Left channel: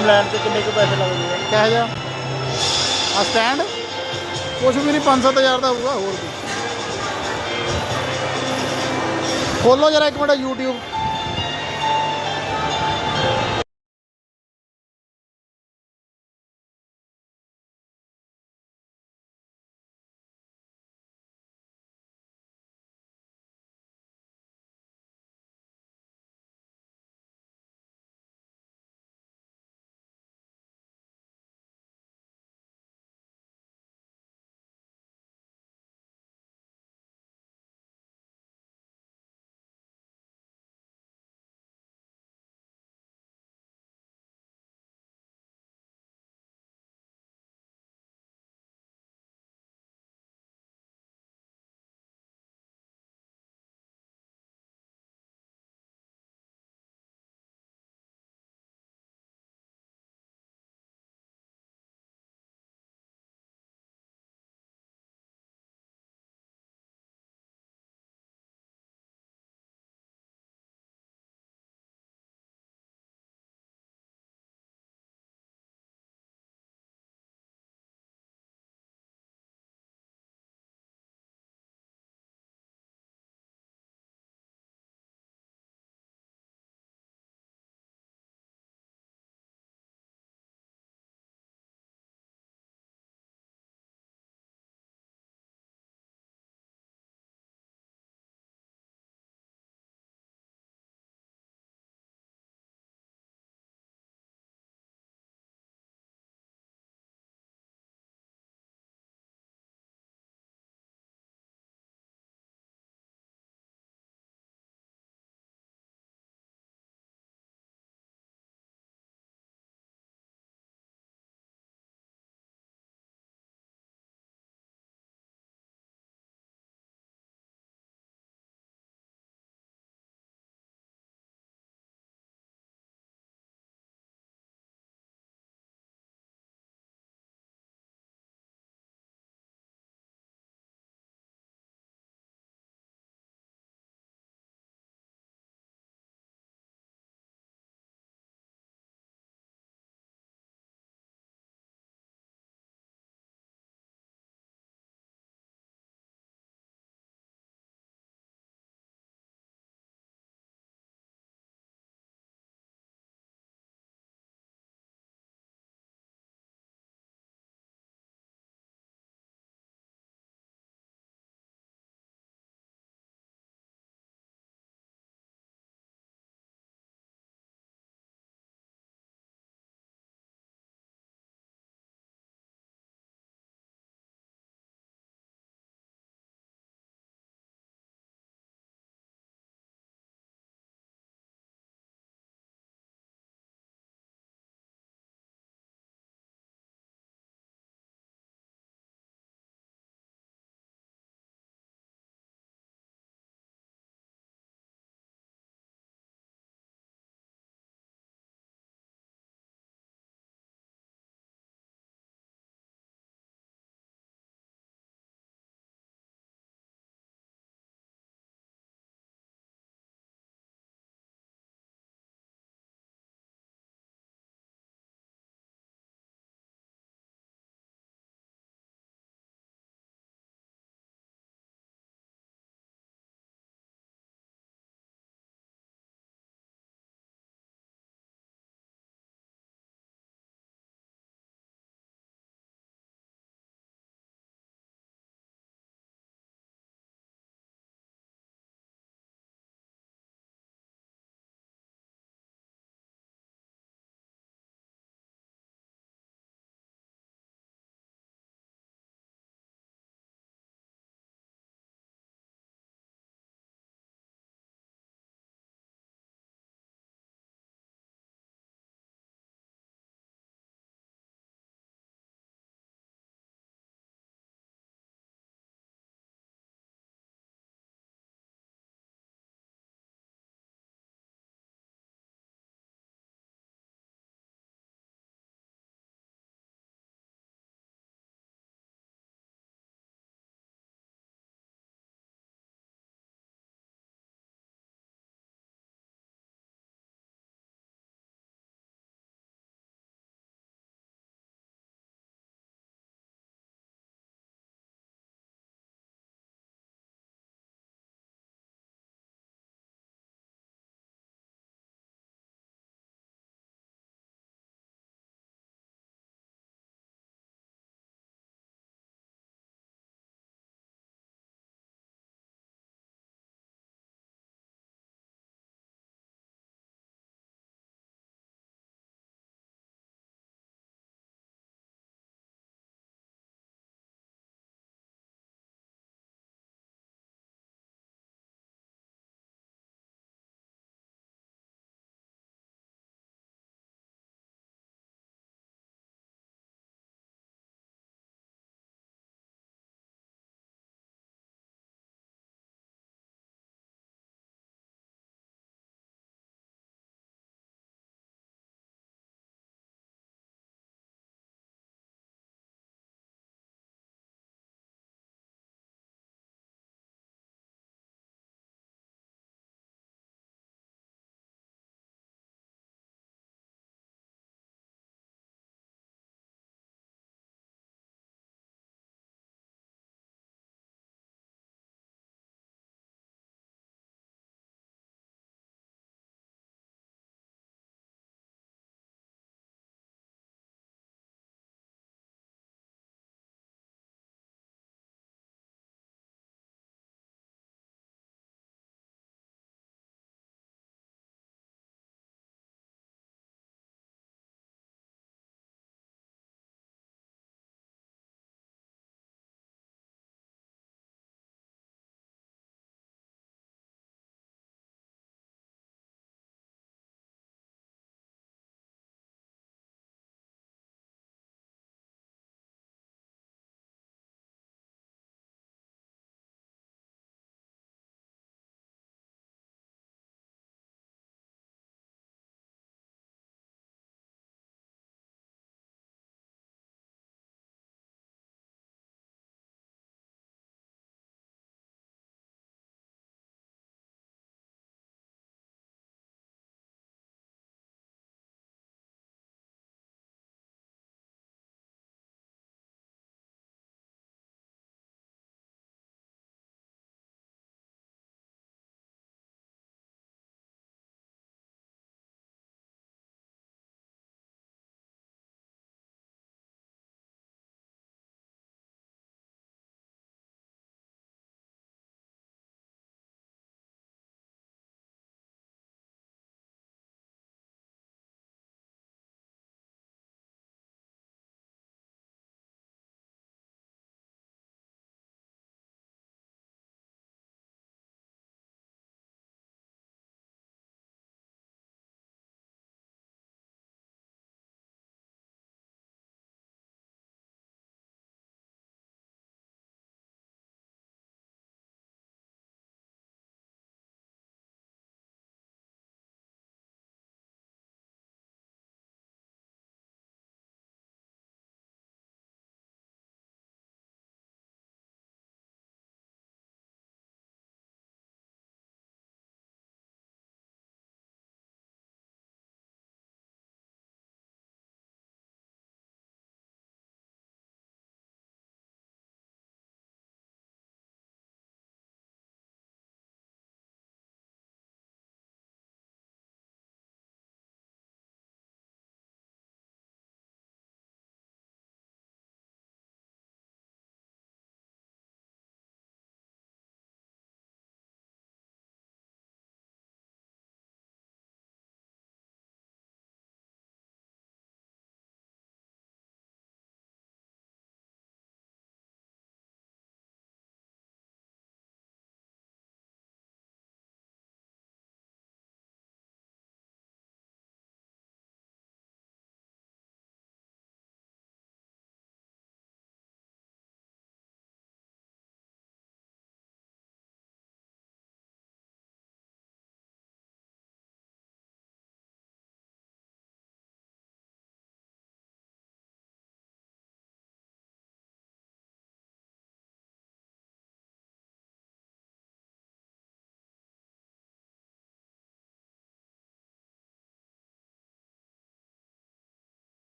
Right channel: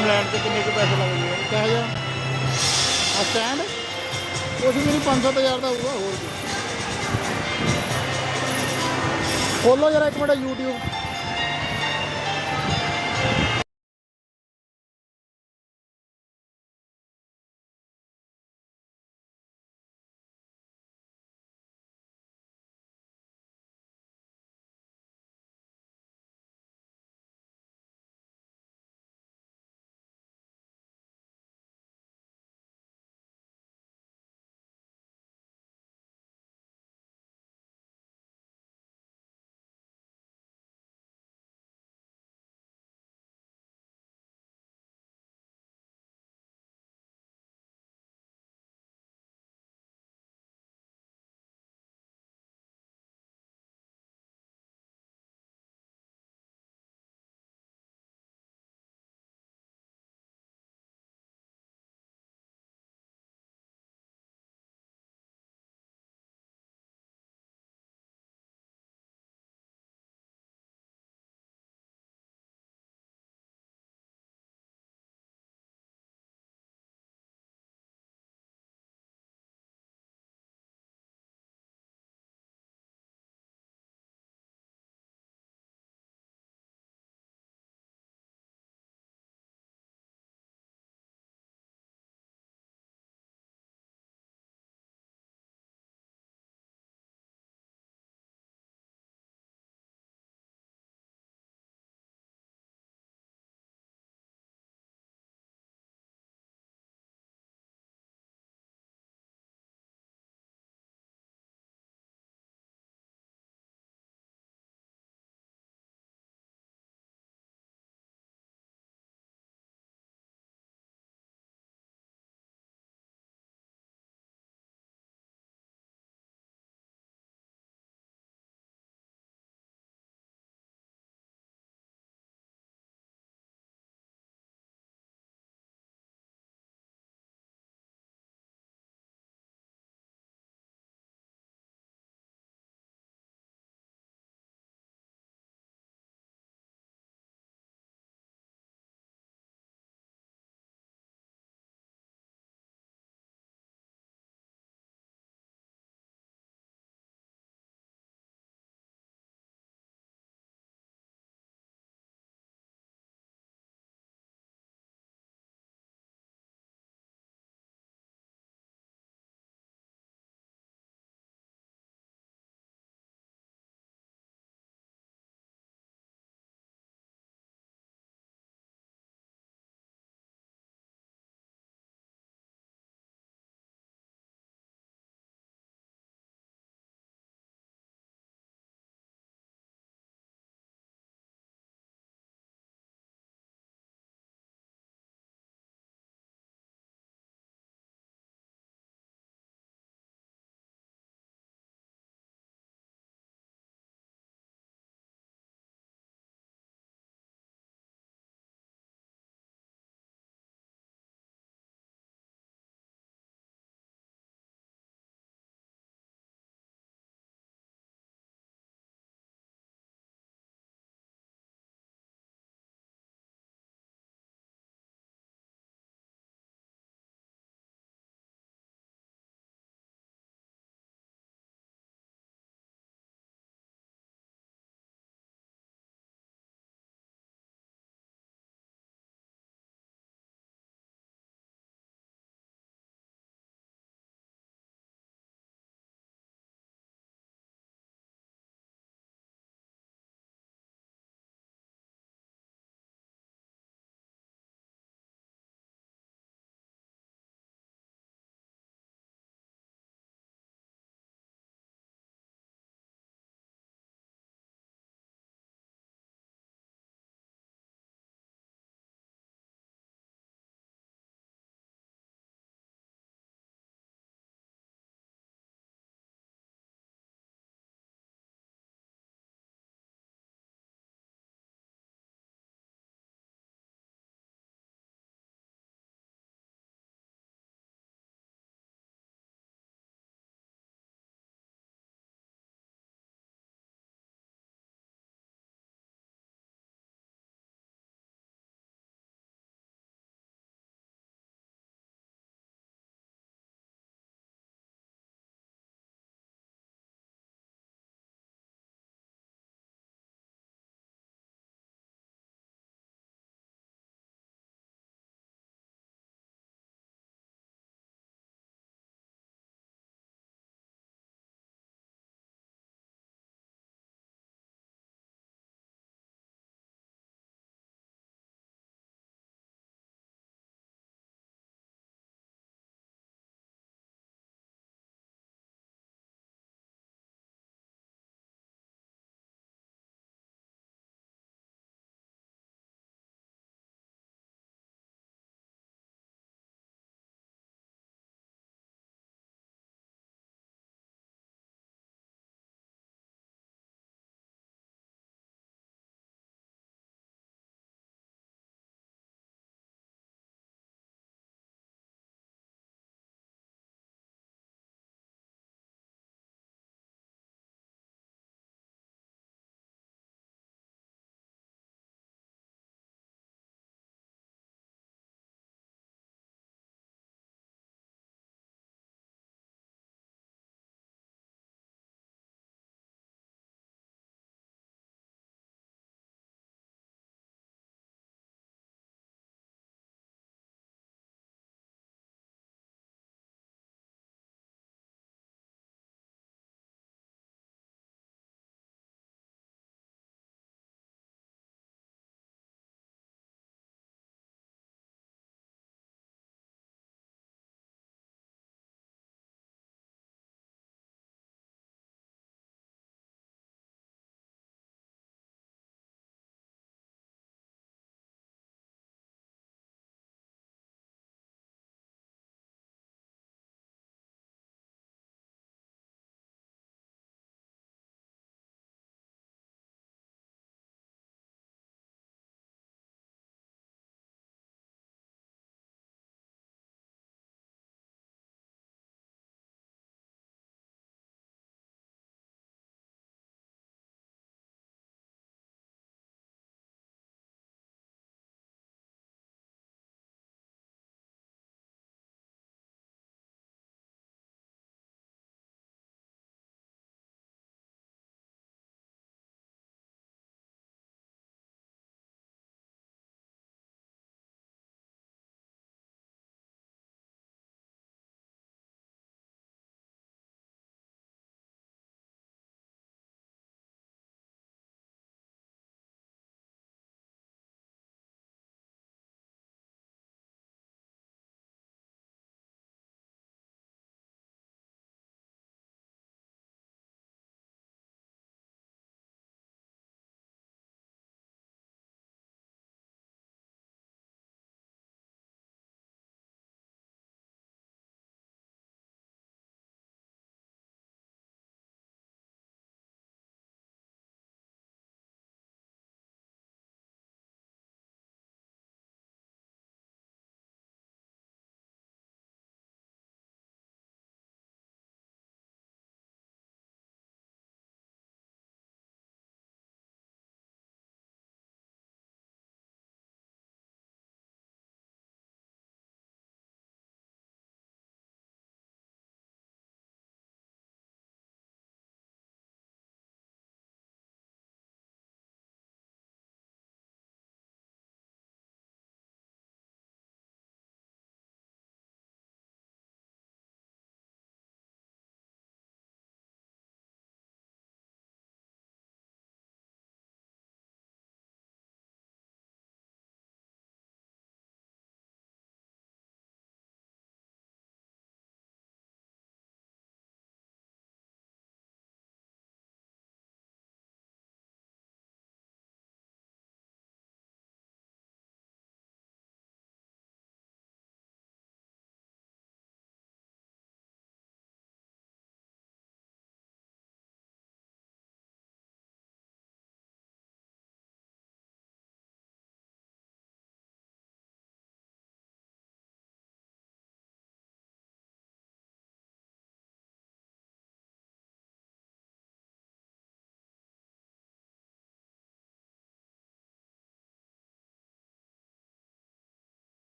सिस्टम लैन से किन्ने के पैसे लगते हैं? कह जा आ स्टैंड कुछ भी नहीं 5-7 हज़ार का होगा होर भी खोलो जरा एक मिनट यूट्यूब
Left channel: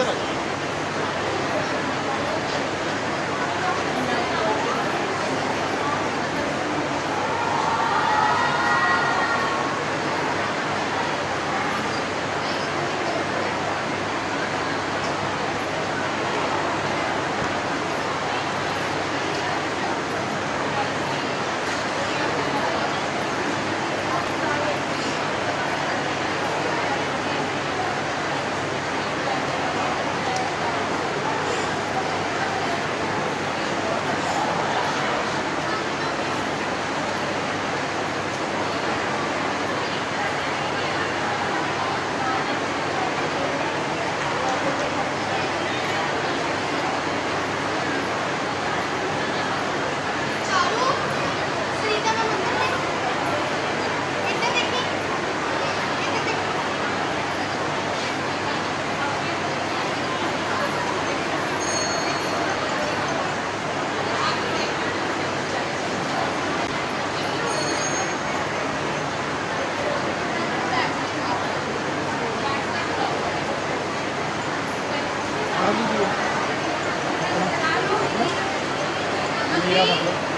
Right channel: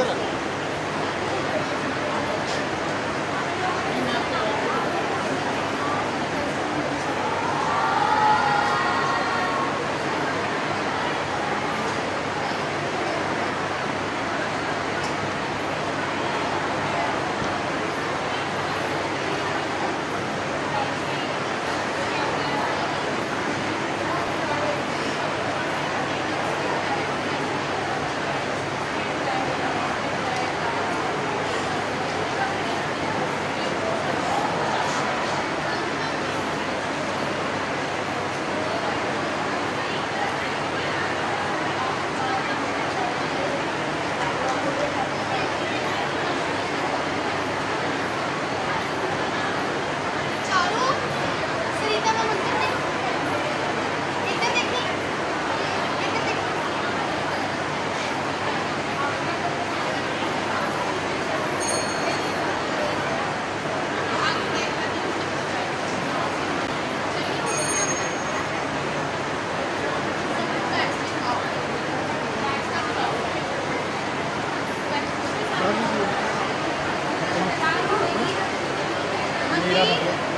इधर है। मेरा मतलब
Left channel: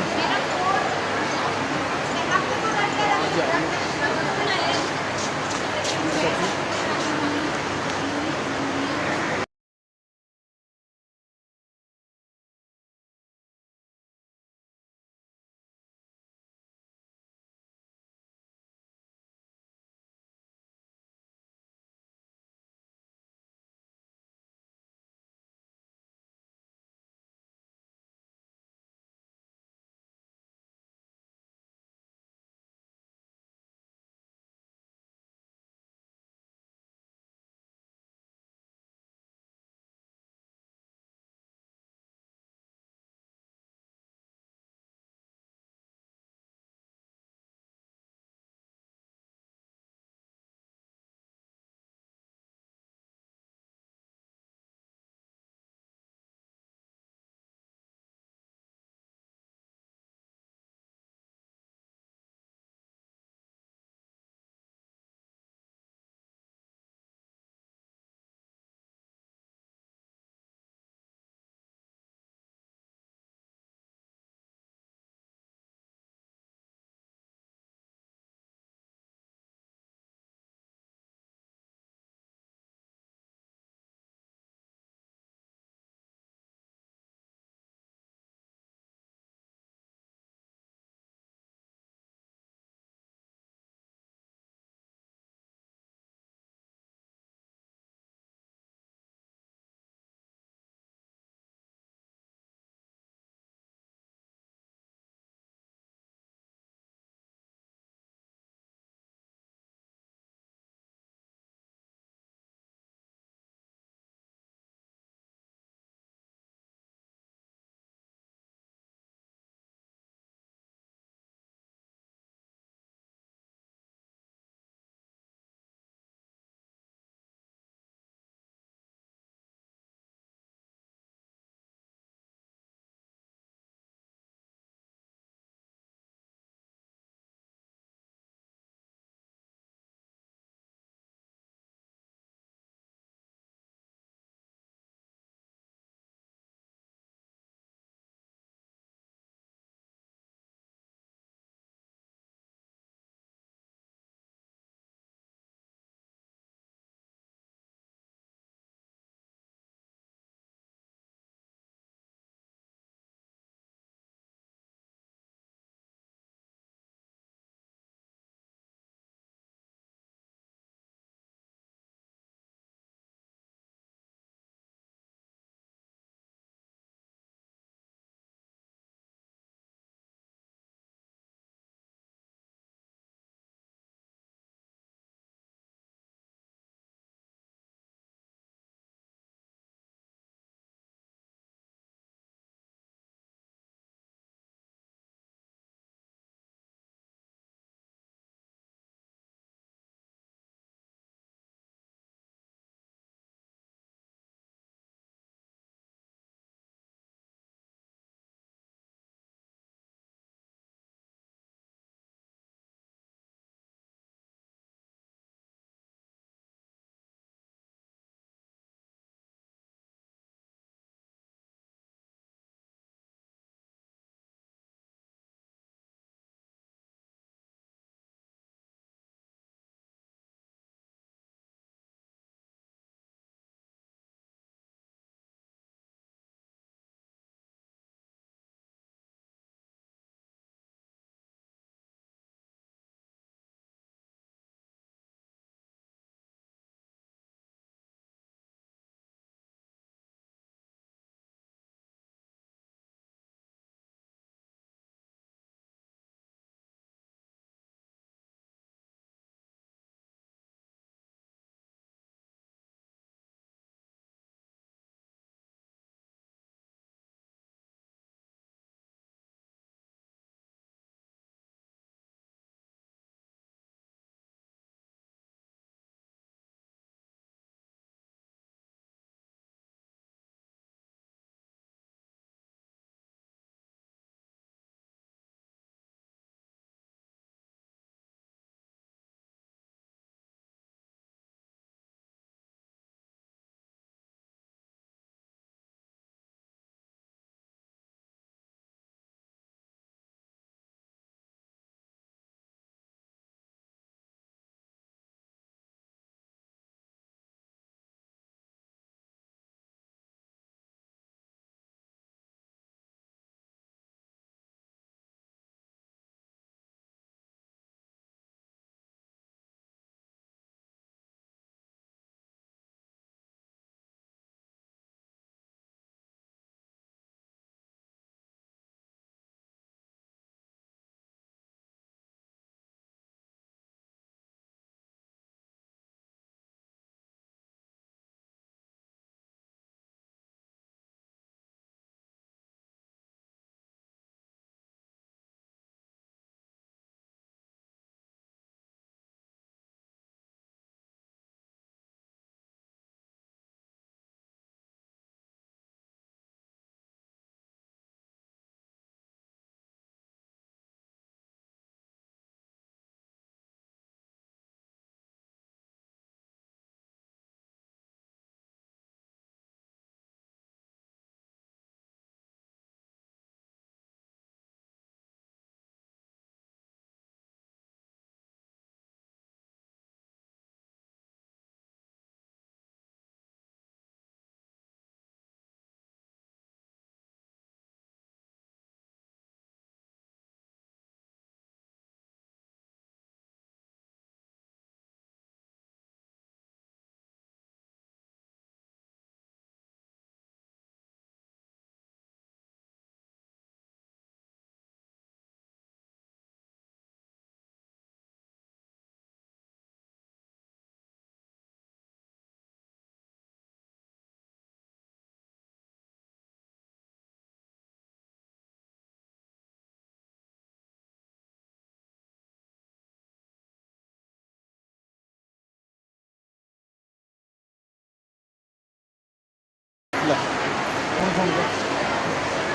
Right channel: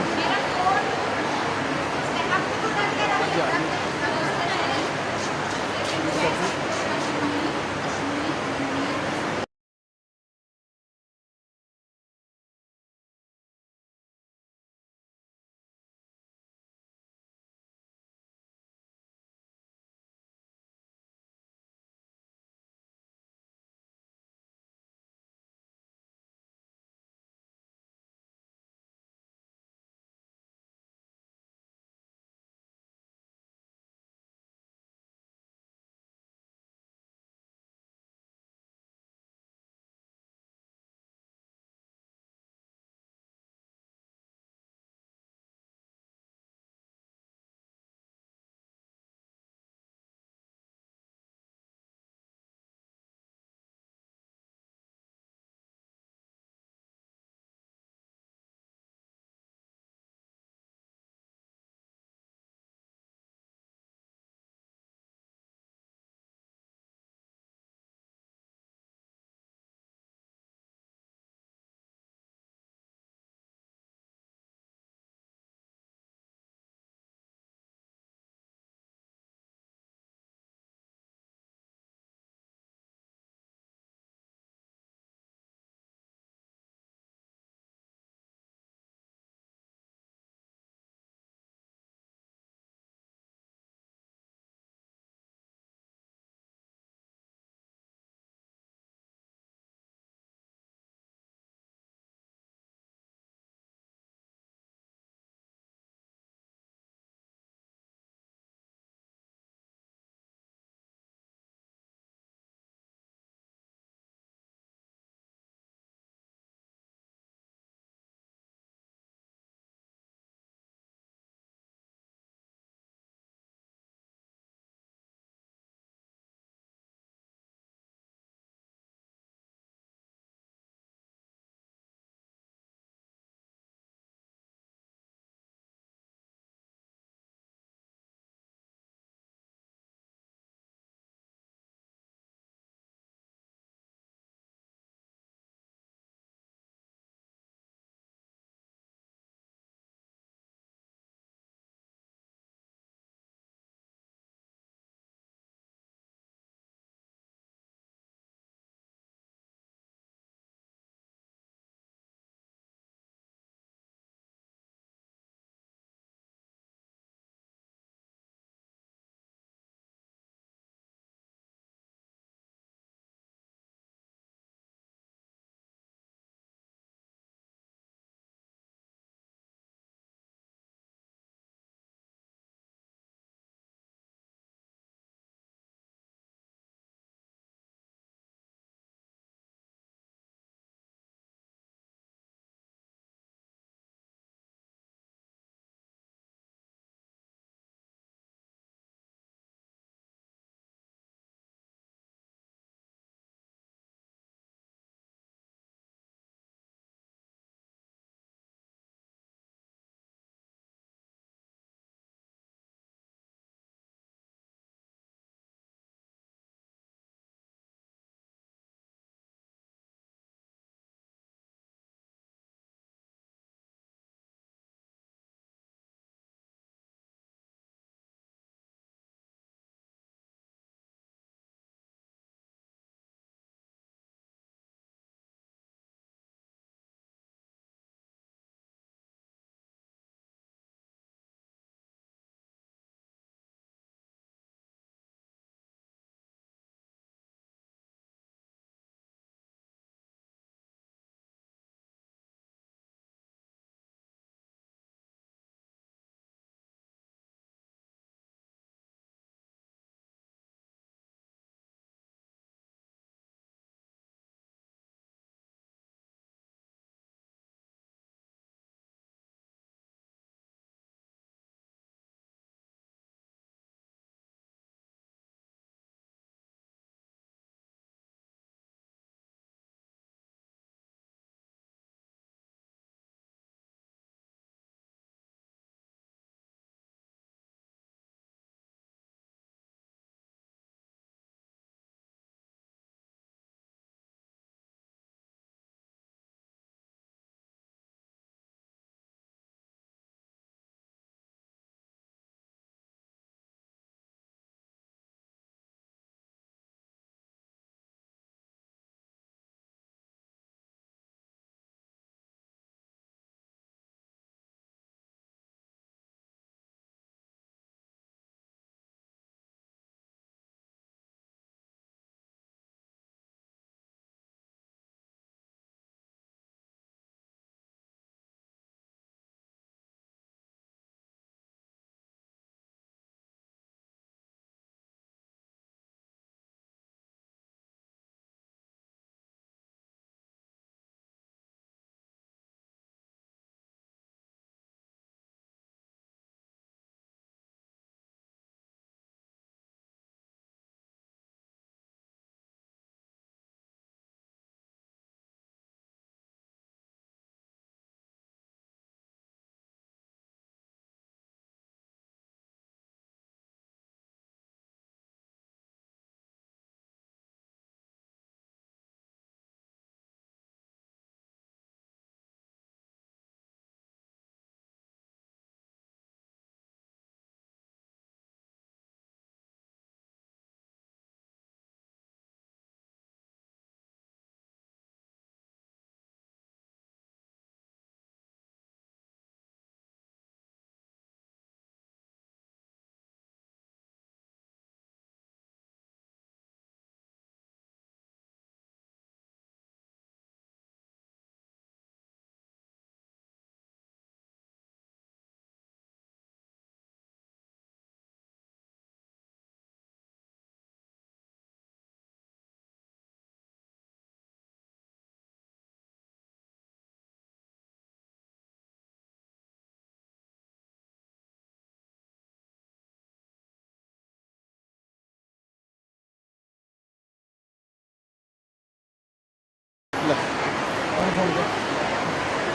ਸੁਣ ਕੇ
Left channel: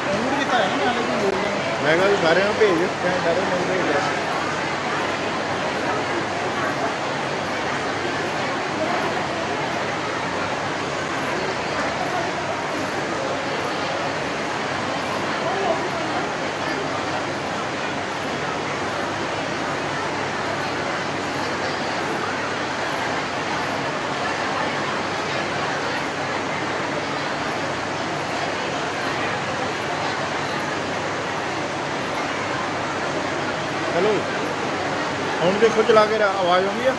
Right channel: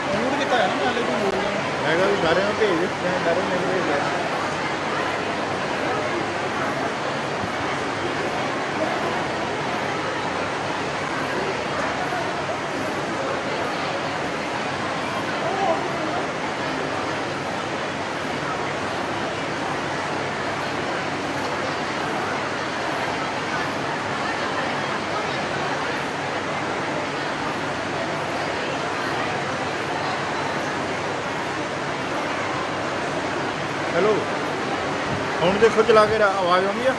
ਉਹਨੂੰ ਕੀਤਾ ਹੈ ਨਾ ਸਾਡੇ ਕੋਲ ਬੋਲ ਰਿਹਾ ਮੈਂ ਕਿਹਾ ਬਾਰੇ ਨੂੰ ਭੇਜ ਮੈਂ ਬਾਰੇ ਨੂੰ ਭੇਜ ਰਿਹਾ हेलो ਹੁਣ ਦੇਖੋ ਚਲਾ ਕੇ ਆਵਾਜ਼ ਆਉਂਦੀ ਆ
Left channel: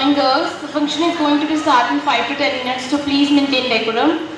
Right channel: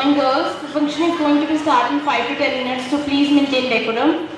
morning, girls. The function is going to be starting in 5 to 10 minutes, so please maintain decorum.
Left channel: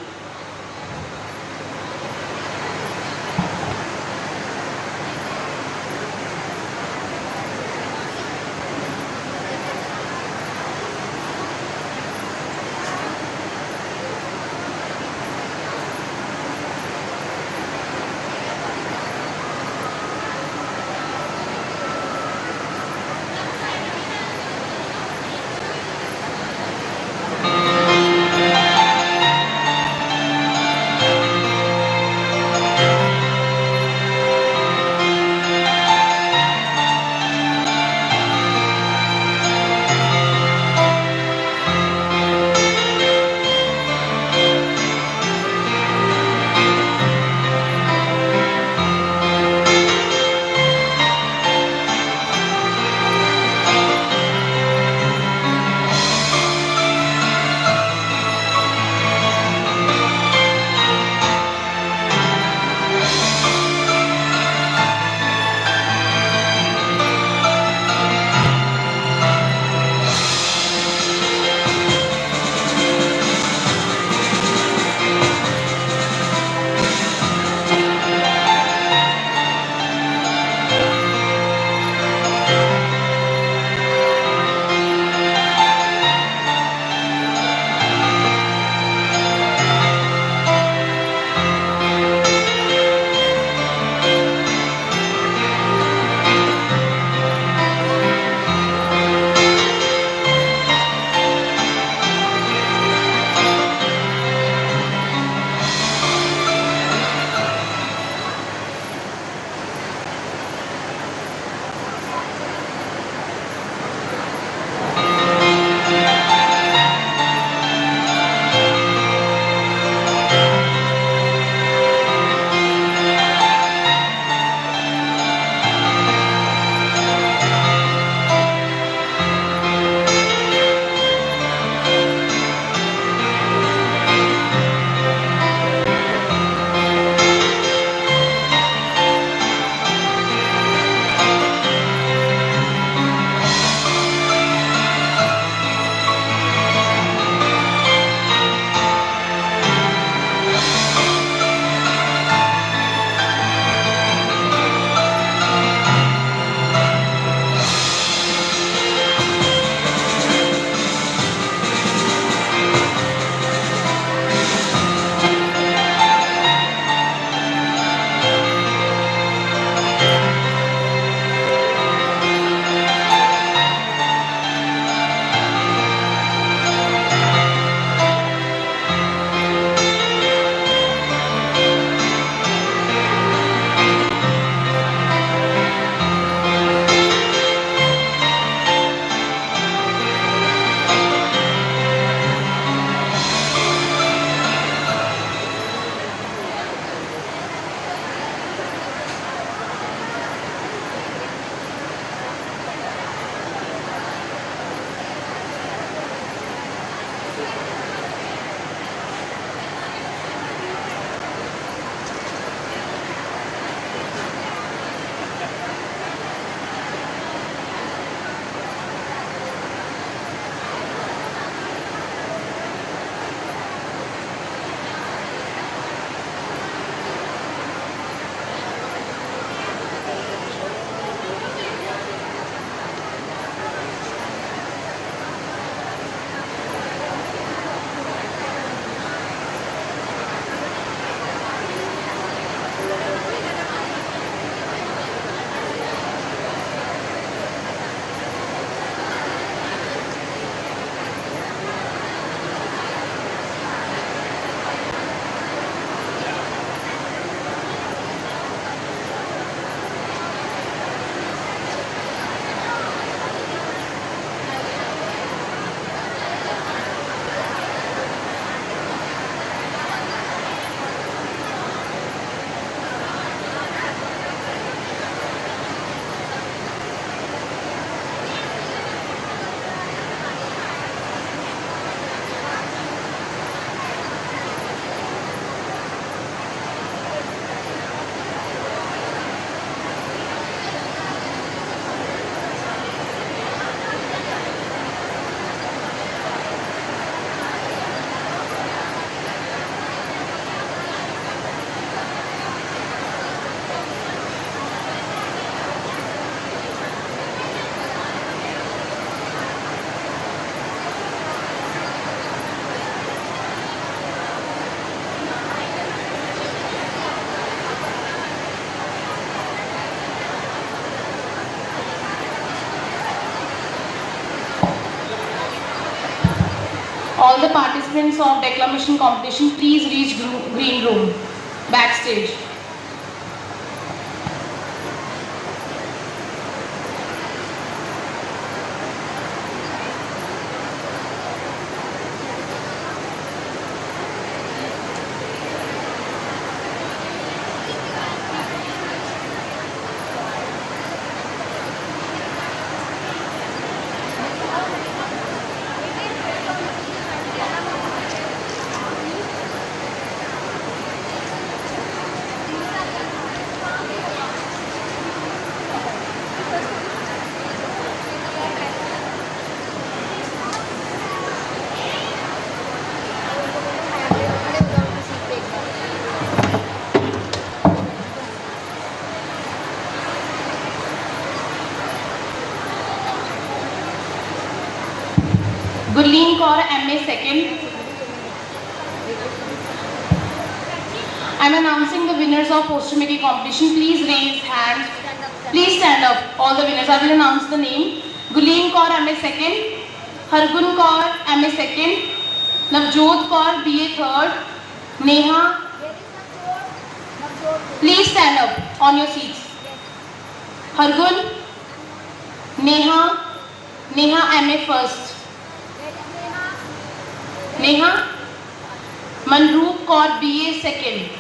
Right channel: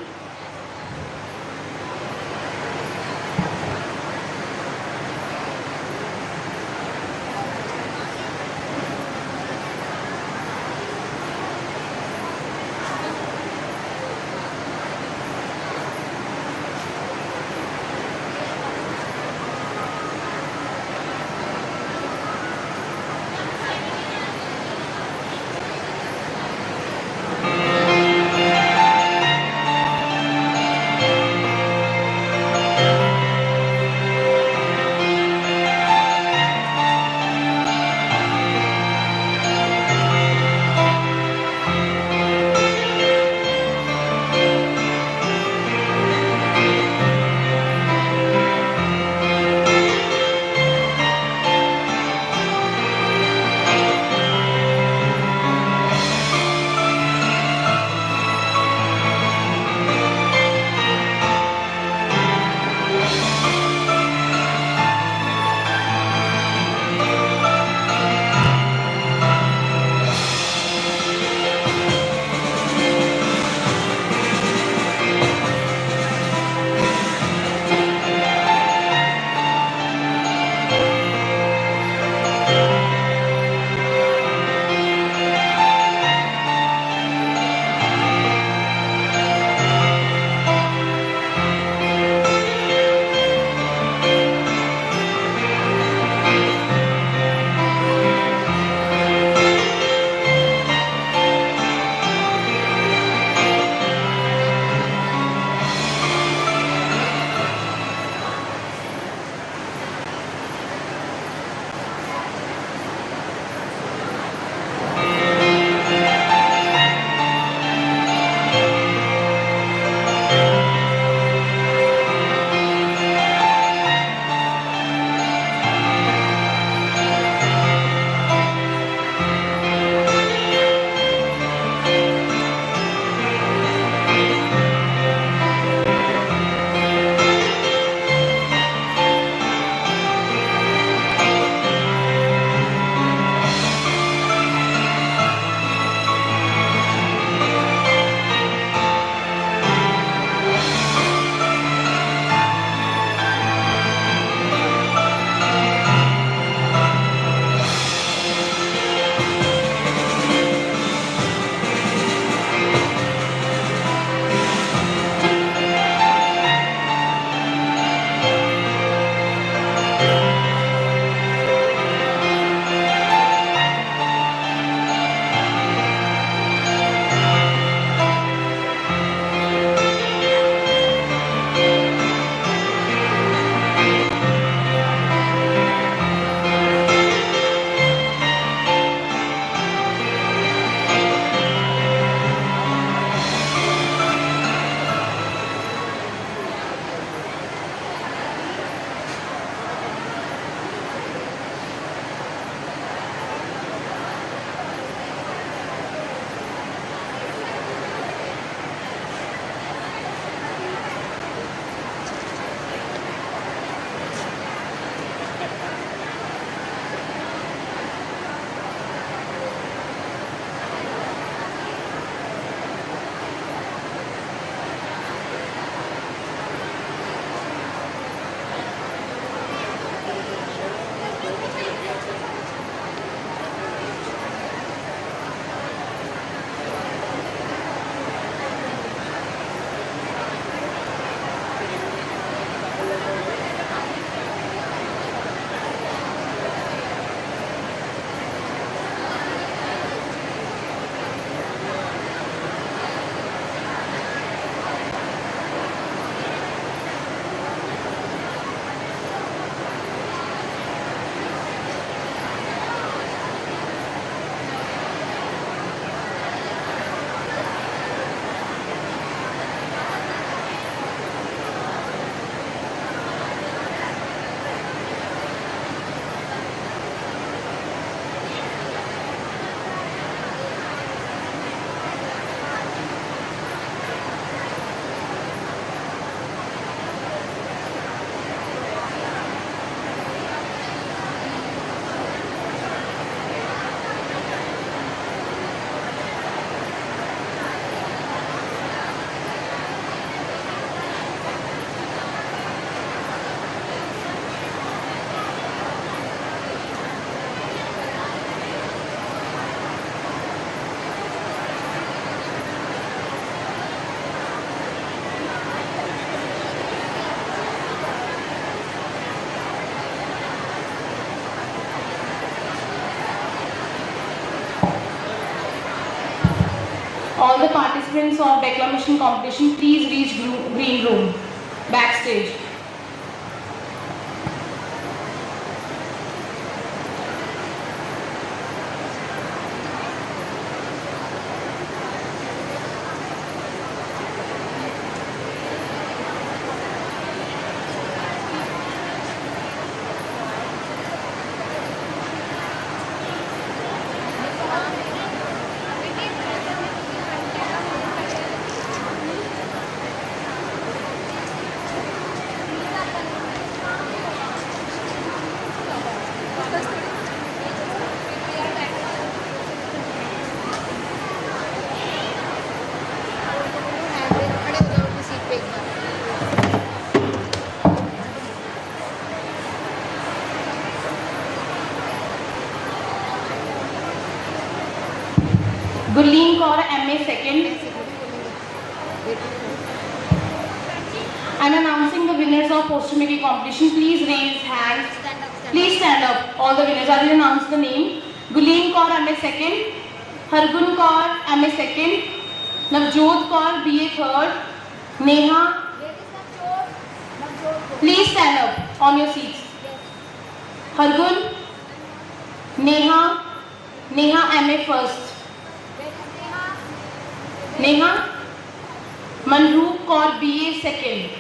All the participants of declamation competition, please reach green room, backstage. Gurleen Kaur, MA second. I am announcing the winners of poster-making competition. Please raise hands. Please stand up. All the winners. I will announce the name. Gurleen Kaur, MA second. Hargun Kaur, MA second. Navjot Kaur, BA third. Neha. Please stand up on your seats. Hargun. Neha. Neha, MA first. Neha. Manroop Kaur, BA second.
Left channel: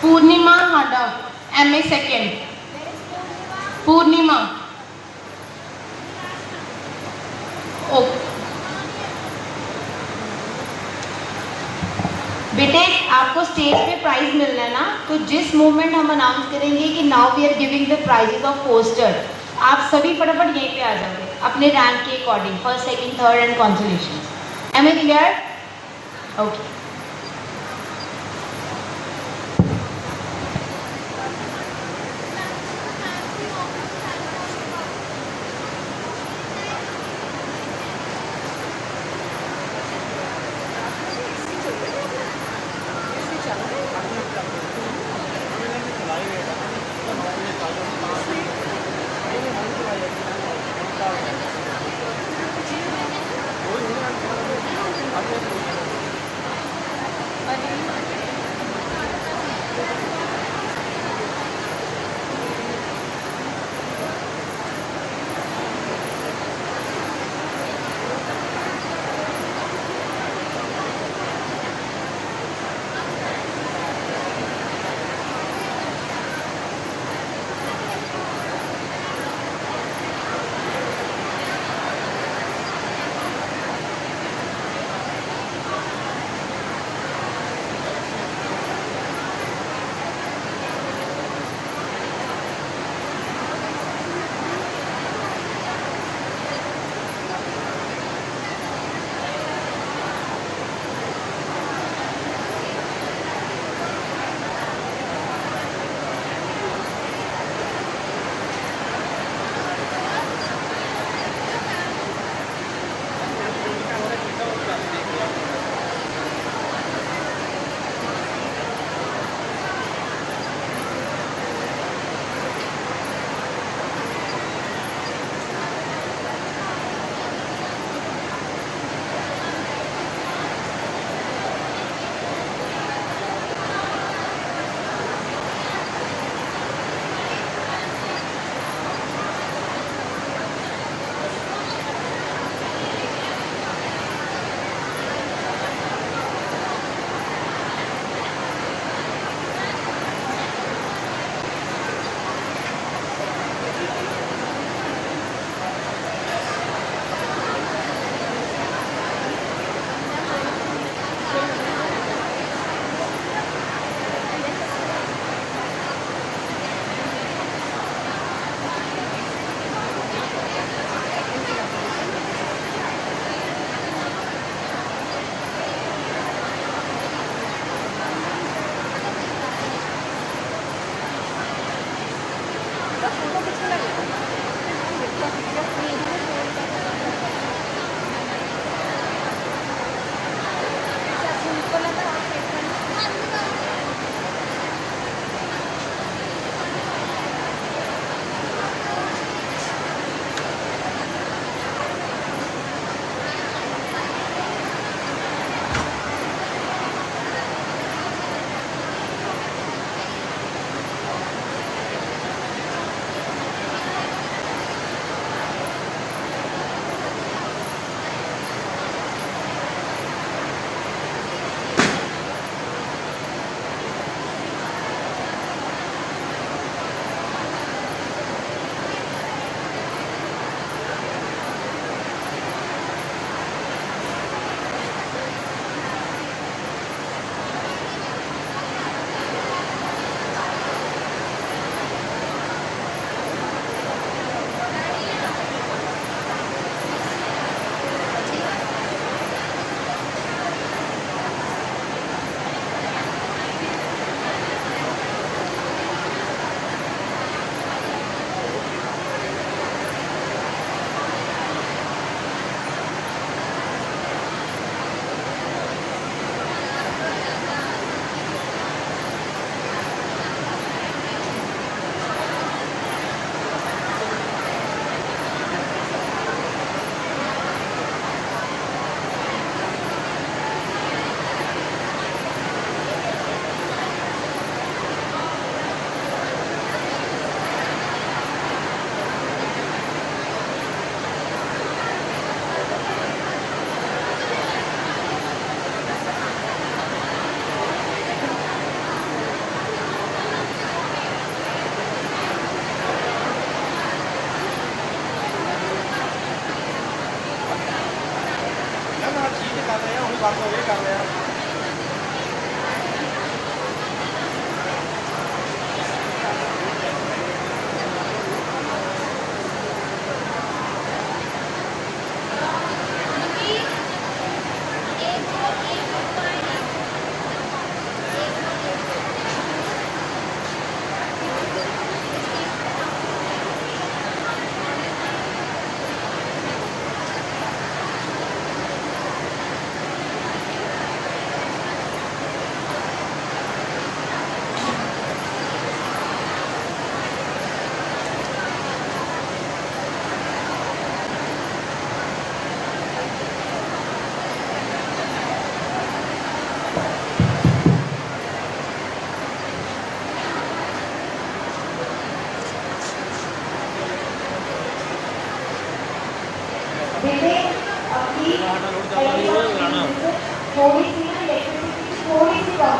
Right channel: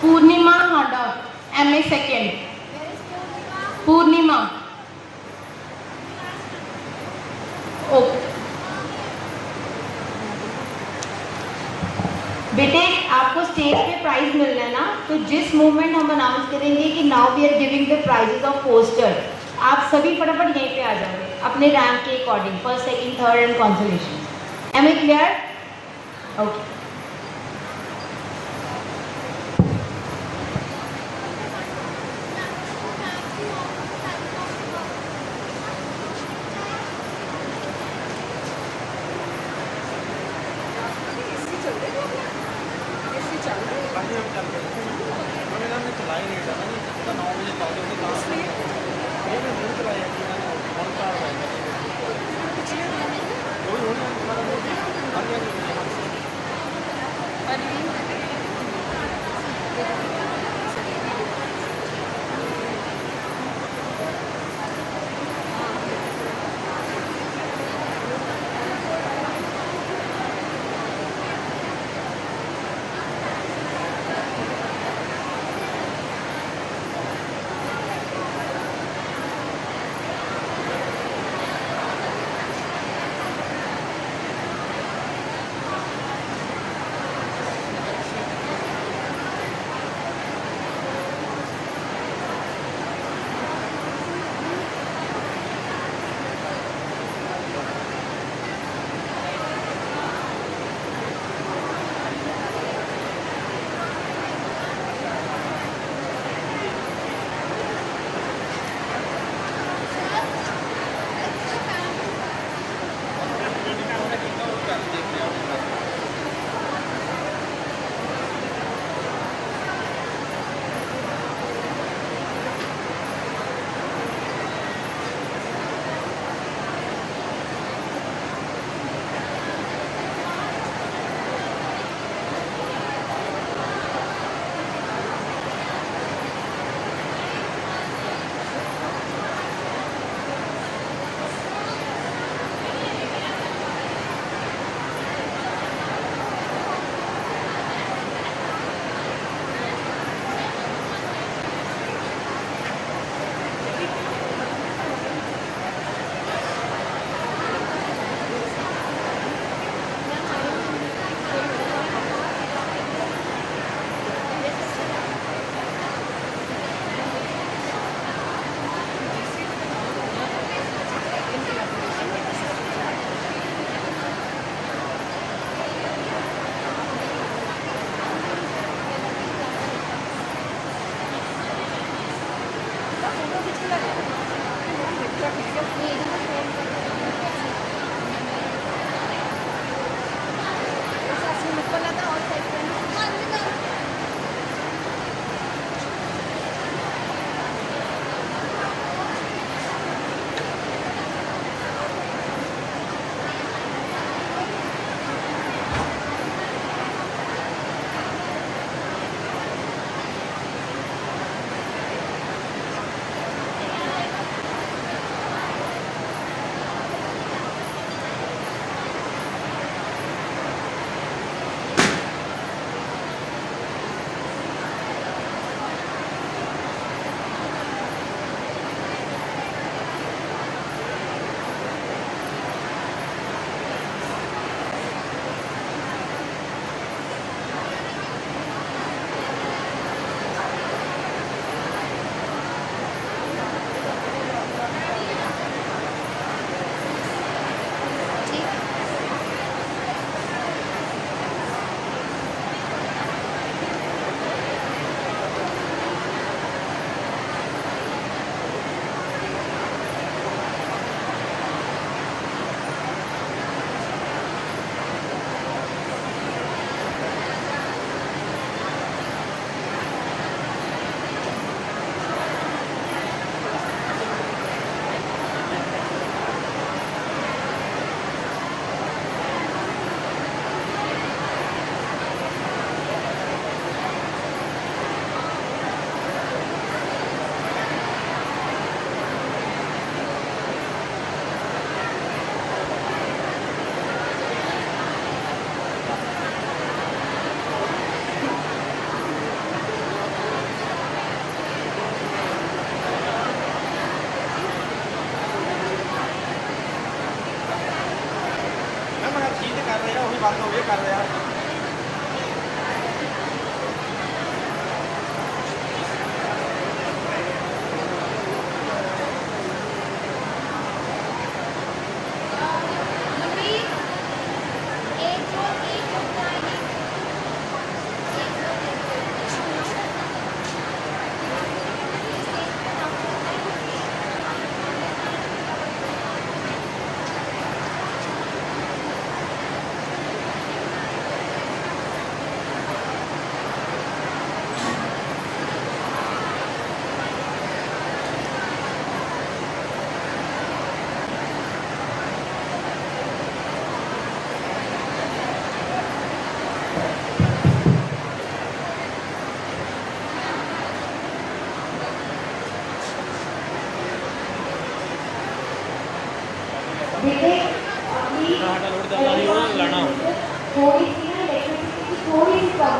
Purnima Handa, MA second. Purnima. Okay. बेटे आपको स्टेज पे प्राइज मिलना है ना, तो जिस मोमेंट हम announce करेंगे कि now we are giving the prizes of poster, आप सभी फटाफट यहीं पे आ जाओगे अपने रैंक के according, first second third and consolation. Am I clear? Okay.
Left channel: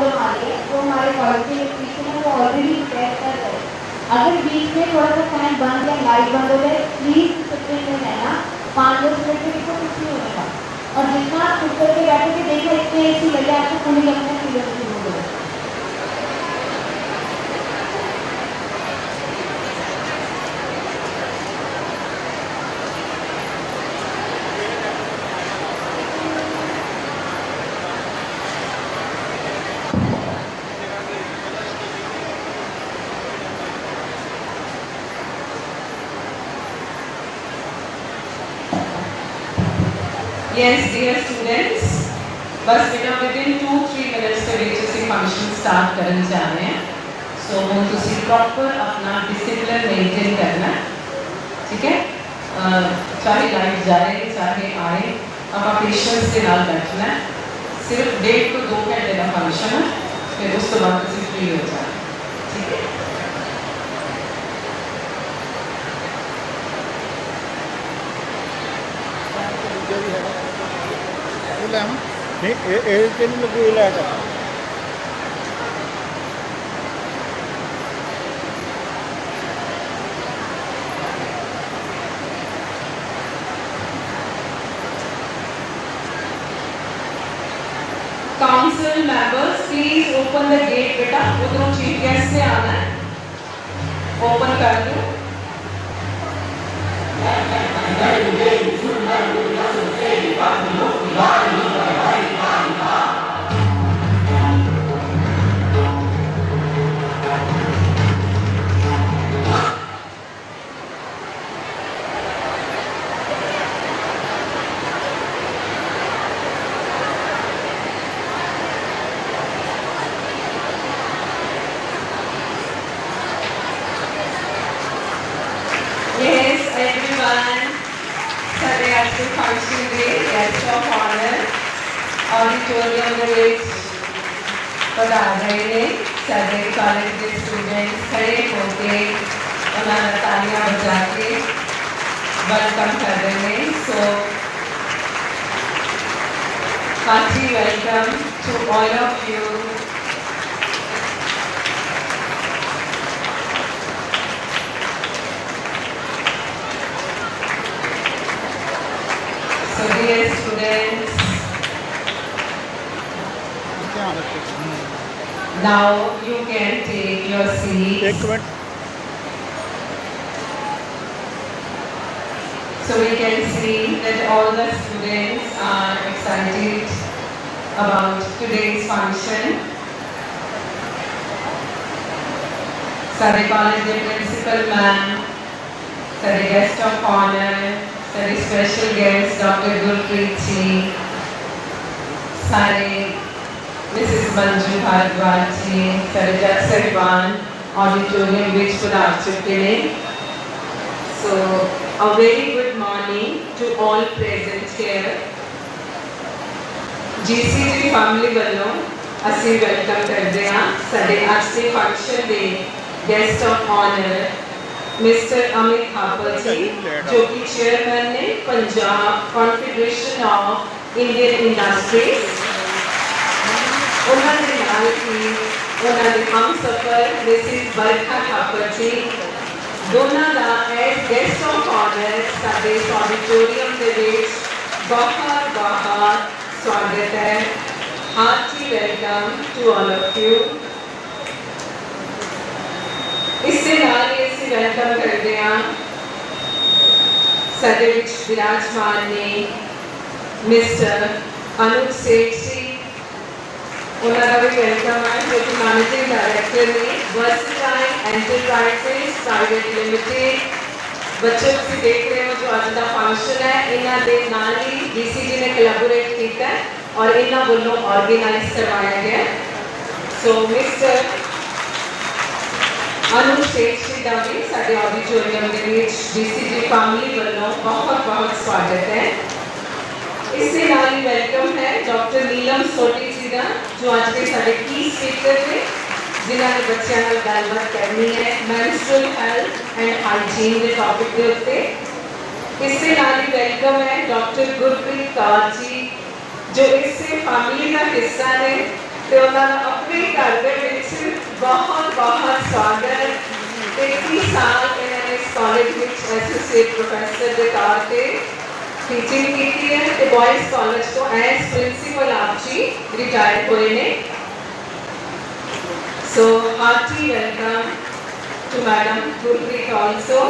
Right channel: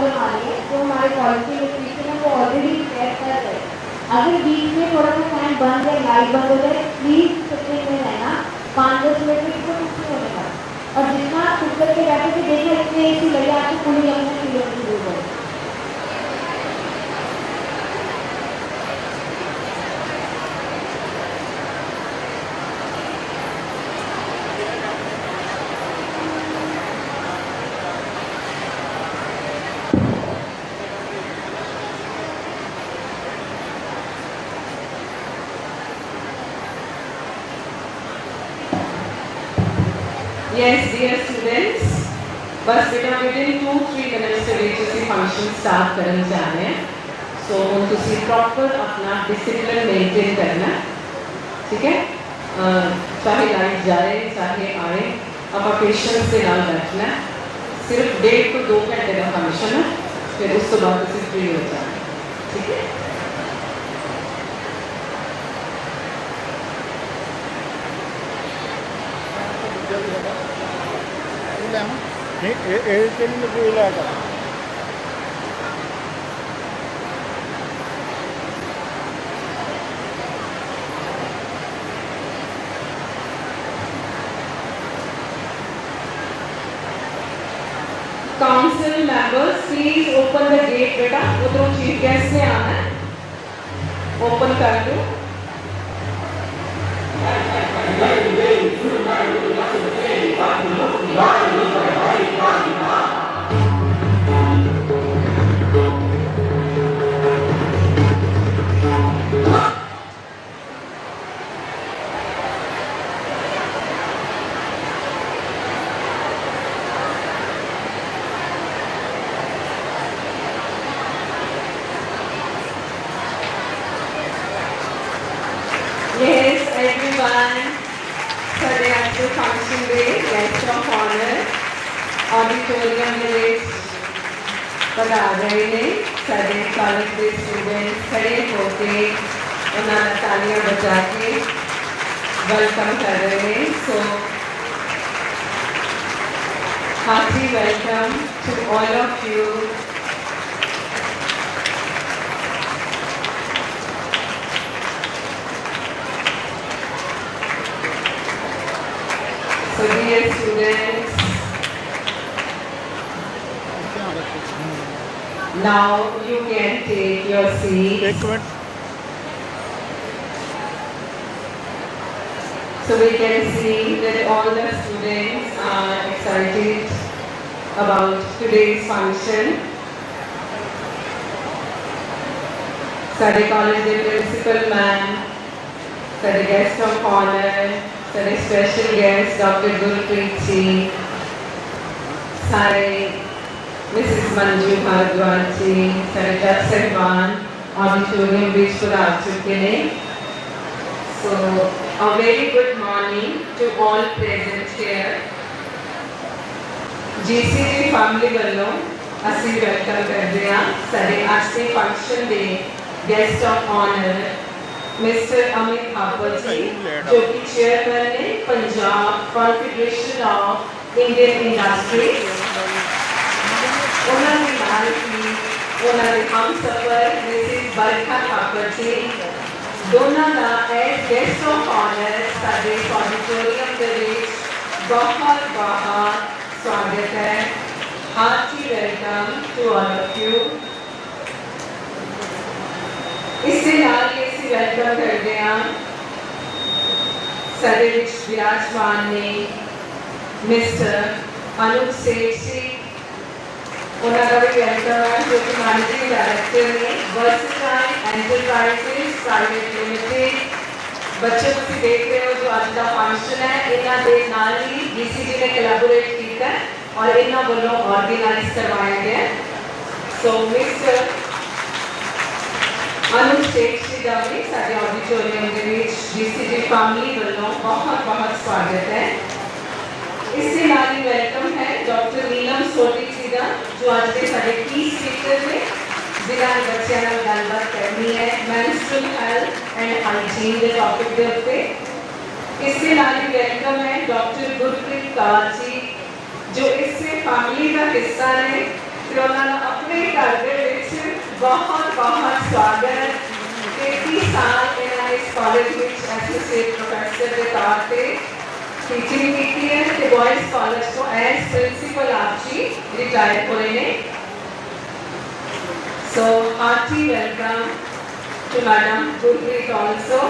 हमारे जो हमारे क्वालिटी न्यूट्रिशन है वो ऑलरेडी चेक कर रहे हैं। अगर बीच में थोड़ा सा फैन बंद या लाइट बंद हो जाए प्लीज सबसे में रहना, 5-10 मिनट में इसको कुछ नहीं होगा। और जितना आप ऊपर के बैठे के देखो इतने ऐसी लगे आपको पूरी जगह से मिलने शुरू हो जाए। Yes, dear students, बस बेटा within 2-3 minutes के बीच इसी फंक्शन स्टार्ट करने जा रहे हैं। सो तुसी प्रॉपर अपना डिसिप्लिन मेंटेन करना, ठीक है? चाहे लाइट जाए चाहे आए, आप पेशेंस के नाल बैठना है। सिर्फ 1.5 to 2 घंटे का फंक्शन है, फिर उस तो बाद तुसी फ्री हो जाए, ठीक है? नहीं ਇਹ ਤੇ ਨਹੀਂ ਲੱਗੇ ਲੈ ਕਰ Council members, please open the gate बेटा, उधरों चीफ गेस्ट से आना है, ओपन कर दो। Yes, everyone. Today after function day, guest of honor, auditorium में एक बता रहे हैं, सारे कॉलेज के स्टूडेंट्स खड़े होके हमारा तालियां बजा के वेलकम कर रहे हैं। So, hearty welcome to all of you. So dear students, now you can take your seats. एक minute So we can see that all the students are excited about today's function. Sare college के principal man, sare guest of honor, sare special guest Dr. Gurpreet ji, sare Mrs. Manju Bhardwaj ji, sare Judge Sahban, auditorium ਵਿੱਚ ਪਧਾਰ ਚੁੱਕੇ ਨੇ। So a very good morning to all present here. GCG family ਵੱਲੋਂ ਅਸੀਂ ਵੈਲਕਮ ਕਰਦੇ ਹਾਂ ਸਾਡੇ ਅੱਜ ਦੇ ਫੰਕਸ਼ਨ ਦੇ guest of honour mister Amit Thapar ji ਜੋ ਕਿ ਚੇਅਰਮੈਨ ਨੇ Punjab confederation of Indian industries. ਉਹਨਾਂ ਦੇ ਨਾਲ ਹੀ ਉਹਨਾਂ ਦੇ ਹਮਸਫਰ ਮਿਸਿਸ ਬਰਖਾ ਥਾਪਰ ਜੀ दोनों का एज गेस्ट ऑफ ऑनर साडे ऑडिटोरियम के ਵਿੱਚ बहुत बहुत स्वागत है। Hearty welcome to all of you. इससे नाल ही ਅਸੀਂ ਵੈਲਕਮ ਕਰਦੇ ਹਾਂ ਸਾਡੇ ਵਿੱਚ ਵਿਰਾਜਮਾਨ ਨੇ ਮਿਸਟਰ ਅਨੁਜ ਸੇਠ ਜੀ। ਉਹਨਾਂ ਦਾ ਵੀ ਵੈਲਕਮ ਹੈ ਜੋ ਕਿ ਮੈਨੇਜਿੰਗ डायरेक्टर ने वर्सटाइल एंटरप्राइजेस प्राइवेट लिमिटेड। बच्चों ਤੁਸੀਂ देख रहे हो जो ਅੱਜ ਦਾ फंक्शन है ਇਹਨਾਂ ਦੇ ਨਾਲ ही BCG ने कोलैबोरेट ਕੀਤਾ है और ਇਹਨਾਂ ਵੱਲੋਂ ऑर्गेनाइज करवाया गया है। सो मिस्टर ਅਨੁਜ ਸੇਠ ਜੀ ਦਾ ਵੀ ਸਾਡੇ ਆਡੀਟੋਰੀਅਮ ਦੇ ਵਿੱਚ BCG ਫੈਮਿਲੀ ਵੱਲੋਂ ਬਹੁਤ ਬਹੁਤ ਸਵਾਗਤ है। इससे नाल ही वेलकम है डॉक्टर नीलम सोटी जी का जो आज के सारे की स्पीकर ने जिन्होंने बच्चों नाल गलबात करनी है मेंस्ट्रुअल हेल्थ एंड हाइजीन के टॉपिक के उत्ते। इससे नाल ही वेलकम है डॉक्टर गुरप्रीत कौर जी जो इससे फैमिली का हिस्सा ने ते उन्होंने अपने कॉलेज में एसोसिएट प्रोफेसर के तौर पे टीचिंग की है ते बॉयज़ कॉलेज तो एज प्रिंसिपल आप जी रिटायर हुए ने। So hearty welcome to Madam Gurpreet also.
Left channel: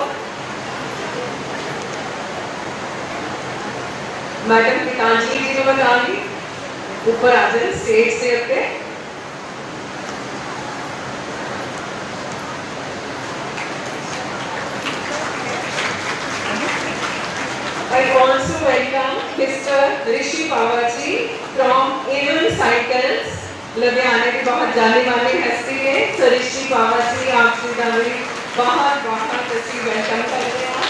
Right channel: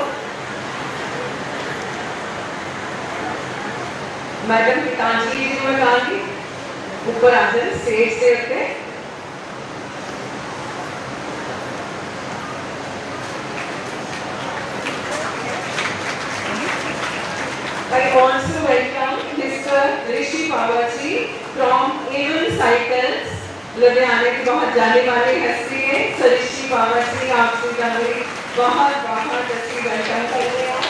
Madam Pitanjali जी को बुलाएंगे ऊपर आ जाए स्टेज से पे। I also welcome Mr. Rishi Pawarji from Even Cycles, लुधियाने की बहुत जाने वाली हस्ती है। तो ऋषि पावर्जी आपसे हमारी बहुत बहुत अच्छी वेलकम करते हैं।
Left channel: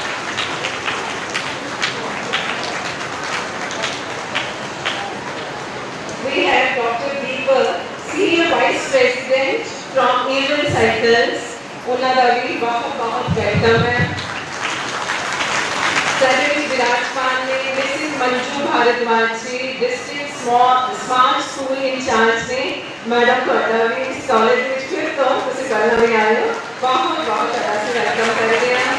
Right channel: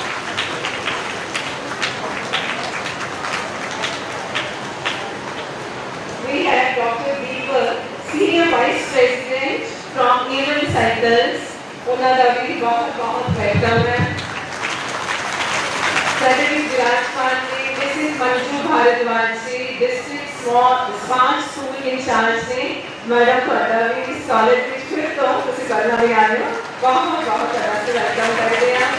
We have Dr. Deepak, Senior Vice President from Even Cycles, उन्होंने भी बहुत बहुत वेलकम है। Secretary विराजमान ने मिसेस मंजू भारद्वाज जी डिस्ट्रिक्ट स्मार्ट स्कूल इंचार्ज ने मैडम पढ़ावी इस कॉलेज में फिर तो उसे करना भी आए हो बहुत बहुत तरह से वेलकम करते हैं।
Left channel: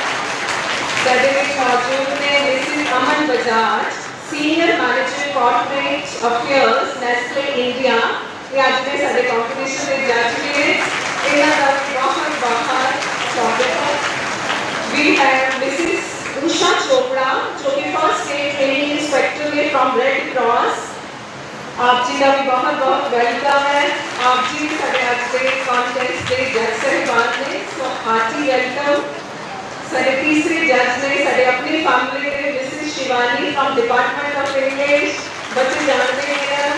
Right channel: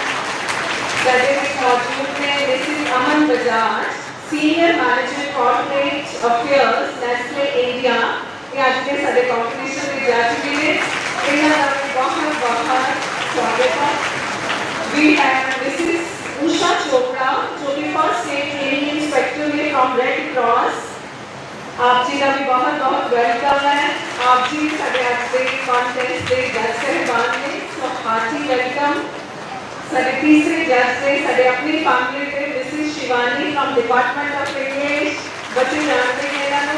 सेक्रेटरी मौजूद ने Mrs Aman Bajaj senior manager corporate affairs Nestle India ये आज के सारे कॉम्पिटिशन में जा चुके हैं। इनका बहुत बहुत स्वागत है। We have Mrs. उषा चोपड़ा जो कि फर्स्ट स्टेट ट्रेनिंग इंस्पेक्टर है फ्रॉम रेड क्रॉस। आप जी का भी बहुत बहुत वेलकम है। आप जी सारे आज के कॉन्टेस्ट के जज साहिबान ने सो हार्टी वेलकम। सारे तीसरे जज ने सारे अपनी फैमिली के मिसेस Shivani from department of English बच्चे जानते हैं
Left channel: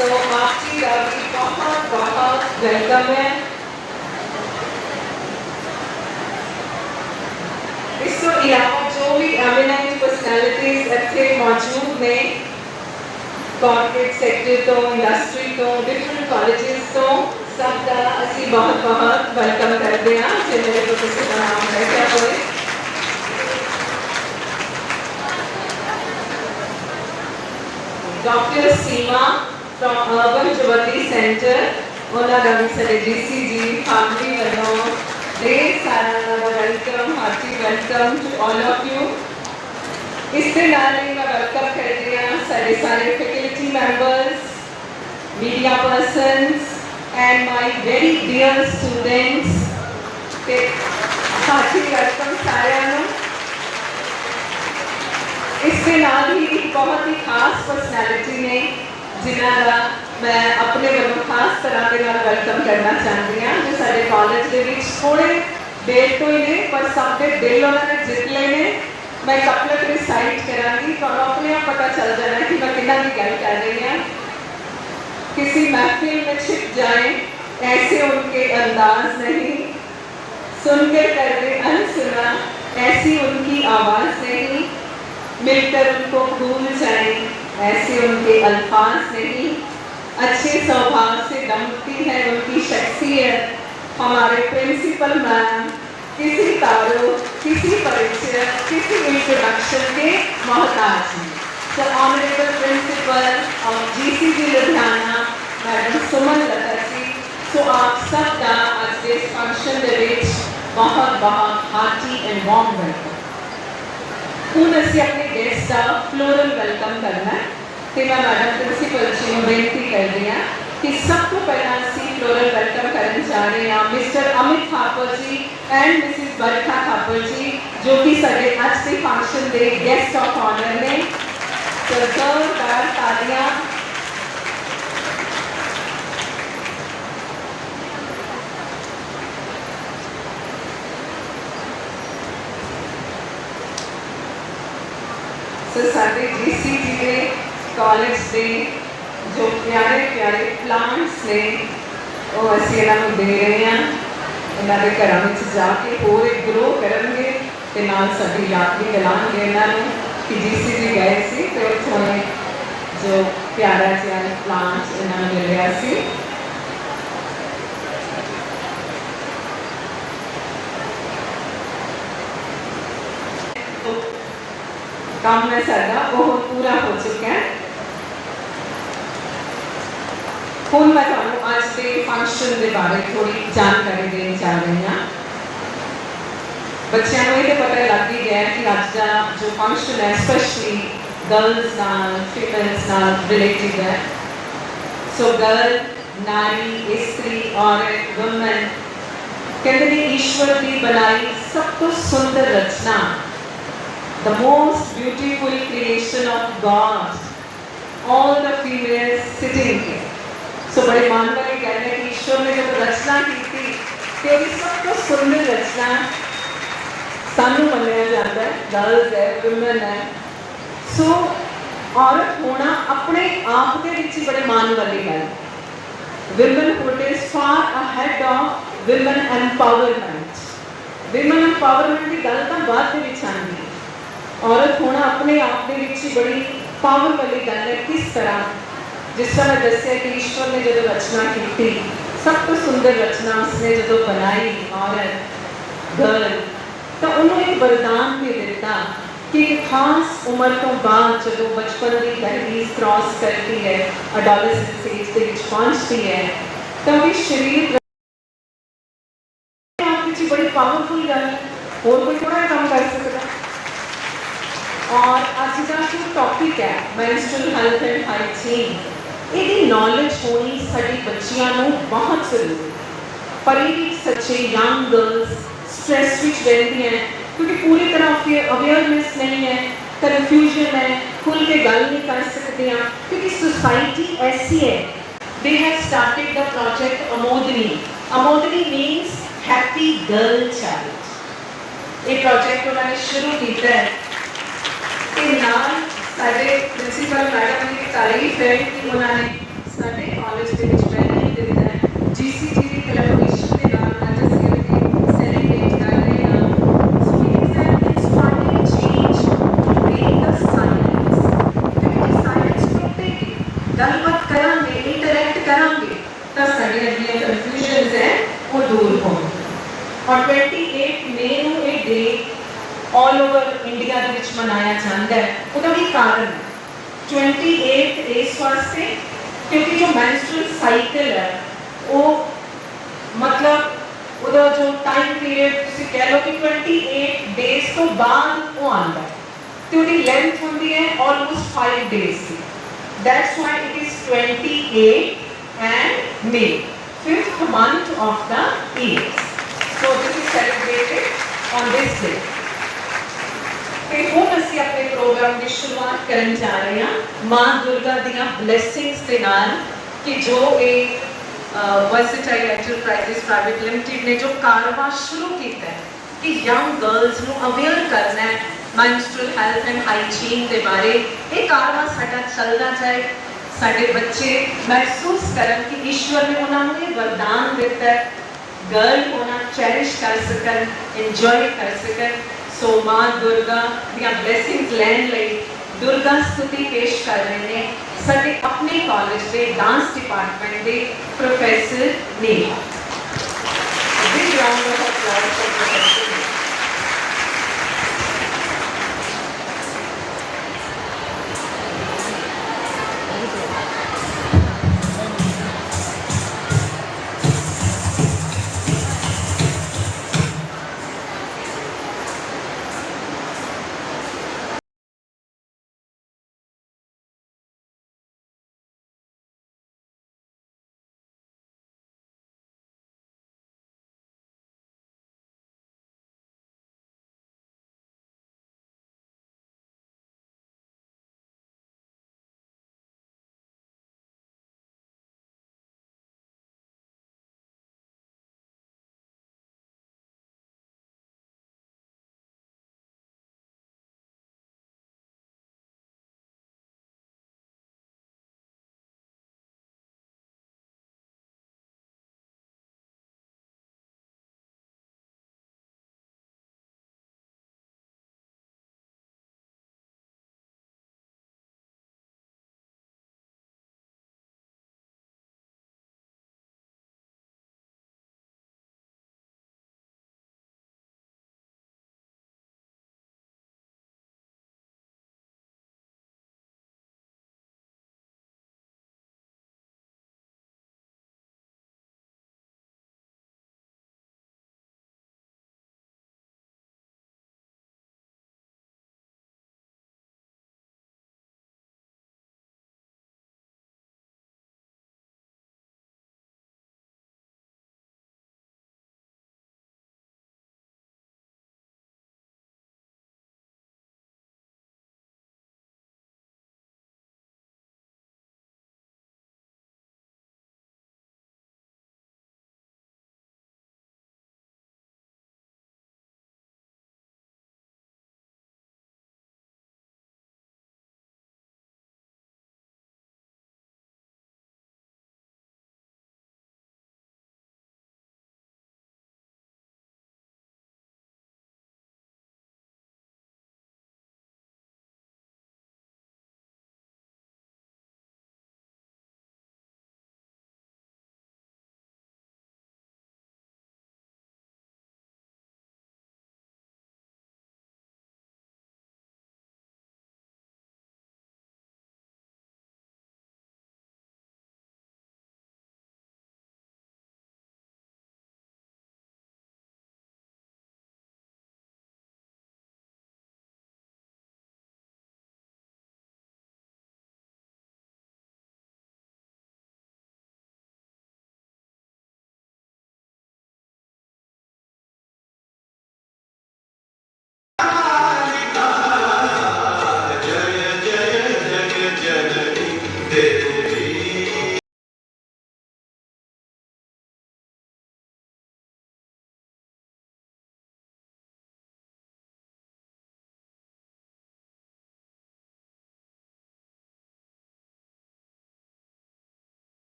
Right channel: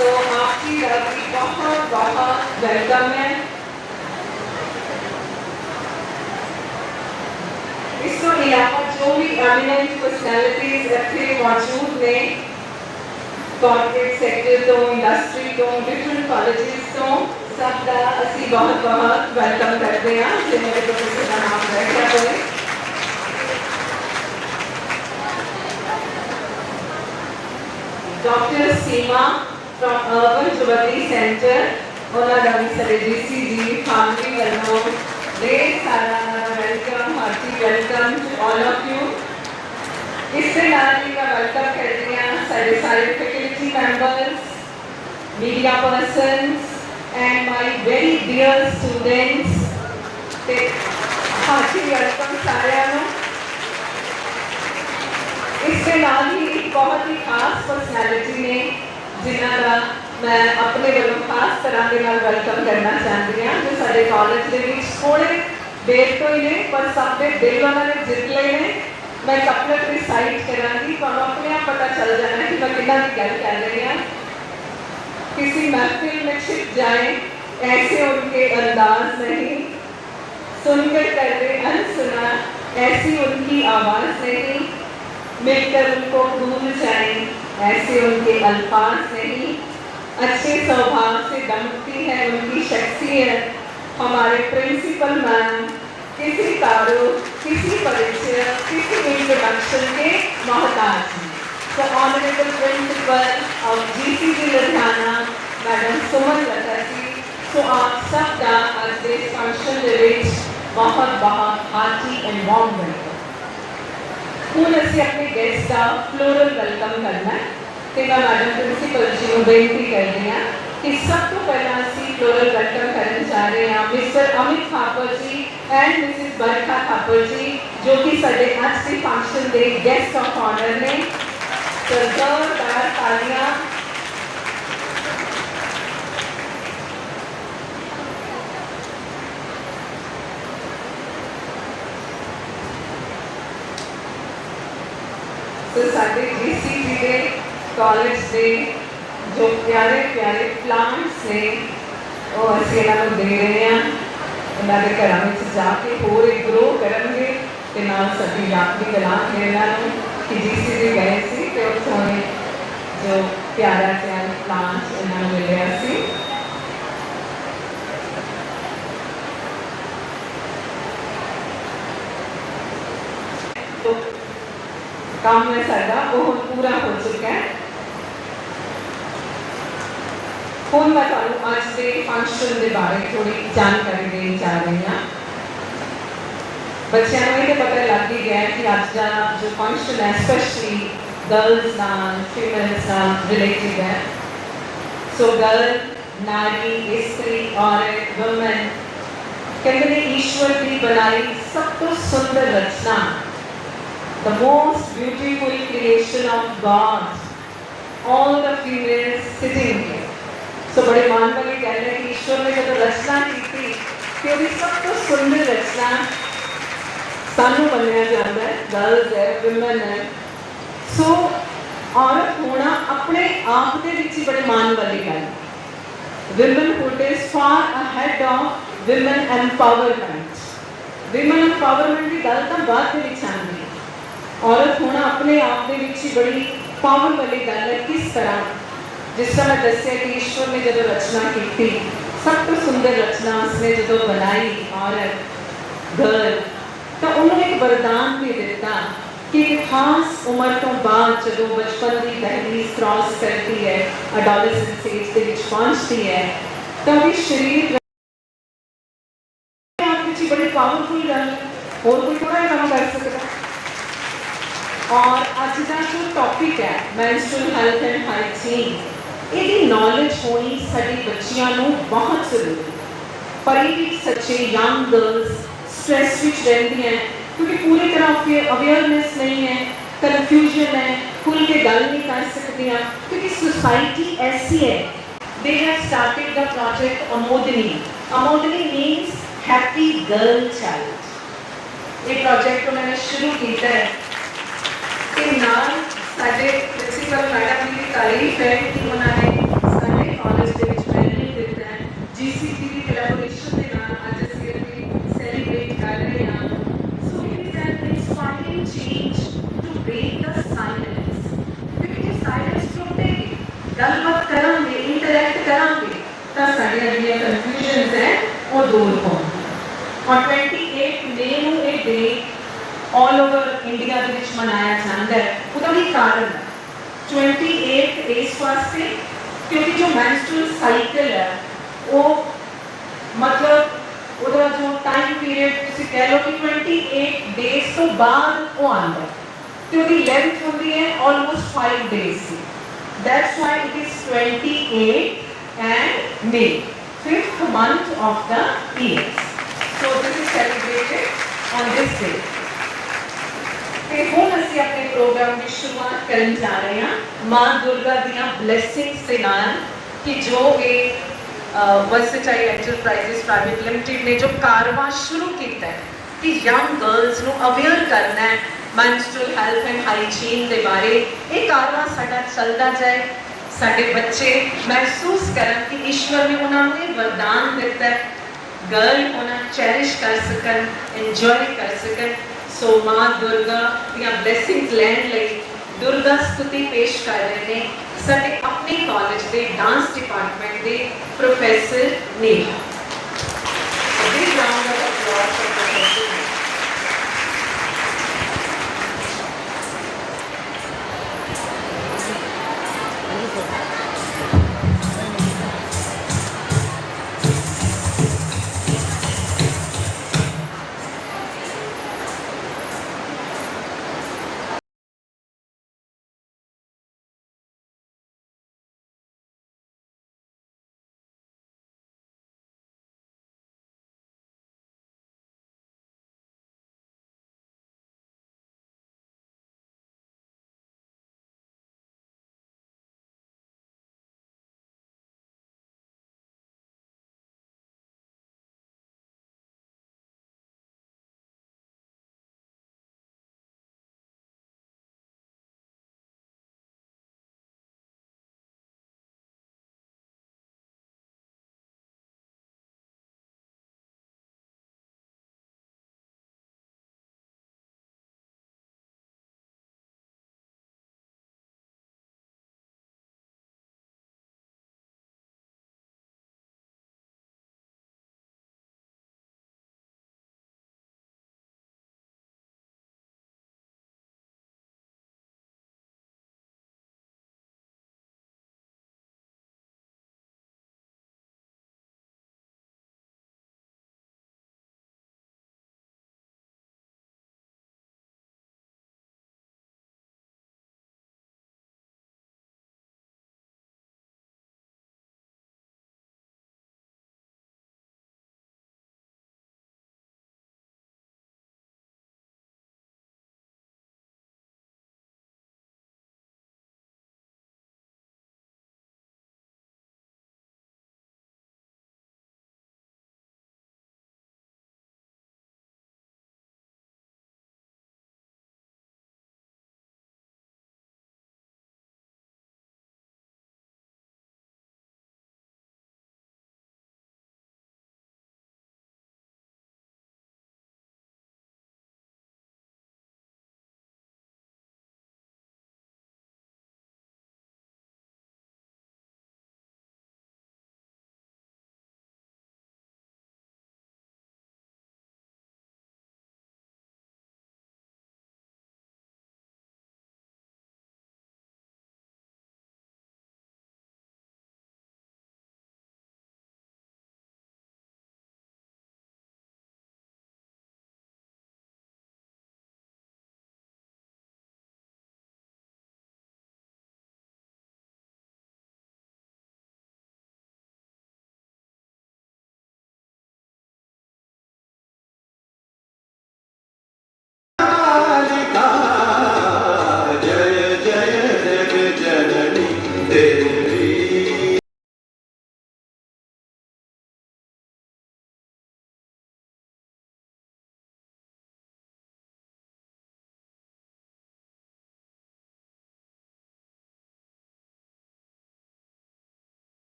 तो आप जी का भी बहुत बहुत वेलकम है। इसको यहाँ जो भी एमिनेंट पर्सनैलिटीज अच्छे मौजूद ने कॉर्पोरेट सेक्टर तो इंडस्ट्री तो डिफरेंट कॉलेजेस तो सबका असली बहुत बहुत वेलकम करते हैं। जिन्हें प्रोफेसर का नाम है क्या बोले doctor Seema from Urban Jubilee Centre उन्होंने भी सारे डीसीजी फैमिली वालों ढेर सारा welcome hearty welcome to all of you. इससे नानी का वेलकम करते हैं सारे faculty members, media persons and my very dear students के हार्टी वेलकम सारे। इसके नाल ही एक बहुत ही खास पर्सनैलिटी ने जिन्होंने मैं अपने वालों खास तरह के नाल वेलकम करना चाहती हूँ जो सारे कॉलेज के बीच थोड़े देर तो ही नहीं पर सबके दिल उन्होंने जित लेने। मैं कपलर रिसाइट करांगी तो अपने आप पता चल जाना कि मैं कितना की गल कर रही हूँ। किसी महफिल में छिप जाए ऐसे उनके अंदाज नहीं, सुनकर कर रहे अनसुना ऐसी उनकी आवाज नहीं, मिलकर उनको भूल जाए ऐसे उनके अल्फाज नहीं। अच्छे स्वभाव से दमकती है उनकी शख्सियत। हमारे प्रिंसिपल मैम किसी तारुफ किसी परिचय किसी इंट्रोडक्शन के मोहताज हैं। तो honourable principal of GCG Ludhiana madam Suman Lata ji तो आप सबका आज के फंक्शन के विच बहुत बहुत हार्टी एंड वार्म वेलकम। ਹੁਣ ਅਸੀਂ अपने गेस्ट का फ्लोरल वेलकम करना है तो मैं मैडम प्रिंसिपल जी को बेनती करती हाँ कि सब तो पहला ਅਸੀਂ फ्लोरल वेलकम करने जा रहे हैं Mr Amit Thapar ji and Mrs Barkha Thapar ji जो कि साडे आज के फंक्शन के गेस्ट ऑफ ऑनर ने। जोरदार तालियां। तो साडे जीसीजी के कॉलेज के जो प्यारे प्यारे प्लांट्स ने वो असीं इन्हां नूं दे रहे हैं। इन्हां दे घरां विच जाके होर ग्रो करनगे ते नाल साडी याद भी दिलांगे इन्हां नूं कि जीसीजी गए सी ते उत्थों जो प्यारा जिहा प्लांट्स इन्हां नूं मिलिया सी। काम में सारा वो पूरा हो चुका है। ਹੁਣ मैं ਤੁਹਾਨੂੰ ਅੱਜ ਦੇ ਫੰਕਸ਼ਨ ਦੇ ਬਾਰੇ ਥੋੜੀ ਜਾਣਕਾਰੀ ਦੇਣ ਜਾ ਰਹੀ ਹਾਂ। बच्चों को ये पता लग ही गया कि आज का जो फंक्शन है स्पेशली गर्ल्स नाल फीमेल्स नाल रिलेटेड है। सो गर्ल नारी स्त्री औरत वुमेन कहते हैं ईश्वर की बनाई सब तो सुंदर रचना, the most beautiful creation of God, all the females sitting here. So बड़े मान वाले कह रहे हैं कि ईश्वर ने जब रचना की थी तो सब तो सुंदर रचना सानू मन्निया जाता है, गर्ल्स है वुमेन है। सो औरत होना अपने आप के विच ही बड़े मान वाली गल। Womanhood is far ahead of women empowerment. Women empowerment की गल तो बाद में आती है, औरत होना अपने आप के विच ही बड़ी पावर वाली गल है। किस तरह, जिस तरह मैं दसिया कि ईश्वर ने जो रचना की थी सब तो सुंदर रचना उसने जो बनाई औरत गर्ल, तो उन्होंने एक वरदान भी दिता कि एक खास उम्र तो बाद जो बचपन की दहलीज क्रॉस करती है, एडोलेसेंस एज के विच पहुंचती है, तो भी शरीर आपकी बड़ी पावरफुल गल है, और कोई थोड़ा काम कर सकता। और अज का जो टॉपिक है मेंस्ट्रुअल हेल्थ एंड हाइजीन, ये नॉलेज होनी साडी बच्चियां नूं बहुत जरूरी है। पर ये सच्चे यंग गर्ल्स स्ट्रेस विच रहती हैं क्योंकि पूरी तरह अवेयरनेस नहीं है, कन्फ्यूजन है, खुल के गल नहीं कर सकती, क्योंकि सोसाइटी ऐसी है। They have started the project amodini. Amodini means happy girl child. ये प्रोजेक्ट उन्होंने शुरू किया है कि नाम साडे प्रिंसीपल मैडम की तारीफ है कि उन्होंने साडे कॉलेज के विच ट्रेनिंग दिता है जीसीटी की कोलैबोरेशन के नाल आज ਅਸੀਂ ਇਹ सेलिब्रेट कर रहे हैं। So it is an inspiring change to break the silence, क्योंकि साइलेंस टूटेगी, गलबात करांगे, इंटरैक्ट करांगे तो साडे अगले कन्फ्यूजन्स है वो दूर होंगे। और 28 मई ਨੂੰ ਇਹ डे ऑल ओवर इंडिया ਦੇ ਵਿੱਚ ਮਨਾਇਆ ਜਾਂਦਾ ਹੈ। ਉਹਦਾ ਵੀ ਕਾਰਨ 28 ਇਸ ਵਾਸਤੇ क्योंकि जो मेंस्ट्रुअल साइकिल है वो मतलब ਉਹਦਾ जो टाइम पीरियड ਤੁਸੀਂ कह लो कि 28 डेज ਤੋਂ ਬਾਅਦ ਉਹ ਆਉਂਦਾ ਤੇ ਉਹਦੀ ਲੈਂਥ ਹੁੰਦੀ ਹੈ almost 5 days ਸੀ। That's why it is 28 and May, 5th month of the year. So this is celebrated on this day. ਤੇ ਹੁਣ ਅਸੀਂ ਆਪਣੇ ਪ੍ਰੋਗਰਾਮ ਦੀ ਸ਼ੁਰੂਆਤ ਕਰਨ ਜਾ ਰਹੇ ਹਾਂ ਮਾਂ ਦੁਰਗਾ ਦੀਆਂ ਬਲੇਸਿੰਗਸ ਦੇ ਨਾਲ ਕਿ ਜੋ ਇਹ वर्सेटाइल एंटरप्राइजेस प्राइवेट लिमिटेड ने जो कारवां शुरू किया है कि यंग गर्ल्स ਨੂੰ अवेयर करना है मेंस्ट्रुअल हेल्थ एंड हाइजीन के बारे, ये कारवां साडा चलता जाए, साडे बच्चे महसूस करन कि ईश्वर ने उन्होंने वरदान दिता है, गर्ल होना चेरिश कर सकन, एंजॉय कर सकन। सो मां दुर्गा ਦੀਆਂ ब्लैसिंग्स लैन लई दुर्गा स्तुति पेश कर रहे हैं साडे अपने कॉलेज के डांस डिपार्टमेंट के प्रोफेसर Neha. Big round of applause for professor Neha.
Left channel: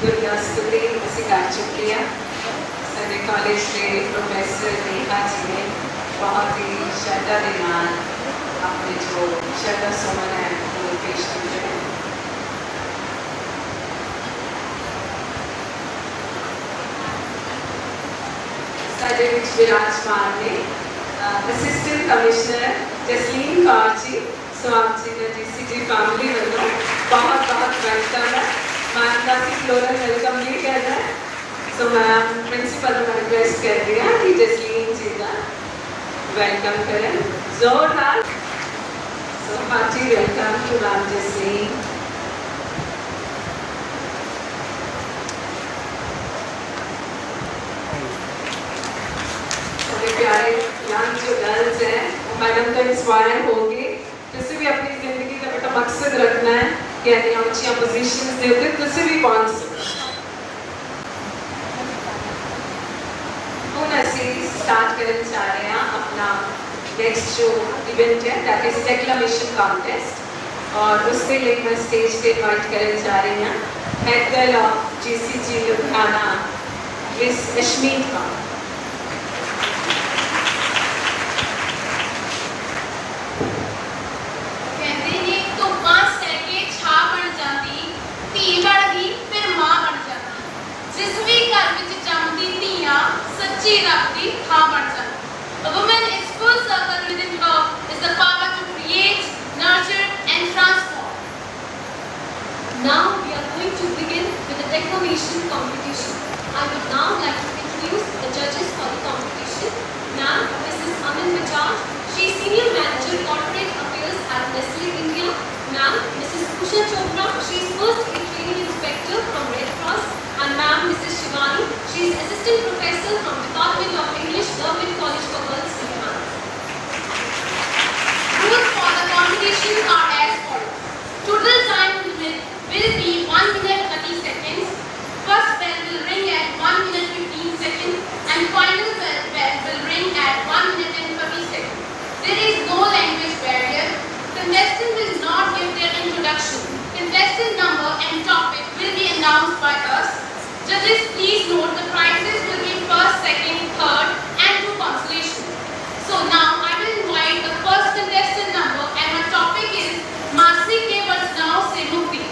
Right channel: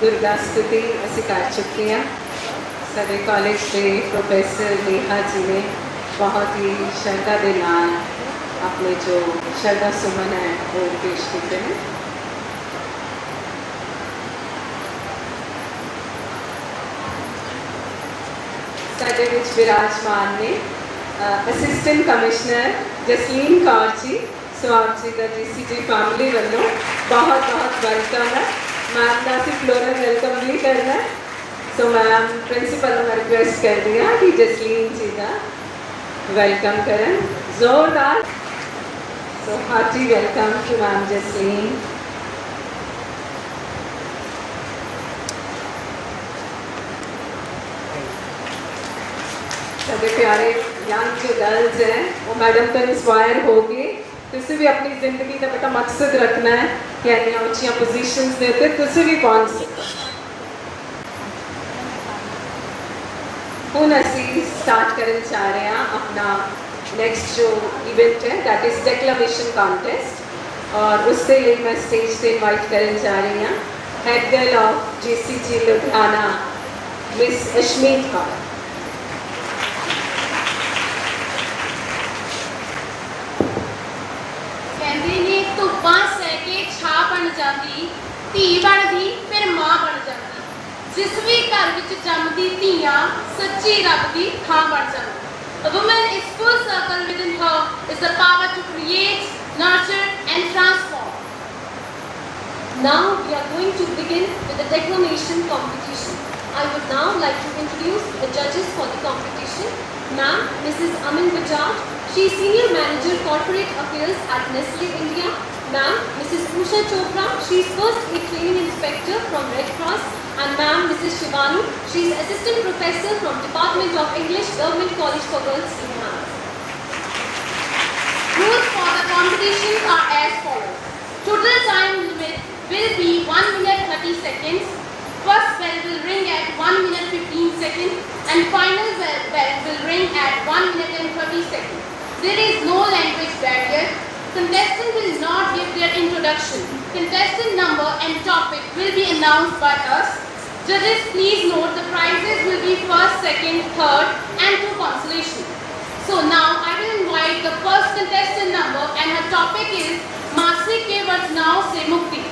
दुर्गा स्तुति ਅਸੀਂ ਕਰ ਚੁੱਕੇ ਹਾਂ। ਸਾਡੇ ਕਾਲਜ ਦੇ ਪ੍ਰੋਫੈਸਰ ਨੇਹਾ ਜੀ ਨੇ बहुत ही श्रद्धा के नाल अपने जो श्रद्धा सुमन है वो पेश करते हैं। साडे विच विराजमान ने असिस्टेंट कमिश्नर जसलीन कौर जी स्वागत जी का जीसीजी फैमिली वालों बहुत बहुत वेलकम है। मैम का भी फ्लोरल वेलकम भी करना है। सो मैम प्रिंसिपल में रिक्वेस्ट कर रही है कि जसलीन जी का वेलकम करें जोरदार। So hearty welcome to ma'am Jasleen. सभी प्यारे यंग जो गर्ल्स हैं वो मैडम तो इंस्पायर होगी। तुझे भी अपनी जिंदगी का बड़ा मकसद रखना है कि इतनी ऊंची पोजीशंस दे उत्ते तुझे भी पहुंच सको। ਹੁਣ ਅਸੀਂ स्टार्ट करना चाह रहे हैं अपना नेक्स्ट जो इवेंट है दैट इज डेक्लेमेशन कॉन्टेस्ट और उसके लिए मैं स्टेज पे इनवाइट करना चाह रही हूँ head girl of GCG Ludhiana miss Ashmeet Kaur. कहते ने तो बांस सैके छा बन जाती धी बनदी फिर मां बन जाती जिस भी घर विच जमदी धीयां सच्ची रब दी थां बन जाती। A woman is full circle within her is the power to create, nurture and transform. Now we are going to begin with the declamation competition. I would now like to introduce the judges for the competition. Ma'am, Mrs. Amin Bajaj, she is Senior Manager Corporate Affairs at Nestle India. Ma'am, Mrs. Usha Chopra, she is First Aid Training Inspector from Red Cross. And ma'am, Mrs. Shivani, she is Assistant Professor from Department of English, Govt College for Girls, Ludhiana. Rules for the competition are as follows. Total time will be 1 minute 30 seconds. First bell will ring at 1 minute 15 seconds and final bell will ring at 1 minute and 30 seconds. There is no language barrier. Contestant will not give their introduction. Contestant number and topic will be announced by us. Judges, please note the prizes will be first, second, third and 2 consolation. So now I will invite the first contestant number and her topic is Masi ke Vajnao se Mukti.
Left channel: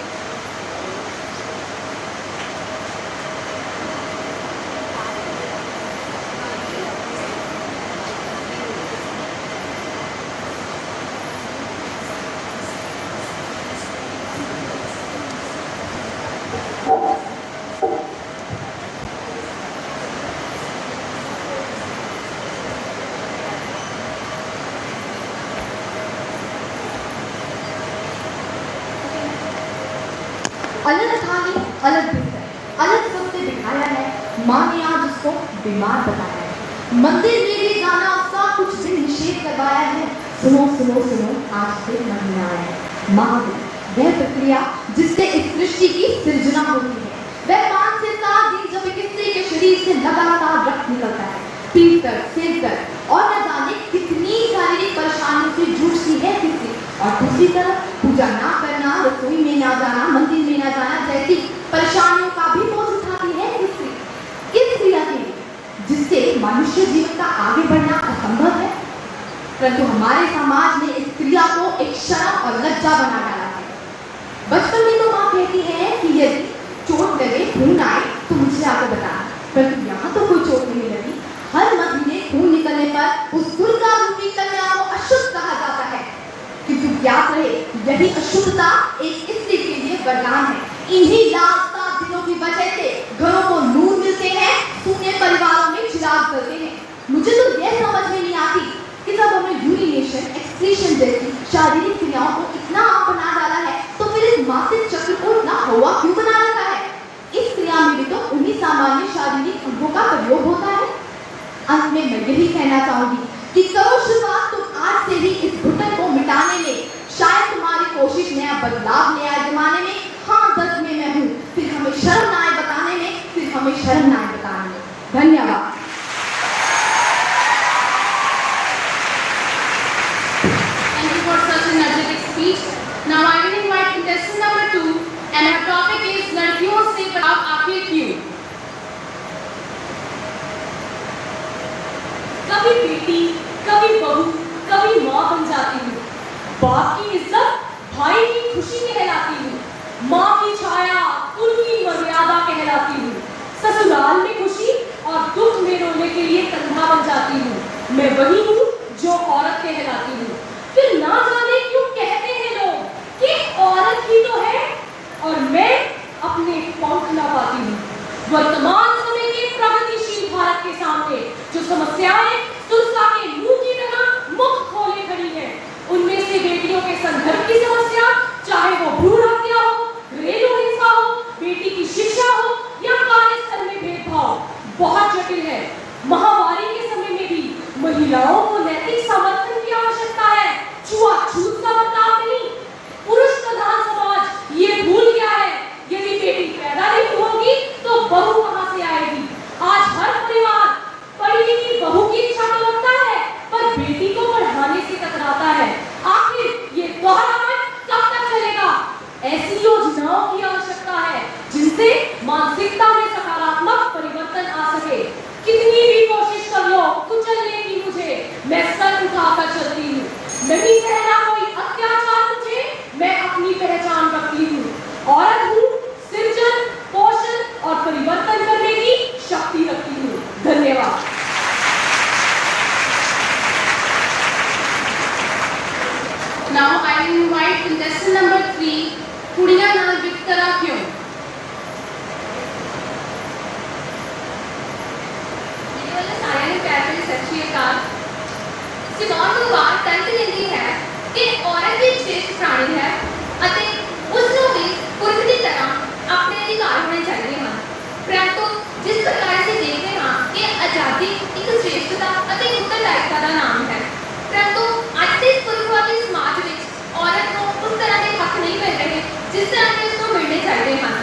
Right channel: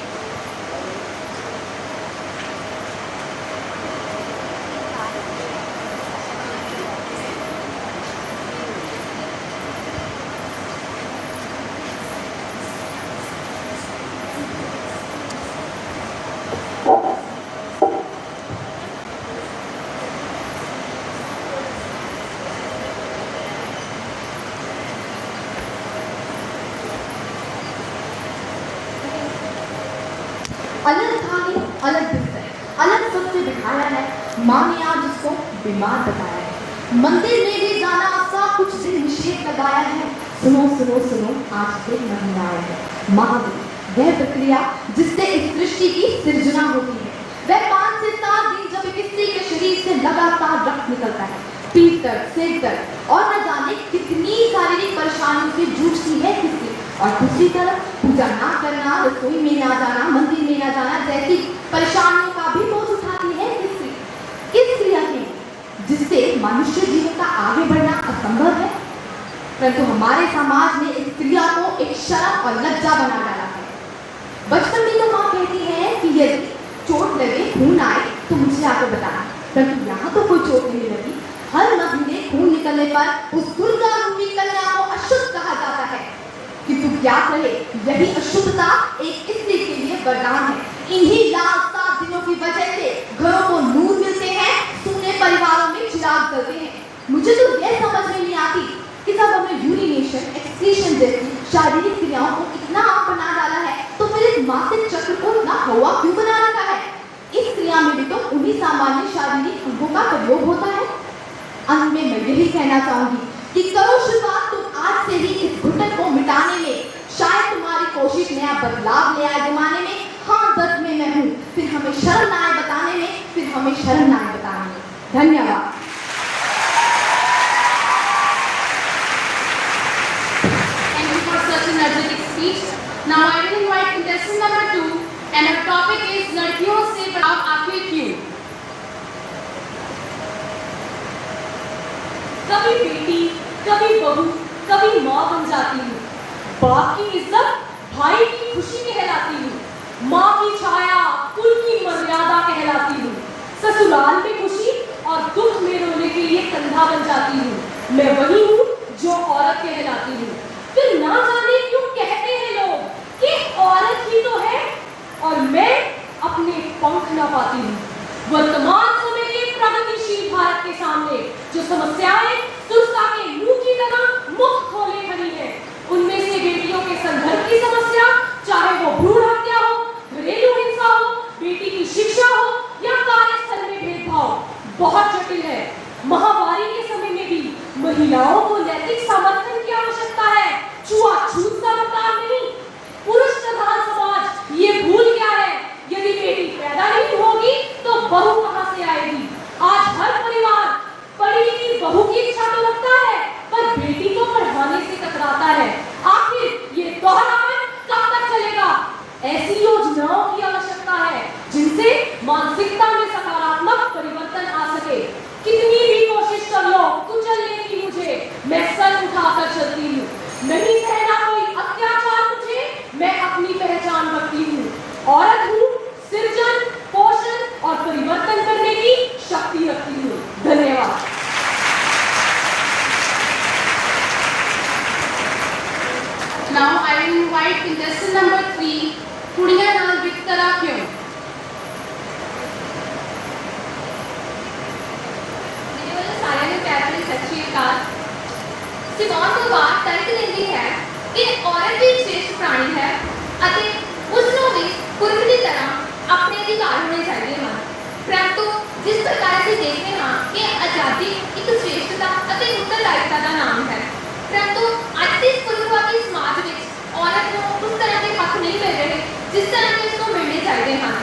अलग थाली अलग बिस्तर अलग सबसे दिखाया है। माँ ने आज उसको बीमार बताया है। मंदिर में भी जाना उसका कुछ दिन निषेध लगाया है। सुनो सुनो सुनो आज से महीना आया है। महावीर वह प्रक्रिया जिससे इस सृष्टि की सृजना होती है। वह 5 से 7 दिन जब किसी के शरीर से लगातार रक्त निकलता है। पीठ दर्द, सिर दर्द और न जाने कितनी शारीरिक परेशानियों से जूझती है किसी। और दूसरी तरफ पूजा ना करना, रसोई में ना जाना, मंदिर में ना जाना जैसी परेशानियों का भी बोझ उठाती है किसी। किस क्रिया के लिए जिससे मनुष्य जीवन का आगे बढ़ना असंभव है। परंतु हमारे समाज ने इस क्रिया को एक शर्म और लज्जा बना डाला है। बचपन में तो माँ कहती है कि यदि चोट लगे, खून आए तो मुझे आकर बताना। परंतु यहाँ तो कोई चोट नहीं लगी। हर महीने खून निकलने पर उस दुर्गा रूपी कन्या को अशुद्ध कहा जाता है। किंतु ज्ञात रहे यही अशुद्धता एक स्त्री के लिए वरदान है। इन्हीं लाल 7 दिनों की वजह से घरों को नूर मिलते हैं, सूने परिवारों में चिराग जलते हैं। मुझे तो यह समझ में नहीं आती कि जब हमने यूरिनेशन, एक्सक्रीशन जैसी शारीरिक क्रियाओं को इतना आम बना डाला है तो फिर इस मासिक चक्र को इतना हवा क्यों बना रखा है। इस क्रिया में भी तो उन्हीं सामान्य शारीरिक अंगों का प्रयोग होता है। अंत में मैं यही कहना चाहूंगी कि करो शुरुआत तुम आज से ही इस घुटन को मिटाने में। शायद तुम्हारी कोशिश नया बदलाव ले आए जमाने में। हाँ, दर्द में मैं हूँ, फिर हमें शर्म ना आए बताने में, फिर हमें शर्म ना आए बताने में। धन्यवाद। Thank you for such an energetic speech. Now I will invite contestant number 2 and her topic is लड़कियों से बड़ा जवाब आखिर क्यों? कभी बेटी, कभी बहू, कभी माँ बन जाती हूँ। बाप की इज्जत, भाई की खुशी कहलाती हूँ। माँ की छाया, कुल की मर्यादा कहलाती हूँ। ससुराल में खुशी और दुख में रोने के लिए कंधा बन जाती हूँ। मैं वही हूँ जो औरत कहलाती हूँ। फिर ना जाने क्यों कहते हैं लोग कि औरत ही तो है और मैं अपने पंख ना पाती हूँ। वर्तमान समय के प्रगतिशील भारत के सामने जो समस्याएं तुलसा के मुंह की तरह मुख खोले खड़ी है, उनमें से बेटियों के संदर्भ की समस्या, चाहे वो भ्रूण हत्या हो, घरेलू हिंसा हो, बेटी की शिक्षा हो या कार्यस्थल में भेदभाव, बहुत जटिल है। महामारी के समय में भी महिलाओं को नैतिक समर्थन की आवश्यकता है, छुआछूत का बर्ताव नहीं। पुरुष प्रधान समाज ये भूल गया है, यदि बेटी पैदा नहीं होगी तो बहू कहां से आएगी। आज हर परिवार पढ़ी लिखी बहू की इच्छा तो रखता है, पर बेटी को पढ़ाने से कतराता है। आखिर ये दोहराव कब तक चलेगा? ऐसी योजनाओं की आवश्यकता है जिनसे मानसिकता में सकारात्मक परिवर्तन आ सके। कितनी भी कोशिश कर लो कुचलने की मुझे, मैं सर उठाकर चलती हूँ। नहीं सहना कोई अत्याचार मुझे, मैं अपनी पहचान रखती हूँ। औरत हूँ, सृजन, पोषण और परिवर्तन करने की शक्ति रखती हूँ। धन्यवाद। Now I will invite contestant number 3, कुड़ियां नाल बिस्तरा क्यों? मेरे वाले सारे ने प्यार से सच्ची कार सिमोन को बात तर्क देती है कि औरत भी श्रेष्ठ प्राणी है ਅਤੇ ਉਸ ਨੂੰ ਵੀ ਪੁਰਖ ਦੀ ਤਰ੍ਹਾਂ ਆਪਣੇ ਅਧਿਕਾਰ ਹੋਣੇ ਚਾਹੀਦੇ ਹਨ। ਪਰੰਤੂ ਜਿਸ ਪ੍ਰਕਾਰ ਅਸੀਂ ਦੇਖਦੇ ਹਾਂ ਕਿ ਆਜ਼ਾਦੀ ਇੱਕ श्रेष्ठता ਅਤੇ ਉੱਤਰਦਾਇਤਾ ਦਾ ਨਾਮ ਹੈ, ਪਰੰਤੂ ਅੱਜ ਦੇ ਪੁਰਖਵਾਦੀ ਸਮਾਜ ਵਿੱਚ ਔਰਤ ਨੂੰ ਉਸ ਤਰ੍ਹਾਂ ਦੇ ਹੱਕ ਨਹੀਂ ਮਿਲ ਰਹੇ ਜਿਸ ਤਰ੍ਹਾਂ ਦੇ ਉਸ ਨੂੰ ਮਿਲਣੇ ਚਾਹੀਦੇ ਹਨ।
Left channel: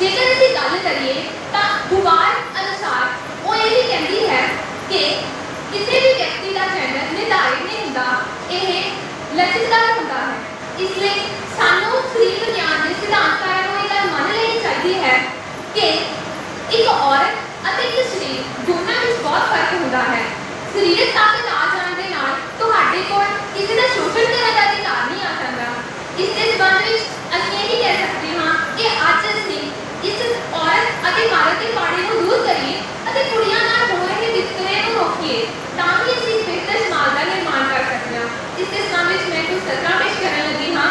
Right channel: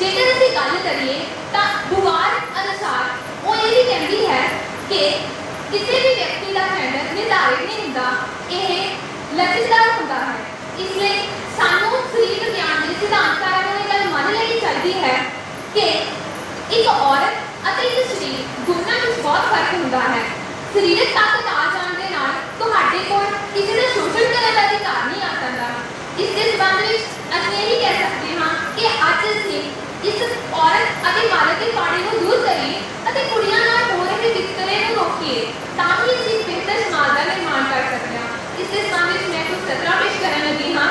ਜੇਕਰ ਅਸੀਂ ਗੱਲ ਕਰੀਏ ਤਾਂ ਦੁਆਰ ਅਨੁਸਾਰ ਉਹ ਇਹ ਵੀ ਕਹਿੰਦੀ ਹੈ ਕਿ ਕਿਸੇ ਵੀ ਵਿਅਕਤੀ ਦਾ ਜੈਂਡਰ ਨਿਰਧਾਰਿਤ ਨਹੀਂ ਹੁੰਦਾ, ਇਹ ਲਚਕਦਾਰ ਹੁੰਦਾ ਹੈ। ਇਸ ਲਈ ਸਾਨੂੰ ਸਰੀਰ ਵਿਗਿਆਨ ਦੇ ਸਿਧਾਂਤਕਾਰਾਂ ਨੂੰ ਇਹ ਗੱਲ ਮੰਨ ਲੈਣੀ ਚਾਹੀਦੀ ਹੈ ਕਿ ਇੱਕ ਔਰਤ ਅਤੇ ਇੱਕ ਸਰੀਰ ਦੋਨਾਂ ਵਿੱਚ ਬਹੁਤ ਫਰਕ ਹੁੰਦਾ ਹੈ। ਸਰੀਰਕ ਤਾਕਤ ਆ ਜਾਣ ਦੇ ਨਾਲ ਤੁਹਾਡੇ ਕੋਲ ਕਿਸੇ ਦਾ ਸ਼ੋਸ਼ਣ ਕਰਨ ਦਾ ਅਧਿਕਾਰ ਨਹੀਂ ਆ ਸਕਦਾ। ਇਸ ਦੇ ਸੰਬੰਧ ਵਿੱਚ ਅਸੀਂ ਇਹ ਵੀ ਕਹਿ ਸਕਦੇ ਹਾਂ ਕਿ ਅੱਜ ਅਸੀਂ ਇਸ ਔਰਤ ਅਤੇ ਮਰਦ ਦੇ ਪਾੜੇ ਨੂੰ ਦੂਰ ਕਰੀਏ ਅਤੇ ਕੁੜੀਆਂ ਨਾਲ ਹੋ ਰਹੇ ਵਿਤਕਰੇ ਨੂੰ ਰੋਕੀਏ, ਤਾਂ ਕਿ ਅਸੀਂ ਇੱਕ ਬਿਹਤਰ ਸਮਾਜ ਦਾ ਨਿਰਮਾਣ ਕਰ ਸਕਦੇ ਹਾਂ। ਇਸ ਦੇ ਸੰਬੰਧ ਵਿੱਚ ਮੈਂ ਕੁਝ ਸਤਰਾਂ ਪੇਸ਼ ਕਰਨ ਲੱਗੀ ਹਾਂ।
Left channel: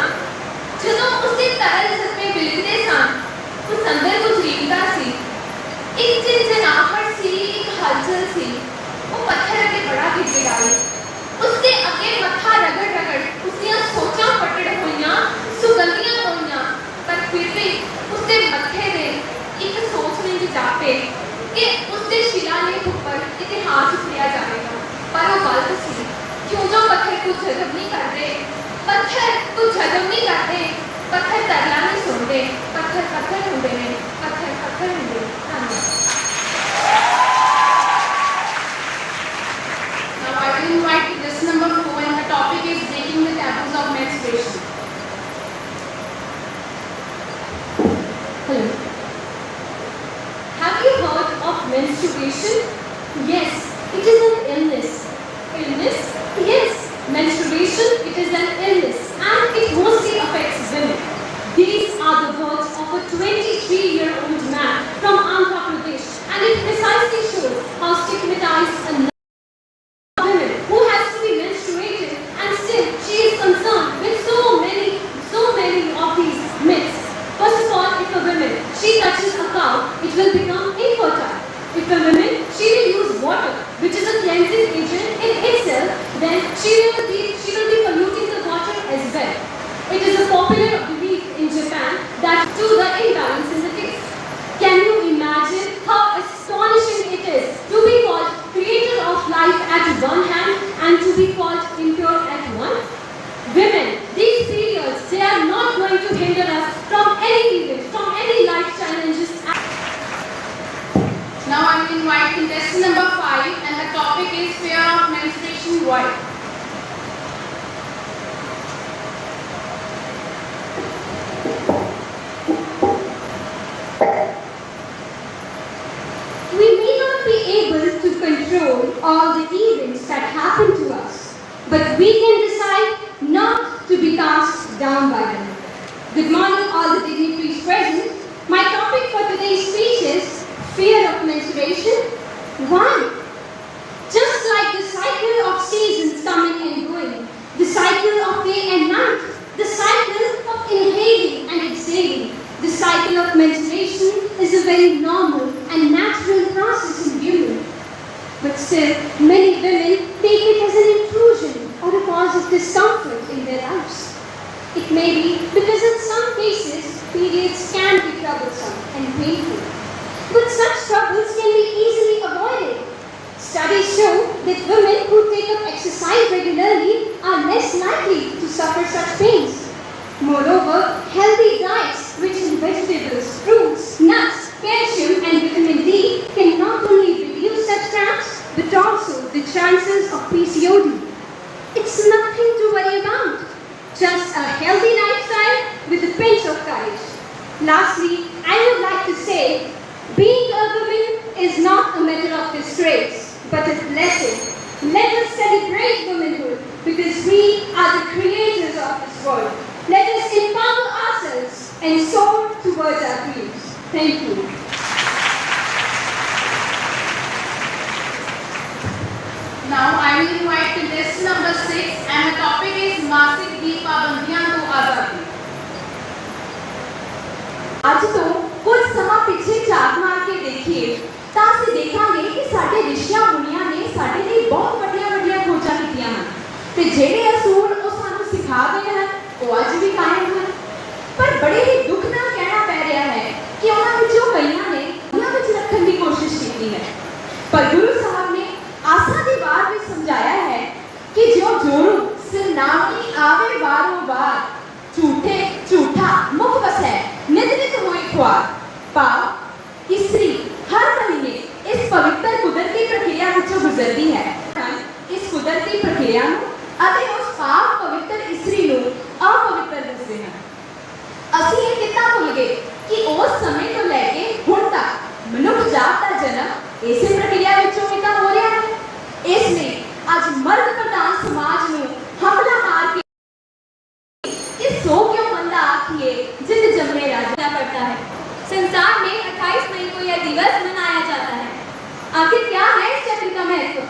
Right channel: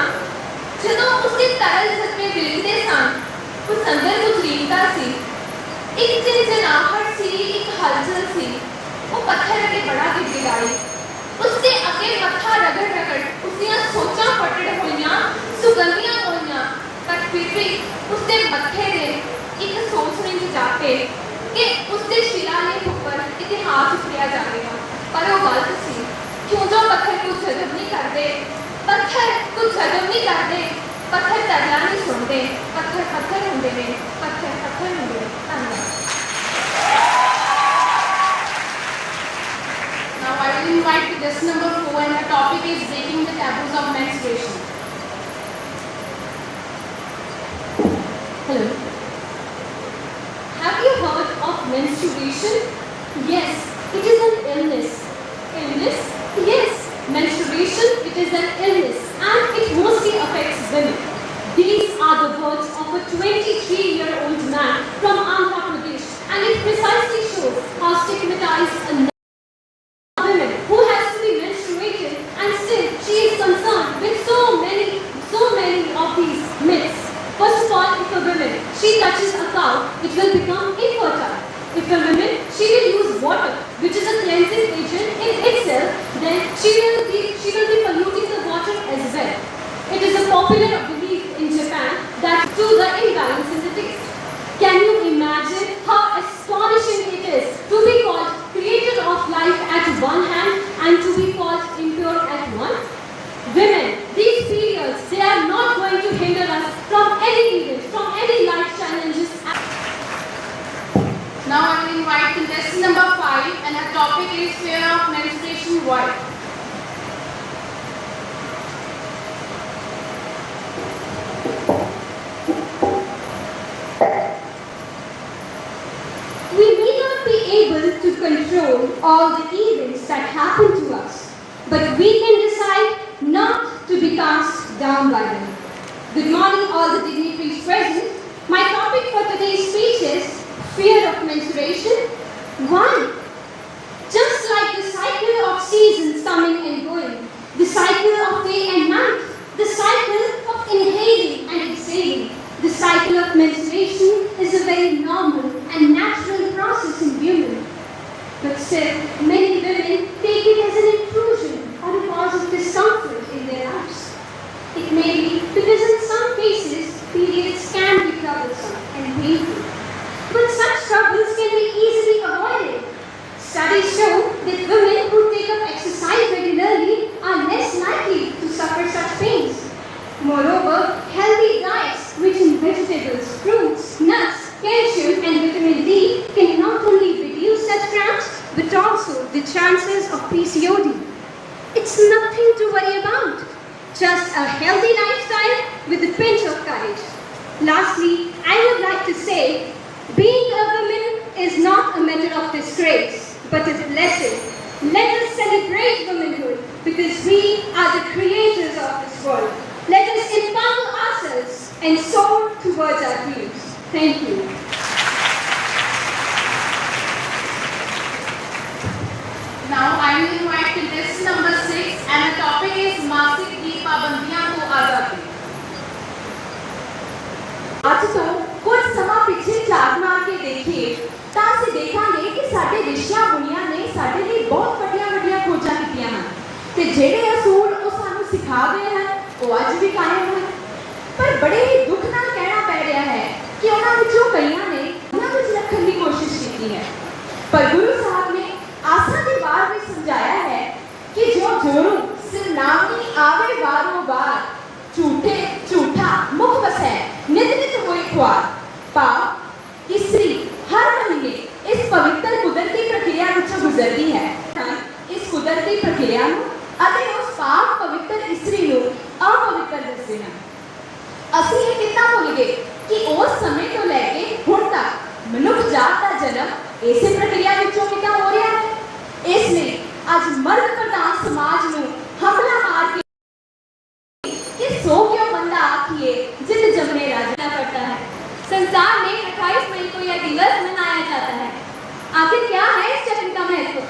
ਜਦੋਂ ਉਸਦੇ ਤਰਲ ਜਜ਼ਬੇ ਬਿਲਕਦੇ ਸਨ, ਉਸ ਅੰਦਰ ਕੁਝ ਰੀਮਦਾ ਸੀ, ਇੱਕ ਝੰਜਨਾਹਟ ਸੀ, ਇੱਕ ਹਲਚਲ ਸੀ। ਉਹ ਪੱਥਰ ਅੱਗੇ ਬੜਾ ਗਿੜਗਿੜਾਈ, ਉਸਦੇ ਅੱਗੇ ਮੱਥਾ ਰਗੜ ਰਗੜ ਉਸਦੀਆਂ ਸੋਚਾਂ ਪਟੜ ਹੋਈਆਂ, ਸੁਗੰਧੀਆਂ ਹੋਈਆਂ, ਪਰ ਫਿਰ ਵੀ ਉਸਦੇ ਮੱਥੇ ਦੇ ਇੱਕ ਸੋਚ ਰਿੰਝ ਜਾਪੇ ਕਿ ਉਸਦੇ ਸ਼ਿਲਾਲੇਖ ਉੱਪਰ ਇਤਿਹਾਸ ਉਕਰਿਆ ਜਾਵੇਗਾ। ਪਰ ਉਹ ਗਲਤ ਸੀ, ਕਿਉਂ ਜੋ ਪੱਥਰ ਕੁਝ ਜਜ਼ਬ ਨਹੀਂ ਕਰਦੇ, ਪੱਥਰ ਕੁਝ ਜਜ਼ਬ ਨਹੀਂ ਕਰਦੇ, ਪੱਥਰ ਤਰਲਾ ਨਹੀਂ ਸੁਣਦੇ, ਪੱਥਰ ਪੱਥਰ ਹੁੰਦੇ ਨੇ, ਪੱਥਰ ਪੱਥਰ ਹੁੰਦੇ ਨੇ। ਧੰਨਵਾਦ। Now I will invite contestant number 4 and her topic is breaking the taboos of menstruation. Hello. Have you heard of menstruation? Yes, it is an illness. Illness? Yes, menstruation, it is an illness and it mostly affects women. These are the words of a 23-year-old man from Andhra Pradesh, and it precisely shows how stigmatized a woman who has to be menstruated, and still she is concerned with so many of these myths. First of all, if a woman, she touches a cow, it will become infertile. If a woman, she will use water, which is a cleansing agent in itself, then she will be polluting the water as well. It is a popular belief in Japan that due to the imbalance in the taste. Can you imagine how astonishing it is to be called creator of life at one hand and to be called impure at one? Women, these periods, they are not going to hinder us from any event, from any life challenges. Now I will invite contestant number 5 and her topic is fear of menstruation. Why? garden. Good morning, all the dignitaries present. My topic for today's speech is fear of menstruation. 1. Just like the cycle of seasons coming and going, the cycle of day and night, the cycle of inhaling and exhaling, the cycle of menstruation is a very normal and natural process in women. But still, many women take it as an intrusion or a cause of discomfort in their lives. It may be because in some cases, periods can be troublesome and painful. But such troubles can be easily avoided. Studies show that women who take up exercise regularly are less likely to suffer such pains. Moreover, healthy diets rich in vegetables, fruits, nuts, calcium and vitamin D can not only reduce such cramps but also the chances of PCOD. It's nothing to worry about. Just a healthy lifestyle with a pinch of courage. Lastly, I would like to say, being a woman is not a matter of disgrace, but a blessing. Let us celebrate womanhood because we are the creators of this world. Let us empower ourselves and soar towards our dreams. Thank you. Now I will invite contestant number 6 and the topic is मासिक दी पाबंदियां तो आजादी। ਅੱਜ ਤੋਂ ਕੁਝ ਸਮਾਂ ਪਿੱਛੇ ਝਾਤ ਮਾਰ ਕੇ ਦੇਖੀਏ ਤਾਂ ਅਸੀਂ ਦੇਖਾਂਗੇ ਕਿ ਸਾਡੇ ਰਿਸ਼ੀਆਂ ਮੁਨੀਆਂ ਨੇ ਸਾਡੇ ਲਈ ਬਹੁਤ ਵੱਡੀਆਂ ਖੋਜਾਂ ਕੀਤੀਆਂ ਹਨ ਤੇ ਜਿਹੜੇ ਅਸੂਲ ਉਹ ਸਾਨੂੰ ਸਿਖਾ ਗਏ ਹਨ ਉਹ ਅੱਜ ਵੀ ਕਾਇਮ ਹਨ। ਪਰ ਬੜੇ ਹੀ ਦੁੱਖ ਨਾਲ ਕਹਿਣਾ ਪੈ ਰਿਹਾ ਹੈ ਕਿ ਉਹਨਾਂ ਵਿੱਚੋਂ ਕਈਆਂ ਨੇ ਦੁਨੀਆ ਵਿੱਚ ਰੱਖਣ ਦੀ ਕੋਸ਼ਿਸ਼ ਕੀਤੀ ਹੈ। ਪਰ ਗੁਰੂ ਸਾਹਿਬ ਨੇ आशा की बार भी समझाया है कि जो जोरू सिरनावनी आवे बारो बार झूठे झूठा मुख बसै नित नित होई ख्वार पाव इस्त्री हर महीने इस पवित्र कुदरती प्रक्रिया विचों गुजरती है। इस कुदरती प्रक्रिया नूं अते उस पाक पवित्र इस्त्री नूं अपवित्र दसदे हैं। ਅਸੀਂ ਇਹ ਕਿੱਦਾਂ ਭੁੱਲ ਗਏ ਕਿ ਉਸ ਸਮੇਂ ਤੋਂ ਲੈ ਕੇ ਹੁਣ ਤੱਕ ਮਨੁੱਖ ਜਾਤ ਦਾ ਜਨਮ ਇਸੇ ਪ੍ਰਕਿਰਿਆ ਵਿੱਚੋਂ ਹੀ ਤਾਂ ਹੋ ਰਿਹਾ ਹੈ। ਇਸ ਲਈ ਅੱਜ ਮਰਦ ਪ੍ਰਧਾਨ ਸਮਾਜ ਨੂੰ ਹਮਲਾ ਮਾਰ के कि सो क्यों बंदा आखिए जिद जमने राजा करता है। संसार में 28 मई को यह दिवस मनाया जाता है। आखिर क्या है इस चक्र का महत्व?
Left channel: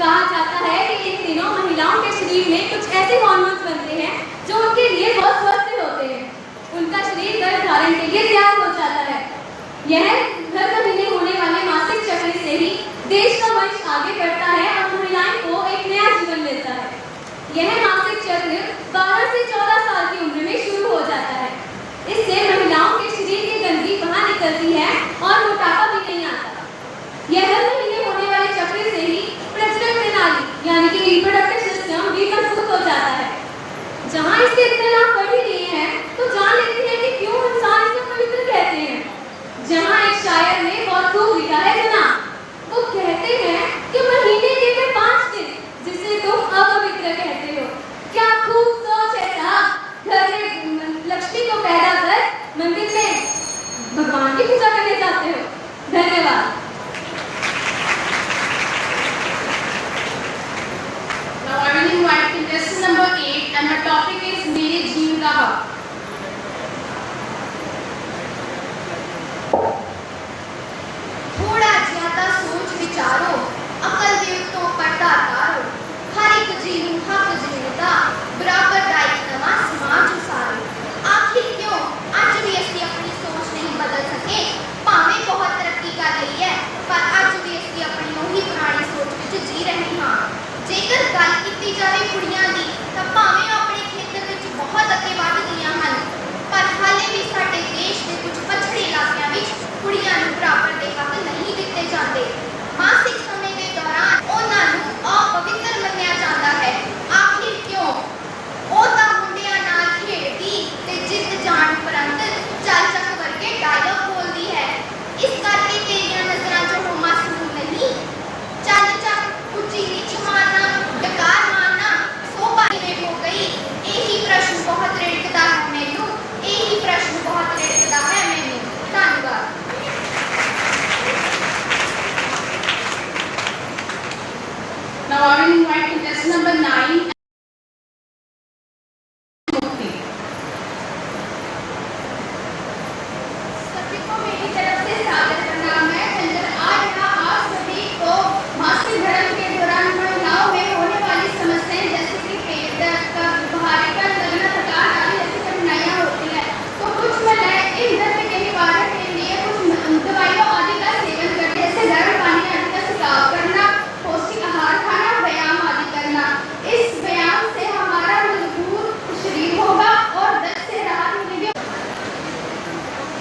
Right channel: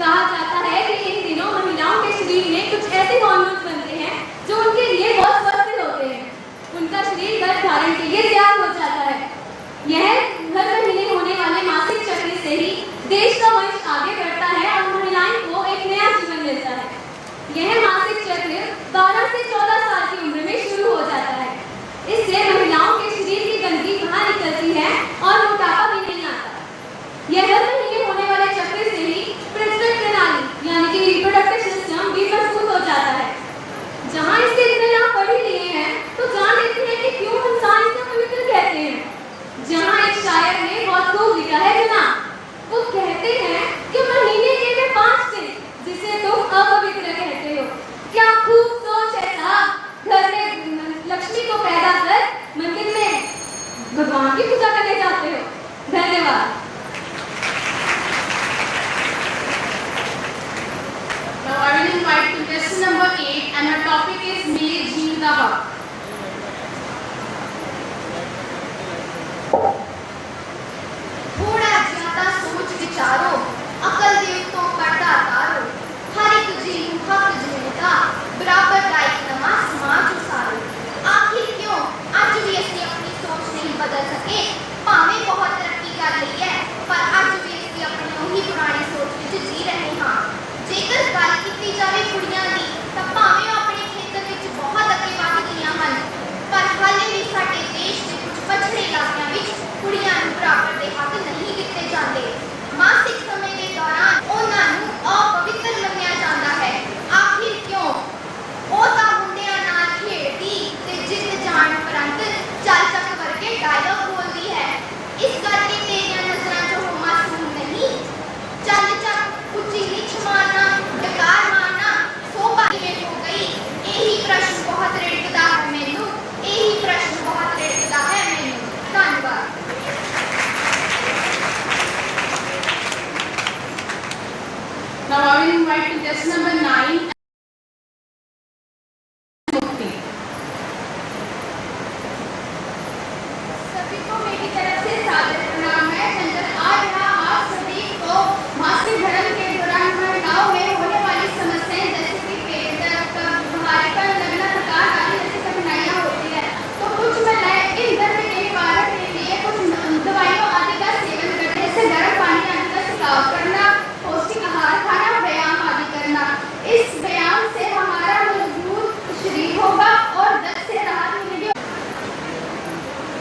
कहा जाता है कि इन दिनों महिलाओं के शरीर में कुछ ऐसे हार्मोन्स बनते हैं जो उनके लिए बहुत स्वस्थ होते हैं। उनका शरीर गर्भ धारण के लिए तैयार हो जाता है। यह हर महीने होने वाले मासिक चक्र से ही देश का वंश आगे बढ़ता है और महिलाओं को एक नया जीवन मिलता है। यह मासिक चक्र 12 से 14 साल की उम्र में शुरू हो जाता है। इससे महिलाओं के शरीर की गंदगी बाहर निकलती है और मोटापा भी नहीं आता। यह हर महीने होने वाले चक्र से ही प्रजनन प्रणाली यानी कि रिप्रोडक्टिव सिस्टम भी मजबूत हो जाता है। जहाँ इसके इतने लाभ पढ़ ही लिए हैं तो जान लेते हैं कि क्यों इंसान इसे पवित्र कहते हैं। जहाँ एक शायर ने बहुत खूब लिखा है जना, वो कहते हैं कि महीने के वे 5 दिन जिसे तुम अपवित्र कहते हो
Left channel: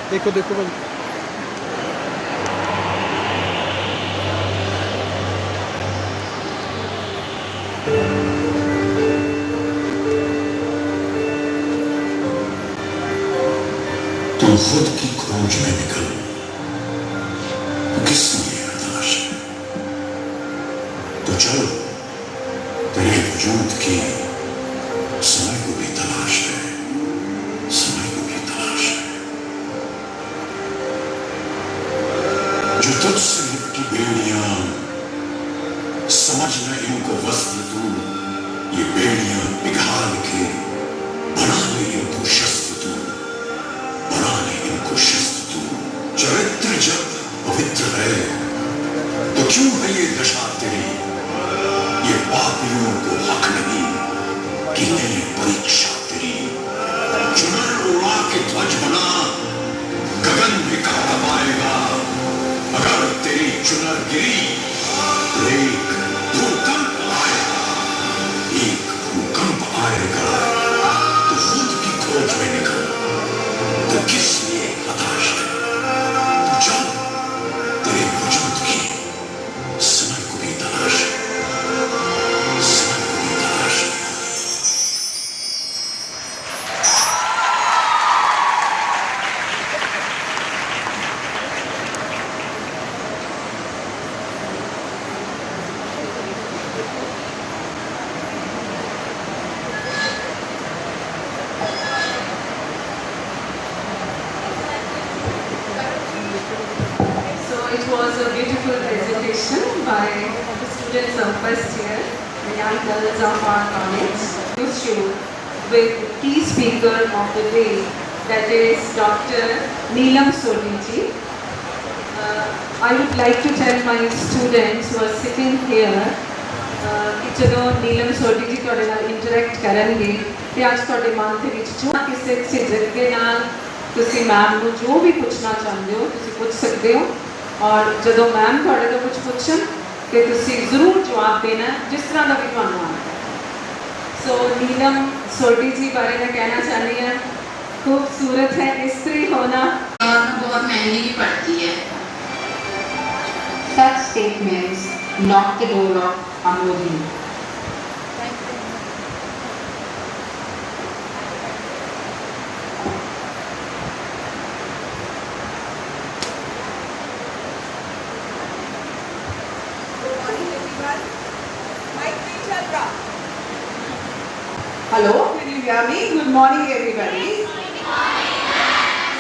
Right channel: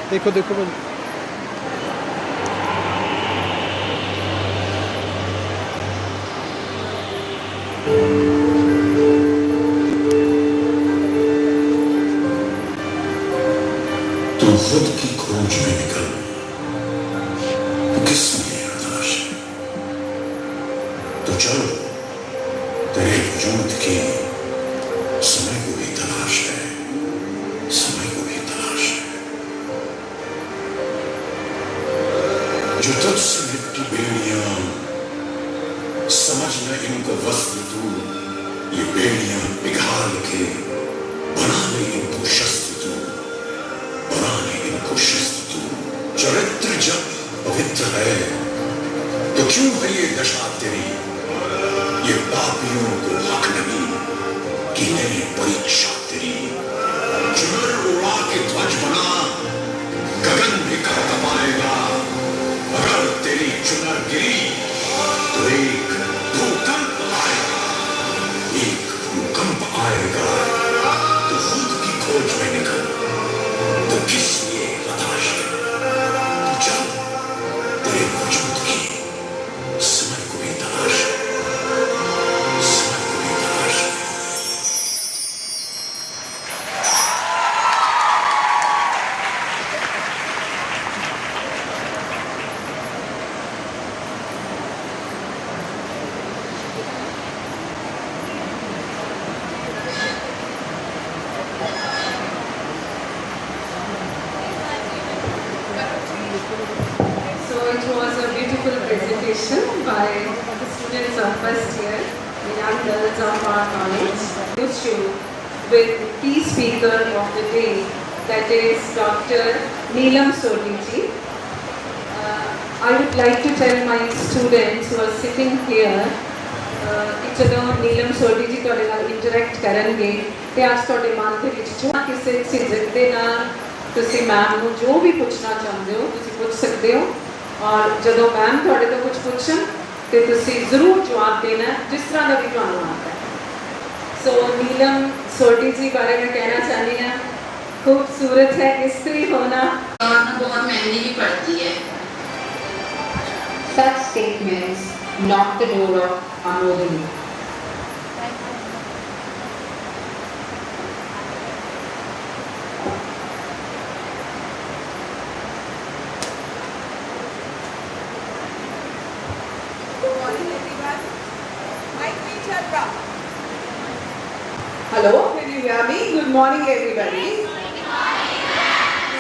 देखो देखो भाई, तू खुद की खोज में निकल, किसने तलाश है? तो चल, तेरे वजूद की समय को भी तलाश है, समय को भी तलाश है। जो तुझसे लिपटी बेड़ियां, समझ न इनको वस्त्र तू, ये बेड़ियां पिघाल के बना ले इनको शस्त्र तू, बना ले इनको शस्त्र तू। चरित्र जब पवित्र है तो क्यों है ये दशा तेरी? ये पापियों को हक नहीं कि नहीं परीक्षा तेरी। चुनर उड़ा के ध्वज बना, गगन भी कांप पाएगा। अगर तेरी चुनर गिरी तो एक भूकंप आएगा, एक भूकंप आएगा। तो खुद की खोज में निकल, तो किस लिए हताश है? तो चल, तेरे वजूद की समय को भी तलाश है, समय को भी तलाश है। So it was a beautiful presentation by the students of first year, the young girls of our college. This show with key speaker of the day, that is Dr. Neelam Sodiji. I would like to tell my students who are sitting here कि चलो नीलम सोडी जी ਤੁਹਾਡੇ ਨਾਲ ਇੰਟਰੈਕਟ ਕਰਨਗੇ ਤੇ ਅੱਜ ਤੁਹਾਡੇ ਮਨ ਦੇ ਵਿੱਚ ਜੋ ਕਿਸੇ ਝਿਜਕ ਦੇ ਨਾਲ ਤੁਸੀਂ ਮੈਮ ਨੂੰ ਜੋ ਵੀ ਪੁੱਛਣਾ ਚਾਹੁੰਦੇ ਹੋ ਤੁਸੀਂ ਪੁੱਛ ਸਕਦੇ ਹੋ ਔਰ ਜਦੋਂ ਮੈਮ ਤੁਹਾਡੇ ਤੋਂ ਕੁਝ ਪੁੱਛਣ ਤੇ ਤੁਸੀਂ ਜ਼ਰੂਰ ਜਵਾਬ ਦੇਣਾ ਜਿਸ ਤਰ੍ਹਾਂ ਦਾ ਵੀ ਤੁਹਾਨੂੰ ਆਉਂਦਾ ਹੈ। ਸੋ ਨੀਲਮ सोडी जी बारे में कहना चाहती हैं, खूबसूरत है स्त्री होना और बहुत महंगी भी पड़ती है। Such statements knock the door of amodini. Hello, can you hear me? Good morning everybody.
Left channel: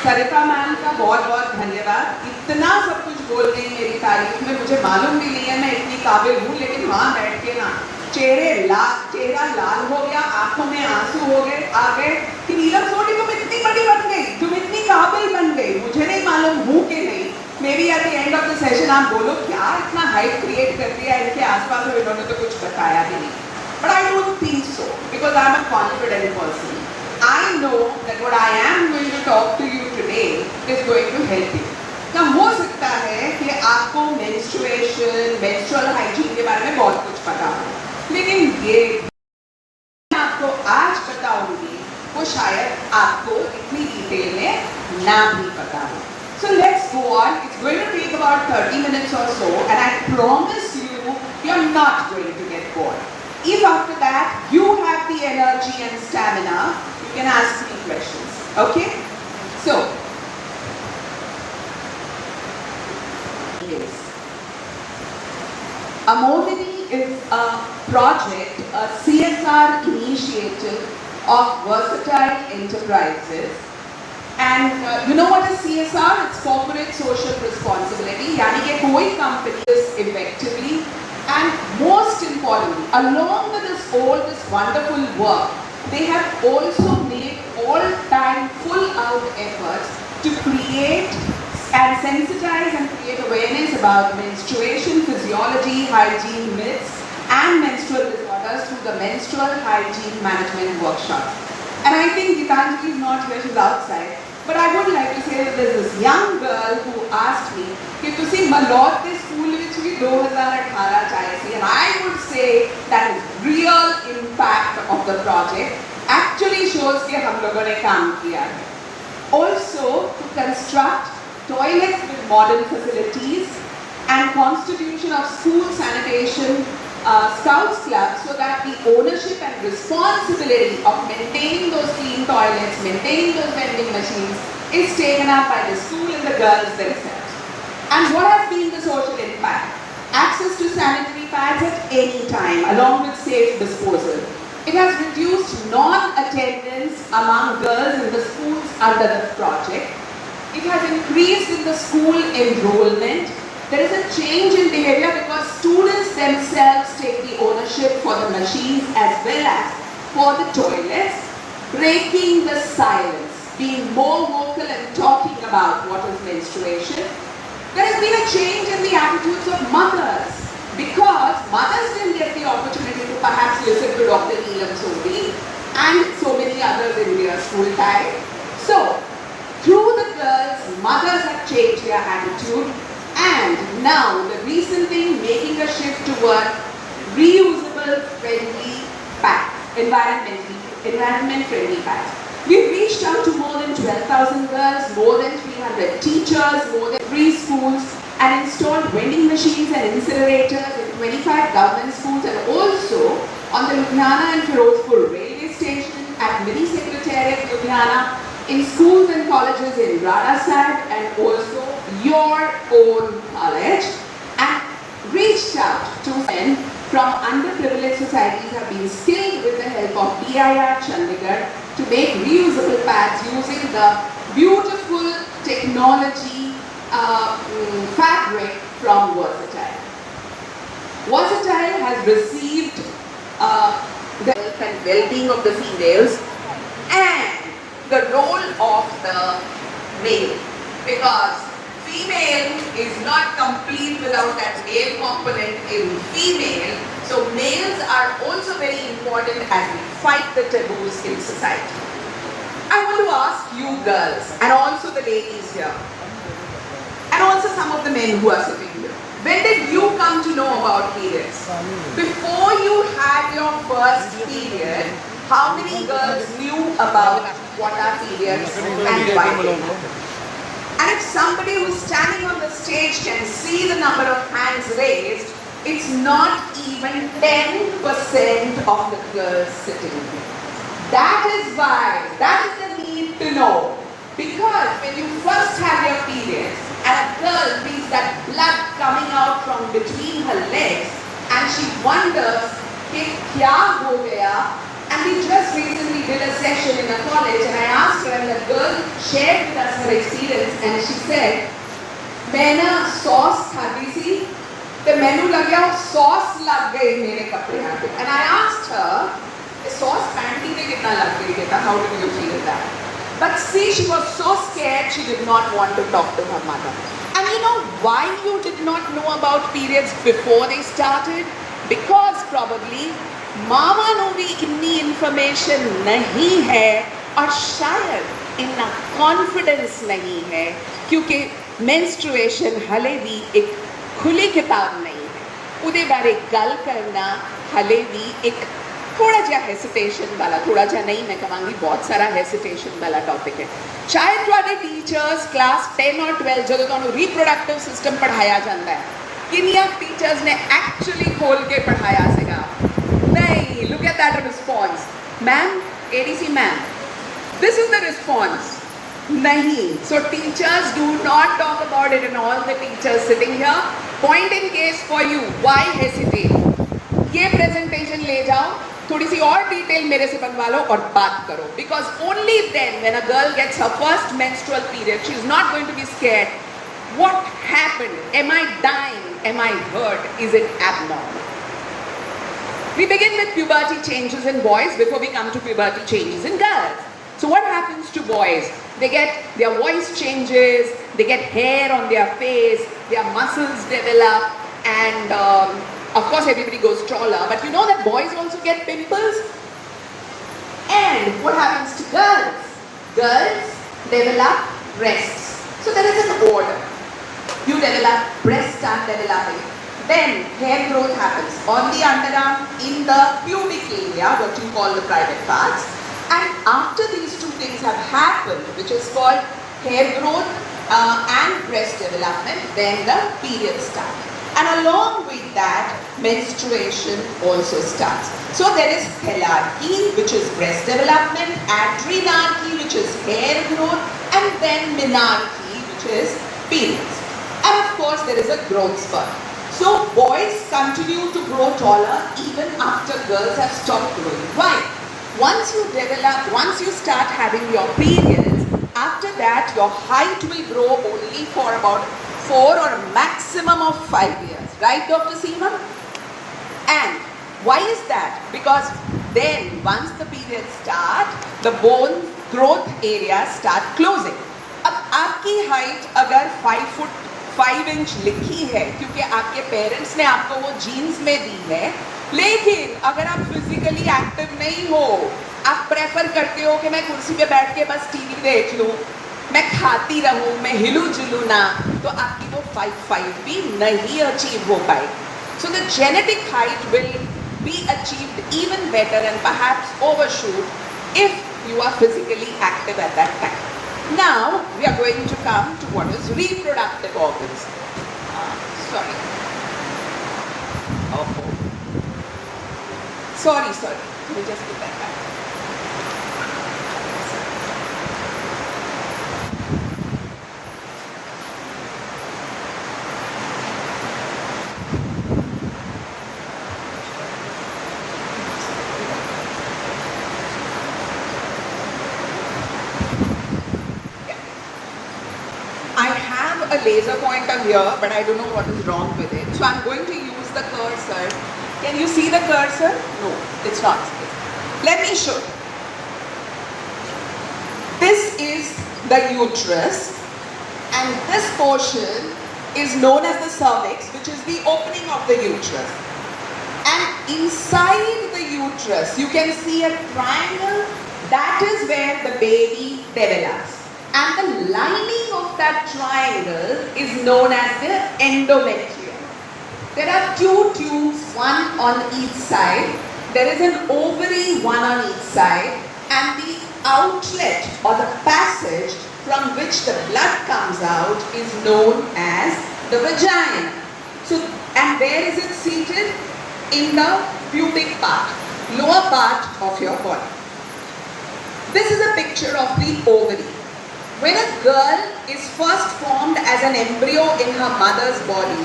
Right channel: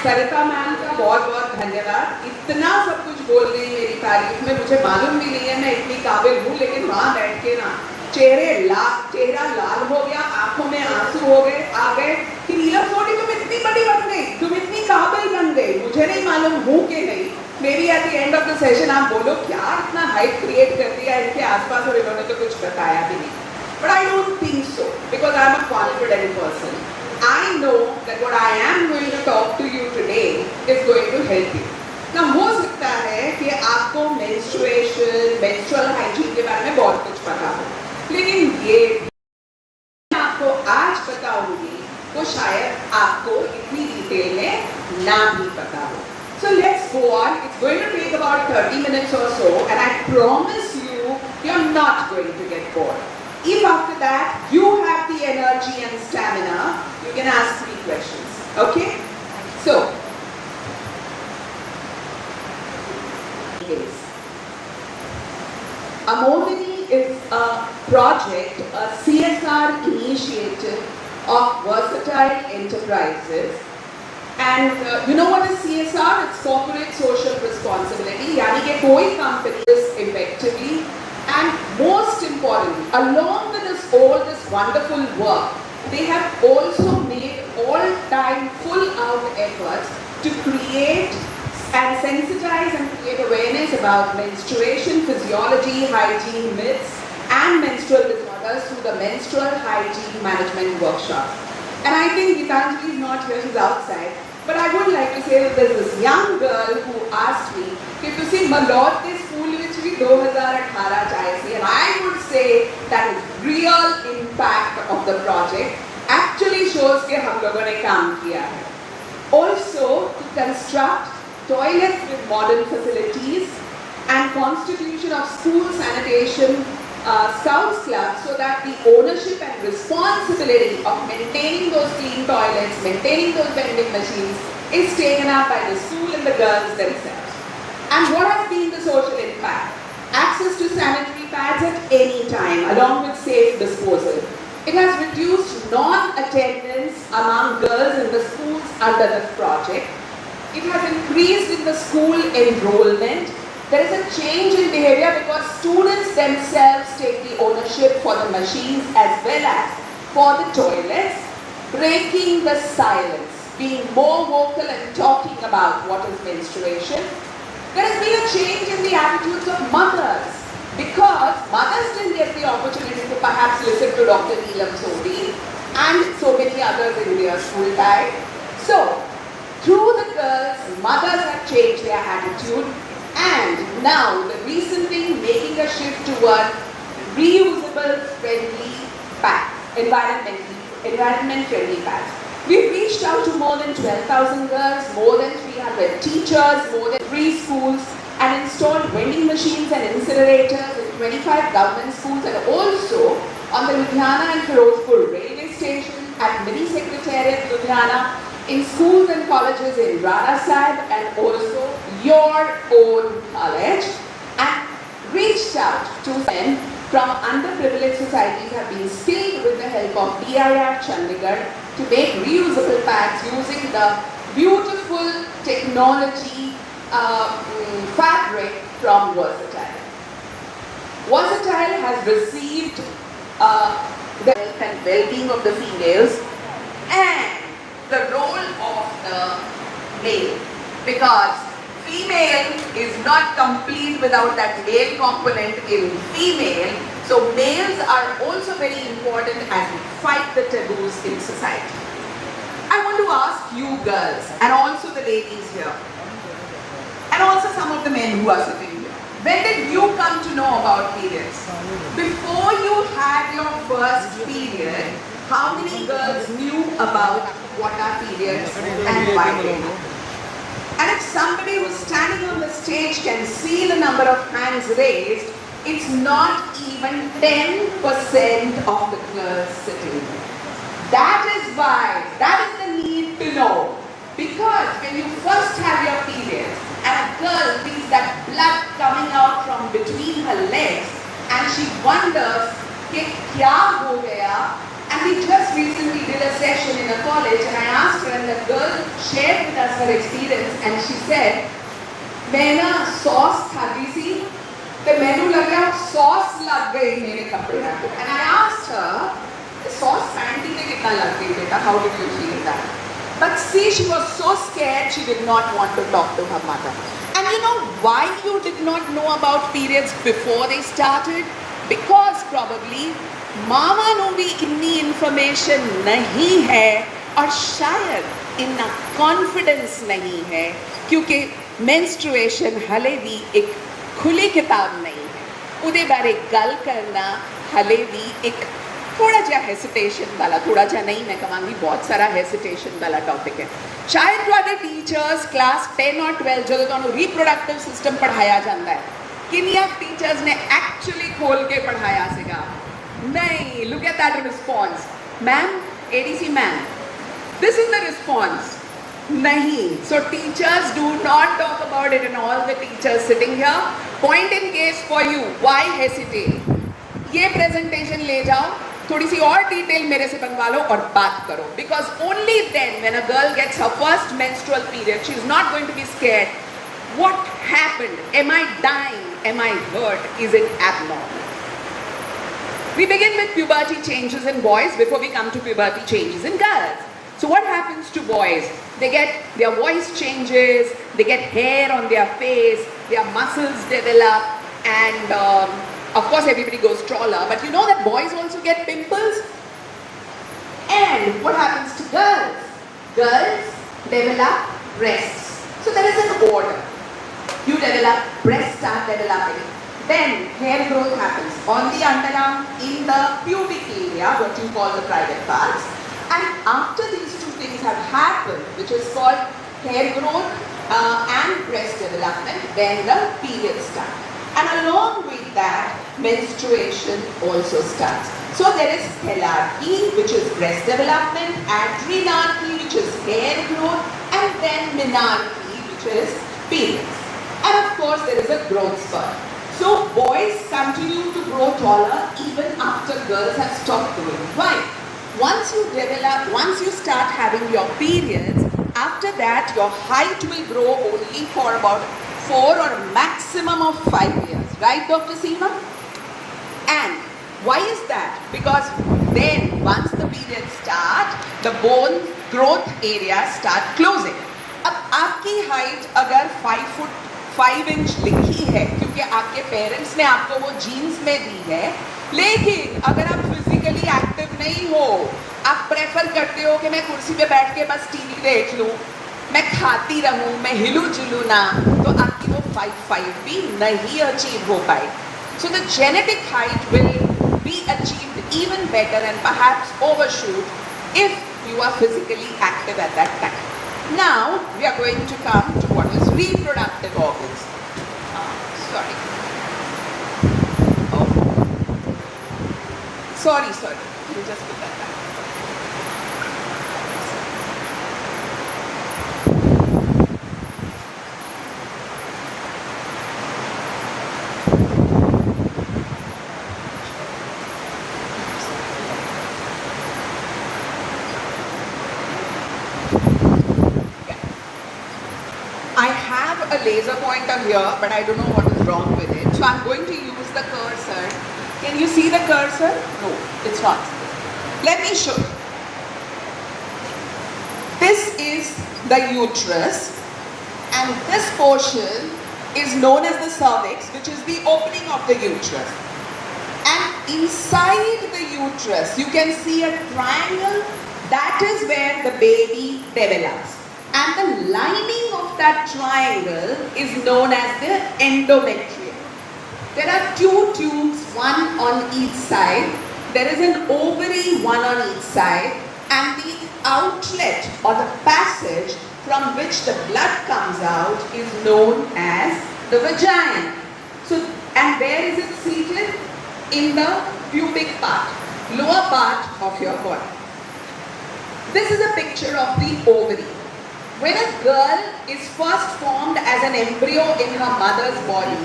सरिता मैम का बहुत बहुत धन्यवाद। इतना सब कुछ बोल रही मेरी तारीफ में, मुझे मालूम भी नहीं है मैं इतनी काबिल हूँ, लेकिन वहाँ बैठ के ना चेहरा लाल हो गया, आंखों में आंसू हो गए आ गए कि नीलम सोडी तुम इतनी बड़ी बन गई, तुम इतनी काबिल बन गई। मुझे नहीं मालूम हूँ कि नहीं, may be at the end of the session आप बोलो क्या इतना हाइप क्रिएट कर दिया इनके आसपास और इन्होंने तो कुछ बताया भी नहीं। But I don't think so, because I am a confident person. I know that what I am going to talk to you today is going to help you. Now, हो सकता है कि आपको menstruation, menstrual hygiene के बारे में बहुत कुछ पता हो, लेकिन ये मैं आपको आज बताऊंगी वो शायद आपको इतनी डिटेल में ना भी पता हो। So let's go on. It's going to take about 30 minutes or so, and I promise you, you're not going to get bored. If after that you have the energy and stamina, you can ask me questions. Okay? So, Amodini is a project, a CSR initiative of Versatile Enterprises. And you know what is CSR? It's corporate social responsibility. यानी कि कोई company is effectively, and most importantly, along with this wonderful work, they have also made all-time full-out efforts to create and sensitize and create awareness about menstruation, physiology, hygiene myths, and menstrual disorders through the menstrual hygiene management workshops. And I think Gitanjali is not here, she's outside. But I would like to say that there's this young girl who asked me कि तुसी मलौट के school which भी 2018 चाहे सी, and I would say that is real impact of the project actually shows कि हम लोगों ने काम किया है. Also, to construct toilets with modern facilities and constitution of school sanitation scouts clubs so that the ownership and responsibility of maintaining those clean toilets, maintaining those vending machines is taken up by the school and the girls themselves. And what has been the social impact? Access to sanitary pads at any time along with safe disposal. It has reduced non-attendance among girls in the schools under the project. It has increased in the school enrollment. There is a change in behavior because students themselves take the ownership for the machines as well as for the toilets, breaking the silence, being more vocal and talking about what is menstruation. There has been a change in the attitudes of mothers because mothers didn't get the opportunity to perhaps listen to Dr. Neelam Sodhi and so many others in their school time. So, through the girls, mothers have changed their attitude. And now, the recent thing, making a shift toward reusable friendly pads, environment friendly pads. We've reached out to more than 12,000 girls, more than 300 teachers, more than 3 schools, and installed vending machines and incinerators in 25 government schools and also on the Ludhiana and Firozpur railway station, at Mini Secretariat Ludhiana, in schools and colleges in Rana Sahib and also your own college, and reached out to men from underprivileged societies have been skilled with the help of BIR Chandigarh to make reusable pads using the beautiful technology fabric from Versatile. Versatile has received the health and well-being of the females and the role of the male, because female is not complete without that male component in female. So males are also very important as we fight the taboos in society. I want to ask you girls and also the ladies here and also some of the men who are sitting here. When did you come to know about periods? Before you had your first period, how many girls knew about what are periods and why they matter? And if somebody who's standing on the stage can see the number of hands raised, it's not even 10% of the girls sitting there. That is why, that is the need to know. Because when you first have your period, and a girl feels that blood coming out from between her legs, and she wonders, kya ho gaya? And we just recently did a session in a college and I asked her and the girl shared with us her experience and she said, मैं ना sauce खाती थी, तो मैंने लगा sauce लग गई मेरे कपड़े पे. And I asked her, sauce panty में कितना लग गई बेटा? How did you feel that? But see, she was so scared she did not want to talk to her mother. And you know why you did not know about periods before they started? Because probably मामा को भी इतनी इंफॉर्मेशन नहीं है और शायद इतना कॉन्फिडेंस नहीं है क्योंकि मेंस्ट्रुएशन हले भी एक खुली किताब नहीं है उदे बारे गल करना हले भी एक थोड़ा जा हेसिटेशन वाला थोड़ा जा नहीं मैं कहूँगी बहुत सारा हेसिटेशन वाला टॉपिक है शायद तुम्हारे टीचर्स क्लास 10 और 12 जो तुहानू रिप्रोडक्टिव सिस्टम पढ़ाया जाता है किन्नियां टीचर्स ने एक्चुअली खोल के पढ़ाया सीगा नहीं, look at that response. Ma'am, ADC ma'am, this is the response. Nahi. So teachers do not talk about it and all the teachers sitting here. Point in case for you. Why hesitate? ये presentation ले जाओ, थोड़ी सी और detail मेरे से बनवा लो और बात करो. Because only then when a girl gets her first menstrual period, she is not going to be scared. What happened? Am I dying? Am I hurt? Is it abnormal? We begin with puberty changes in boys before we come to puberty changes in girls. So what happens to boys? They get, their voice changes, they get hair on their face, their muscles develop, and of course everybody goes taller. But you know that boys also get pimples? And what happens to girls? Girls develop breasts. So there is an order. You develop, breasts start developing. Then hair growth happens on the underarm, in the pubic area, what you call the private parts. And after these two things have happened, which is called hair growth and breast development when the period starts. And along with that, menstruation also starts. So there is helarchy, which is breast development, adrenarchy, which is hair growth, and then menarche, which is periods. And of course, there is a growth spurt. So boys continue to grow taller even after girls have stopped growing. Why? Once you start having your periods, after that your height will grow only for about 4 or maximum of 5 years. Right, Dr. Seema? And why is that? Because then once the periods start, the bone growth areas start closing. अब आपकी हाइट अगर 5 फुट 5 इंच लिखी है क्योंकि आपके पेरेंट्स ने आपको वो जीन्स में दी है, लेकिन अगर आप फिजिकली एक्टिव नहीं हो, आप प्रेफर करते हो कि मैं कुर्सी पे बैठ के बस टीवी देख लूं, मैं खाती रहूं, मैं हिलू जुलू ना, तो आपकी वो 5'5" भी नहीं अचीव हो पाए. So the genetic height will be achieved even better and perhaps overshoot if you are physically active at that time. Now we are going to come to what is reproductive organs. Sorry. Oh. Sorry. Let me just put that back. I have a laser pointer here, but I don't know what is wrong with it. So I'm going to use the cursor. Can you see the cursor? No, it's not. Let me show you. This is the uterus, and this portion is known as the cervix, which is the opening of the uterus. And inside the uterus, you can see a triangle. That is where the baby develops. And the lining of that triangle is known as the endometrium. There are 2 tubes, one on each side. There is an ovary, one on each side. And the outlet or the passage from which the blood comes out is known as the vagina. So, and where is it seated? In the pubic part, lower part of your body. This is a picture of the ovary. When a girl is first formed as an embryo in her mother's body,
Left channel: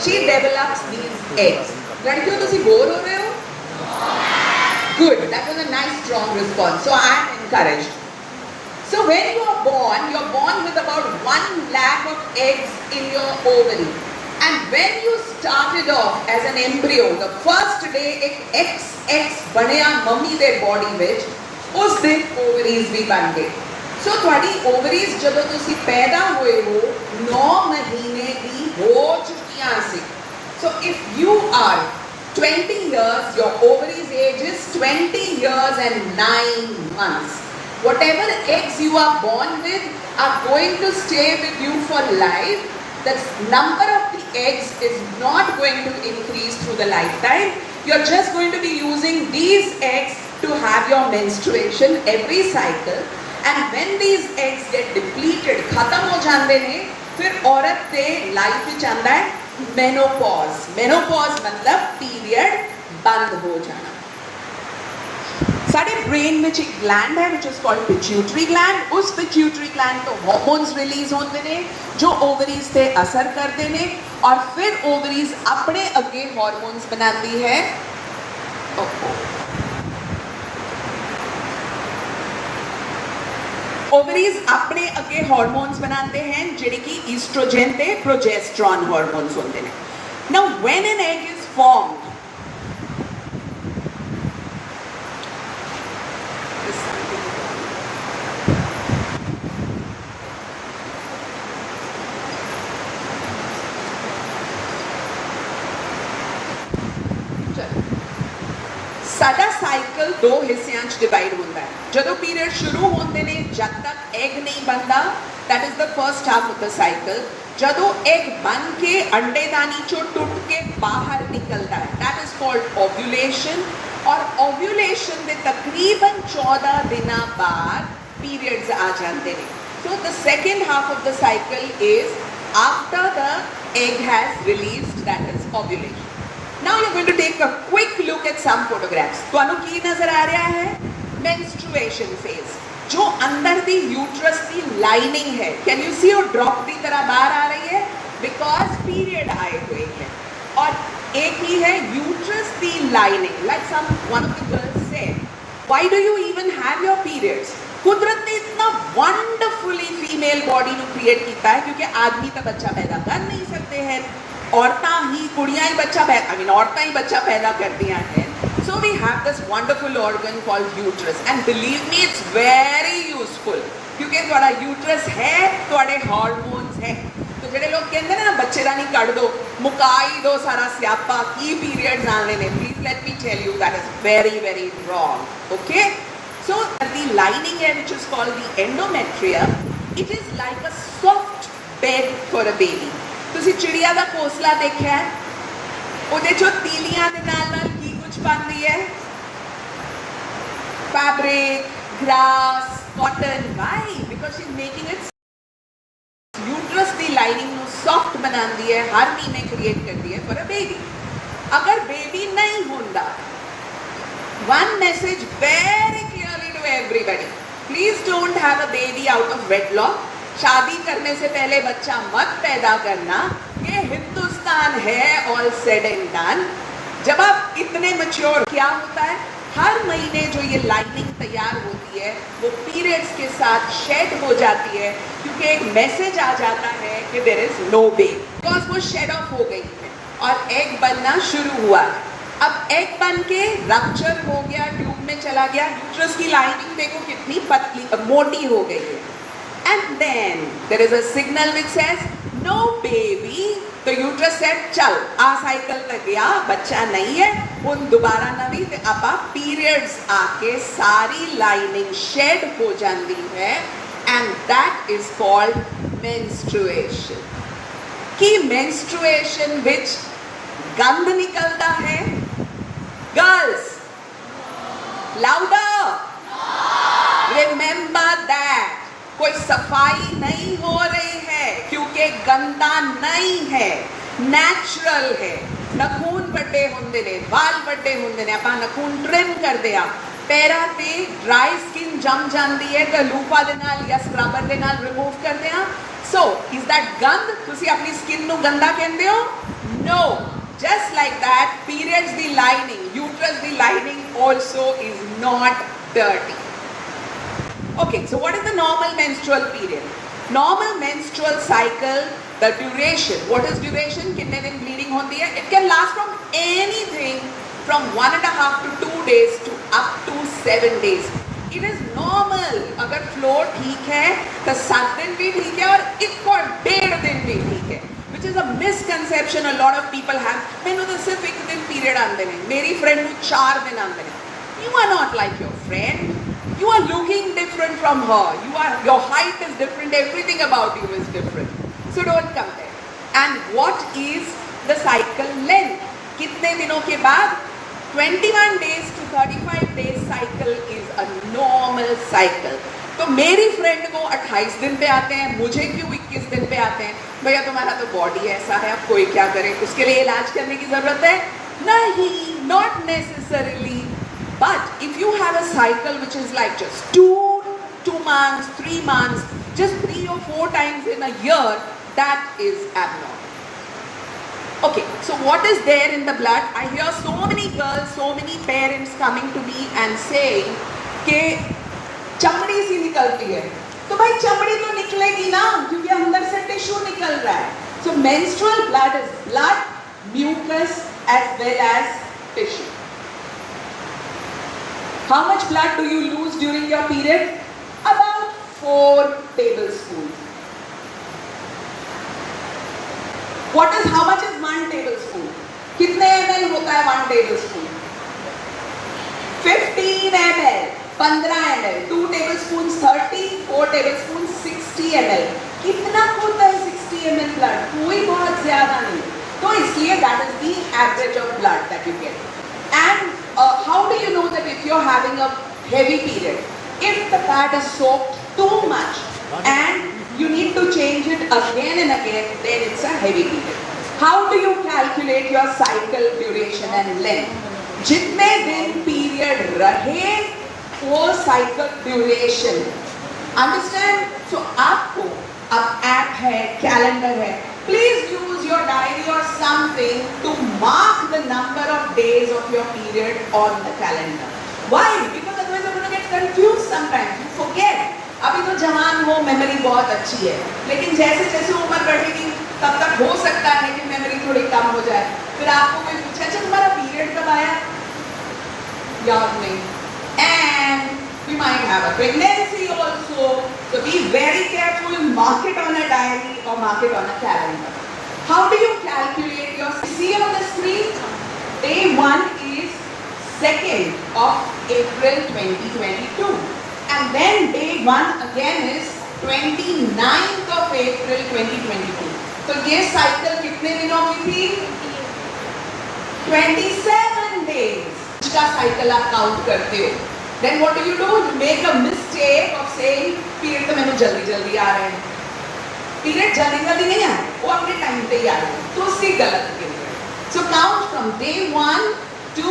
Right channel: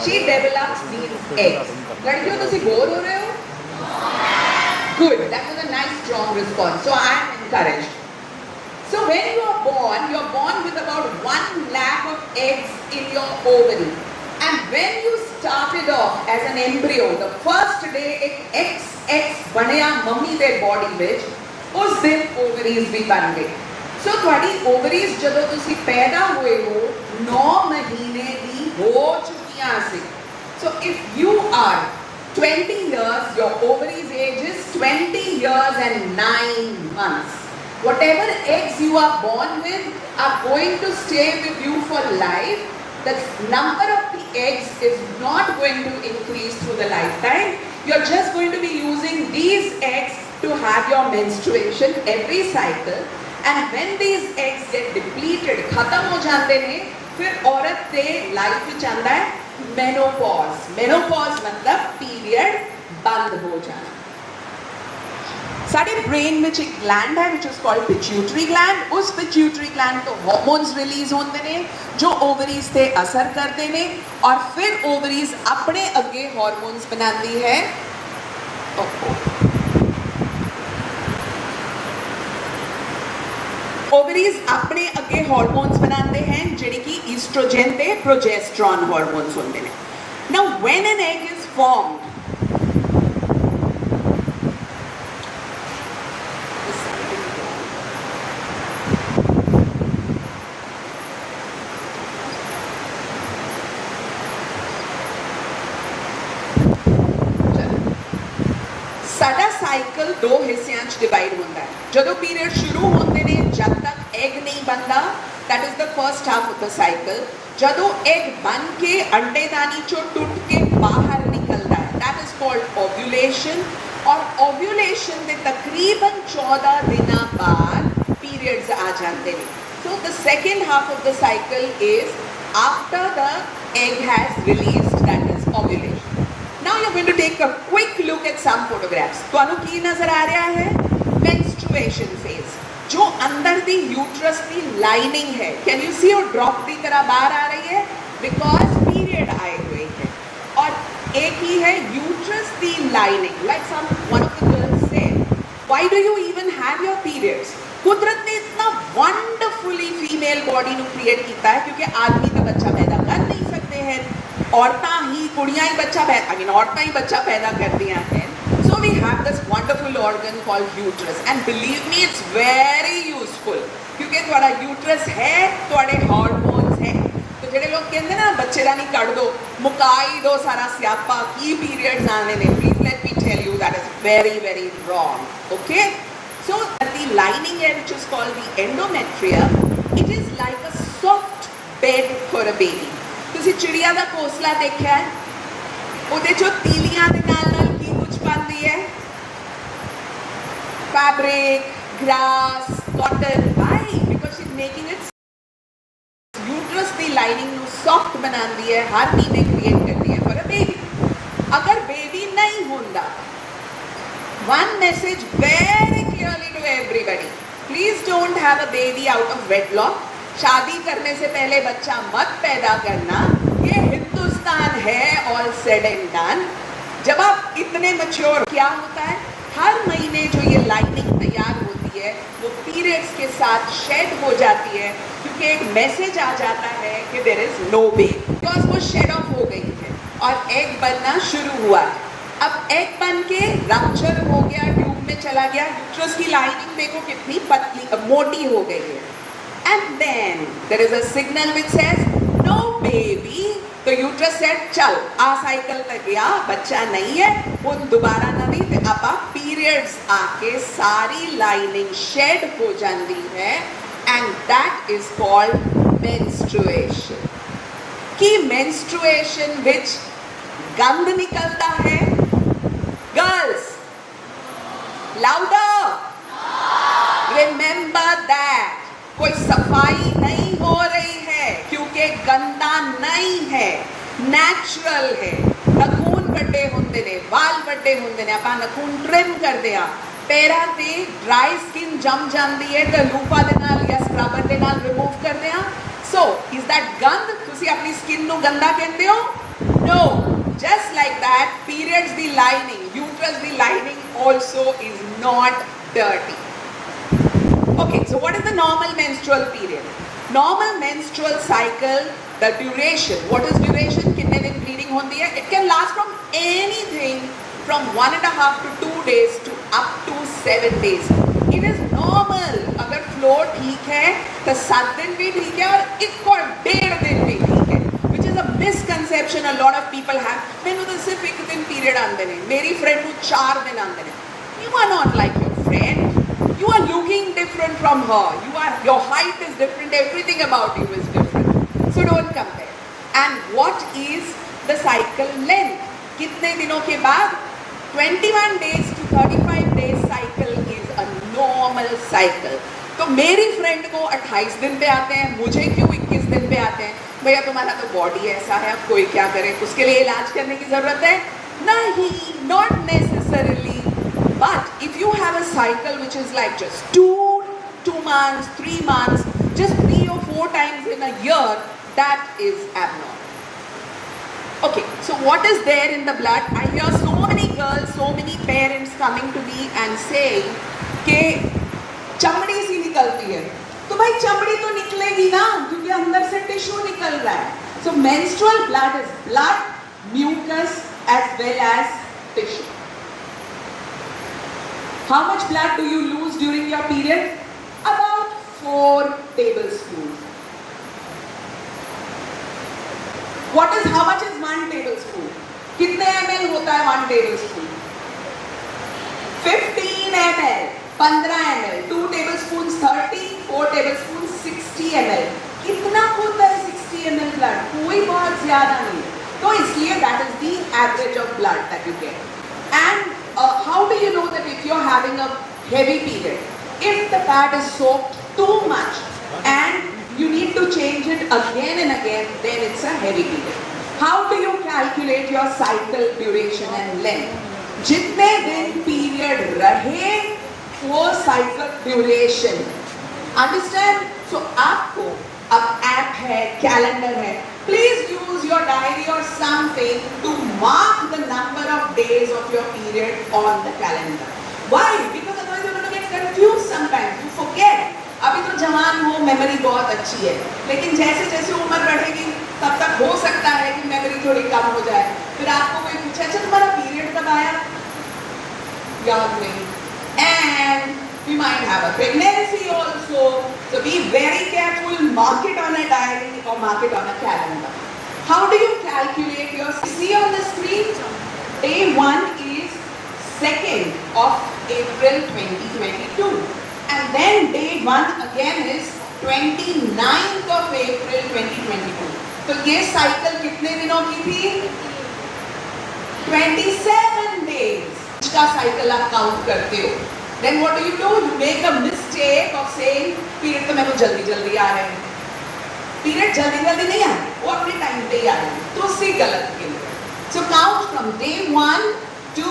she develops these eggs. लड़कियों तो सी बोर हो रहे हो? Good, that was a nice strong response. So I am encouraged. So when you are born with about 1 lakh of eggs in your ovary. And when you started off as an embryo, the first day एक XX बनया मम्मी दे body ਵਿੱਚ, उस दिन ovaries भी बन गई. So ਤੁਹਾਡੀ ovaries ਜਦੋਂ ਤੁਸੀਂ ਪੈਦਾ ਹੋਏ ਹੋ 9 ਮਹੀਨੇ ਦੀ ਹੋ ਚੁੱਕੀਆਂ ਸੀ. So if you are 20 years, your ovaries age is 20 years and 9 months. Whatever eggs you are born with are going to stay with you for life. The number of the eggs is not going to increase through the lifetime. You're just going to be using these eggs to have your menstruation every cycle. And when these eggs get depleted, खत्म हो जाते हैं, फिर औरत के लाइफ में चलता है menopause. Menopause मतलब पीरियड बंद हो जाना. साढ़े ब्रेन में एक ग्लैंड है which is called pituitary gland. उस pituitary gland तो hormones release होते हैं जो ovaries पे असर करते हैं और फिर ovaries अपने अगे hormones बनाती है. ओवरीज अपने अगे हार्मोन्स बनाते हैं जिहड़े कि ईस्ट्रोजन ते प्रोजेस्टेरॉन हार्मोन्स होंदे ने. Now when an egg is formed, साडा साइकिल 2 हिस्सियां च डिवाइड होता है. जदों पीरियड शुरू होते ने जब तक एग नहीं बनता, that is the first half of the cycle. जदों एग बन के अंडेदानी चो टूट के बाहर निकलता है, दैट इज कॉल्ड ओव्यूलेशन. और ओव्यूलेशन के तकरीबन 14 दिन बाद पीरियड्स आ जाते हैं. So the second half of the cycle is after the egg has released, that is ovulation. Now you're going to take a quick look at some photographs. ਤੁਹਾਨੂੰ ਕੀ ਨਜ਼ਰ ਆ ਰਿਹਾ ਹੈ? Menstruation phase. जो अंदर दी यूट्रस की लाइनिंग है, कैन यू सी वो ड्रॉप की तरह बाहर आ रही है? बिकॉज पीरियड आए हुए हैं. और एक ही है यूट्रस की lining. Like some one of the girls said, why do you even have your periods? कुदरत ने इतना वंडरफुली फीमेल बॉडी ਨੂੰ क्रिएट ਕੀਤਾ है क्योंकि आदमी तो बच्चा पैदा कर नहीं सकते हैं, औरतां ही कुड़ियां ही बच्चा पैदा, आई मीन औरतां ही बच्चा पैदा करदियां हैं. So we have this wonderful organ called uterus, and believe me, it's very useful क्योंकि तुम्हारा uterus है, तुम्हारे hormones हैं. तो जेडे लोग कहते हैं ना बच्चे दा नहीं कट दो, मुका ही दो सारा स्यापा की periods आने ने, please let me tell you that is very very wrong. Okay, so the lining here, which is called the endometrium, it is like a soft bed for a baby. ਤੁਸੀਂ ਚਿੜੀਆ ਦਾ ਘੋਂਸਲਾ ਦੇਖਿਆ ਹੈ? ਉਹਦੇ ਚੋਂ ਤੀਲੀਆਂ ਦੇ ਨਾਲ ਕੀ ਕੁਝ ਬਣਦੀ ਹੈ? Fabric, grass, cotton. Why? Because she's making it uterus ਦੀ lining ਨੂੰ soft ਬਣਾਉਂਦੀ ਹੈ, ਹਰ ਮਹੀਨੇ create ਕਰਦੀ ਹੈ for a baby. ਅਗਰ baby ਨਹੀਂ ਹੁੰਦਾ, one message very clearly to everybody, please don't have a baby out of wedlock. शादी करने से पहले बच्चा मत पैदा करना. ये हिंदुस्तान है, all said and done. जब आप इतने मैच्योर, क्या होता है हर महीने जो ये लाइनिंग तैयार होती है वो पीरियड्स के साथ शेड हो जाती है क्योंकि एक मैसेज आ जाता है कि there is no baby, because वो शेड ऑफ हो गई है और एग बनना शुरू हुआ. अब एग बन के रप्चर हो गया, ट्यूब में चला गया, यूट्रस की लाइनिंग देखो कितनी पतली मोटी हो गई है. And then there is a signal which says no baby. तो यूट्रस सेट चल आ साइकिल कर गया, बच्चा नहीं है, वो दोबारा नहीं, तो अब पीरियड्स आके सारी लाइनिंग शेड हो जाती है, and that is called menstruation. कि मेंस्ट्रुएशन विच गंद निकलता है. गर्ल्स लाउडर, रिमेंबर दैट कोई सफाई नहीं हो रही है क्योंकि गंदा नहीं है, नेचुरल है. नखून ਵੱਡੇ ਹੁੰਦੇ ਨੇ, ਵਾਲ ਵੱਡੇ ਹੁੰਦੇ ਨੇ, ਆਪਾਂ ਨਖੂਨ ਟ੍ਰਿਮ ਕਰਦੇ ਆ, ਪੈਰਾਂ ਤੇ ਡਰਾਈ ਸਕਿਨ ਜੰਮ ਜਾਂਦੀ ਹੈ ਤਾਂ ਲੂਪਾ ਦੇ ਨਾਲ ਜਾਂ ਸਕ੍ਰਬਰ ਦੇ ਨਾਲ ਰਿਮੂਵ ਕਰਦੇ ਆ. ਸੋ ਇਜ਼ ਦੈਟ ਗੰਦ? ਤੁਸੀਂ ਆਪਣੀ ਸਕਿਨ ਨੂੰ ਗੰਦਾ ਕਹਿੰਦੇ ਹੋ? No, just like that, periods the lining, uterus the lining also is not dirty. Okay, so what is the normal menstrual period? Normal menstrual cycle, the duration, what is duration? कितने दिन bleeding होती है? It can last from anything from 1.5 to 2 days to up to 7 days. It is normal. अगर flow ठीक है तो 7 दिन भी ठीक है और 1.5 दिन भी ठीक है, which is a misconception a lot of people have. मैंने तो सिर्फ 1 दिन period आंदे नहीं, मेरी friend को 4 दिन आंदे नहीं. You are not like your friend. You are looking different from her. Your height is different. Everything about you is different. So don't compare. And what is the cycle length? कितने दिनों के बाद? 21 days to 35 days cycle is a normal cycle. तो मेरी फ्रेंड को 28 दिन पे आते हैं, मुझे क्यों 21 दिन पे आते हैं? भैया तुम्हारा तो बॉडी ऐसा है, अब कोई क्या करे, उसके लिए इलाज करने की जरूरत है? नहीं, not necessarily. But if you have a cycle which is like just 2 months, 3 months, just 3 or 4 times in a year, that is abnormal. Okay, so what is there in the blood? I hear so many girls, so many parents coming to me and saying कि चमड़ी सी निकलती है. तो भाई चमड़ी तो निकलेगी ना क्योंकि अंदर से टिश्यू निकल रहा है. So menstrual blood is blood, mucus as well as tissue. How much blood do you lose during your period? About 4 tablespoons. How much is 1 tablespoon? कितने ml होता है 1 tablespoon? 15 ml, 15 ml, 2 tablespoons 30, 4 tablespoons 60 ml. कितना होता है 60 ml blood? कोई बहुत ज्यादा नहीं. तो इसलिए that is the average of blood that you get. And how do you know that if you're having a heavy period? If the pad is soaked too much, and you need to change it again and again, then it's a heavy period. How do you calculate your cycle duration and length? जितने दिन पीरियड रहे वो cycle duration. Understand? सो आपको अब ऐप है, calendar है, please use your diary और something to mark the number of days of your period on the calendar. Why? Because otherwise you gonna get confuse sometimes, you forget. अभी तो जवान हो, मेमोरी बहुत अच्छी है, लेकिन जैसे जैसे उम्र बढ़ेगी तब तक हो सकता है कि मेमोरी थोड़ी कम हो जाए. फिर आपको कोई पूछे, अच्छा तुम्हारा पीरियड कब आया? याद नहीं. And we might have a pregnancy also, so be very careful. Mark it on a diary or mark it on a calendar. How do you calculate your? See on the screen, day 1 is 2nd of April 2022, and then day 1 again is 29th of April 2022. तो ये साइकिल कितने दिनों की थी? 27 days. का साइकिल आप काउंट करते हो. Then what do? You make a mistake of saying period तो मैंने जल्दी जल्दी आ रहे हैं. पीरियड जल्दी जल्दी नहीं आ रहे, वो अपने टाइम पे ही आ रहे हैं, तो उससे गलत के लिए. So count from day 1 to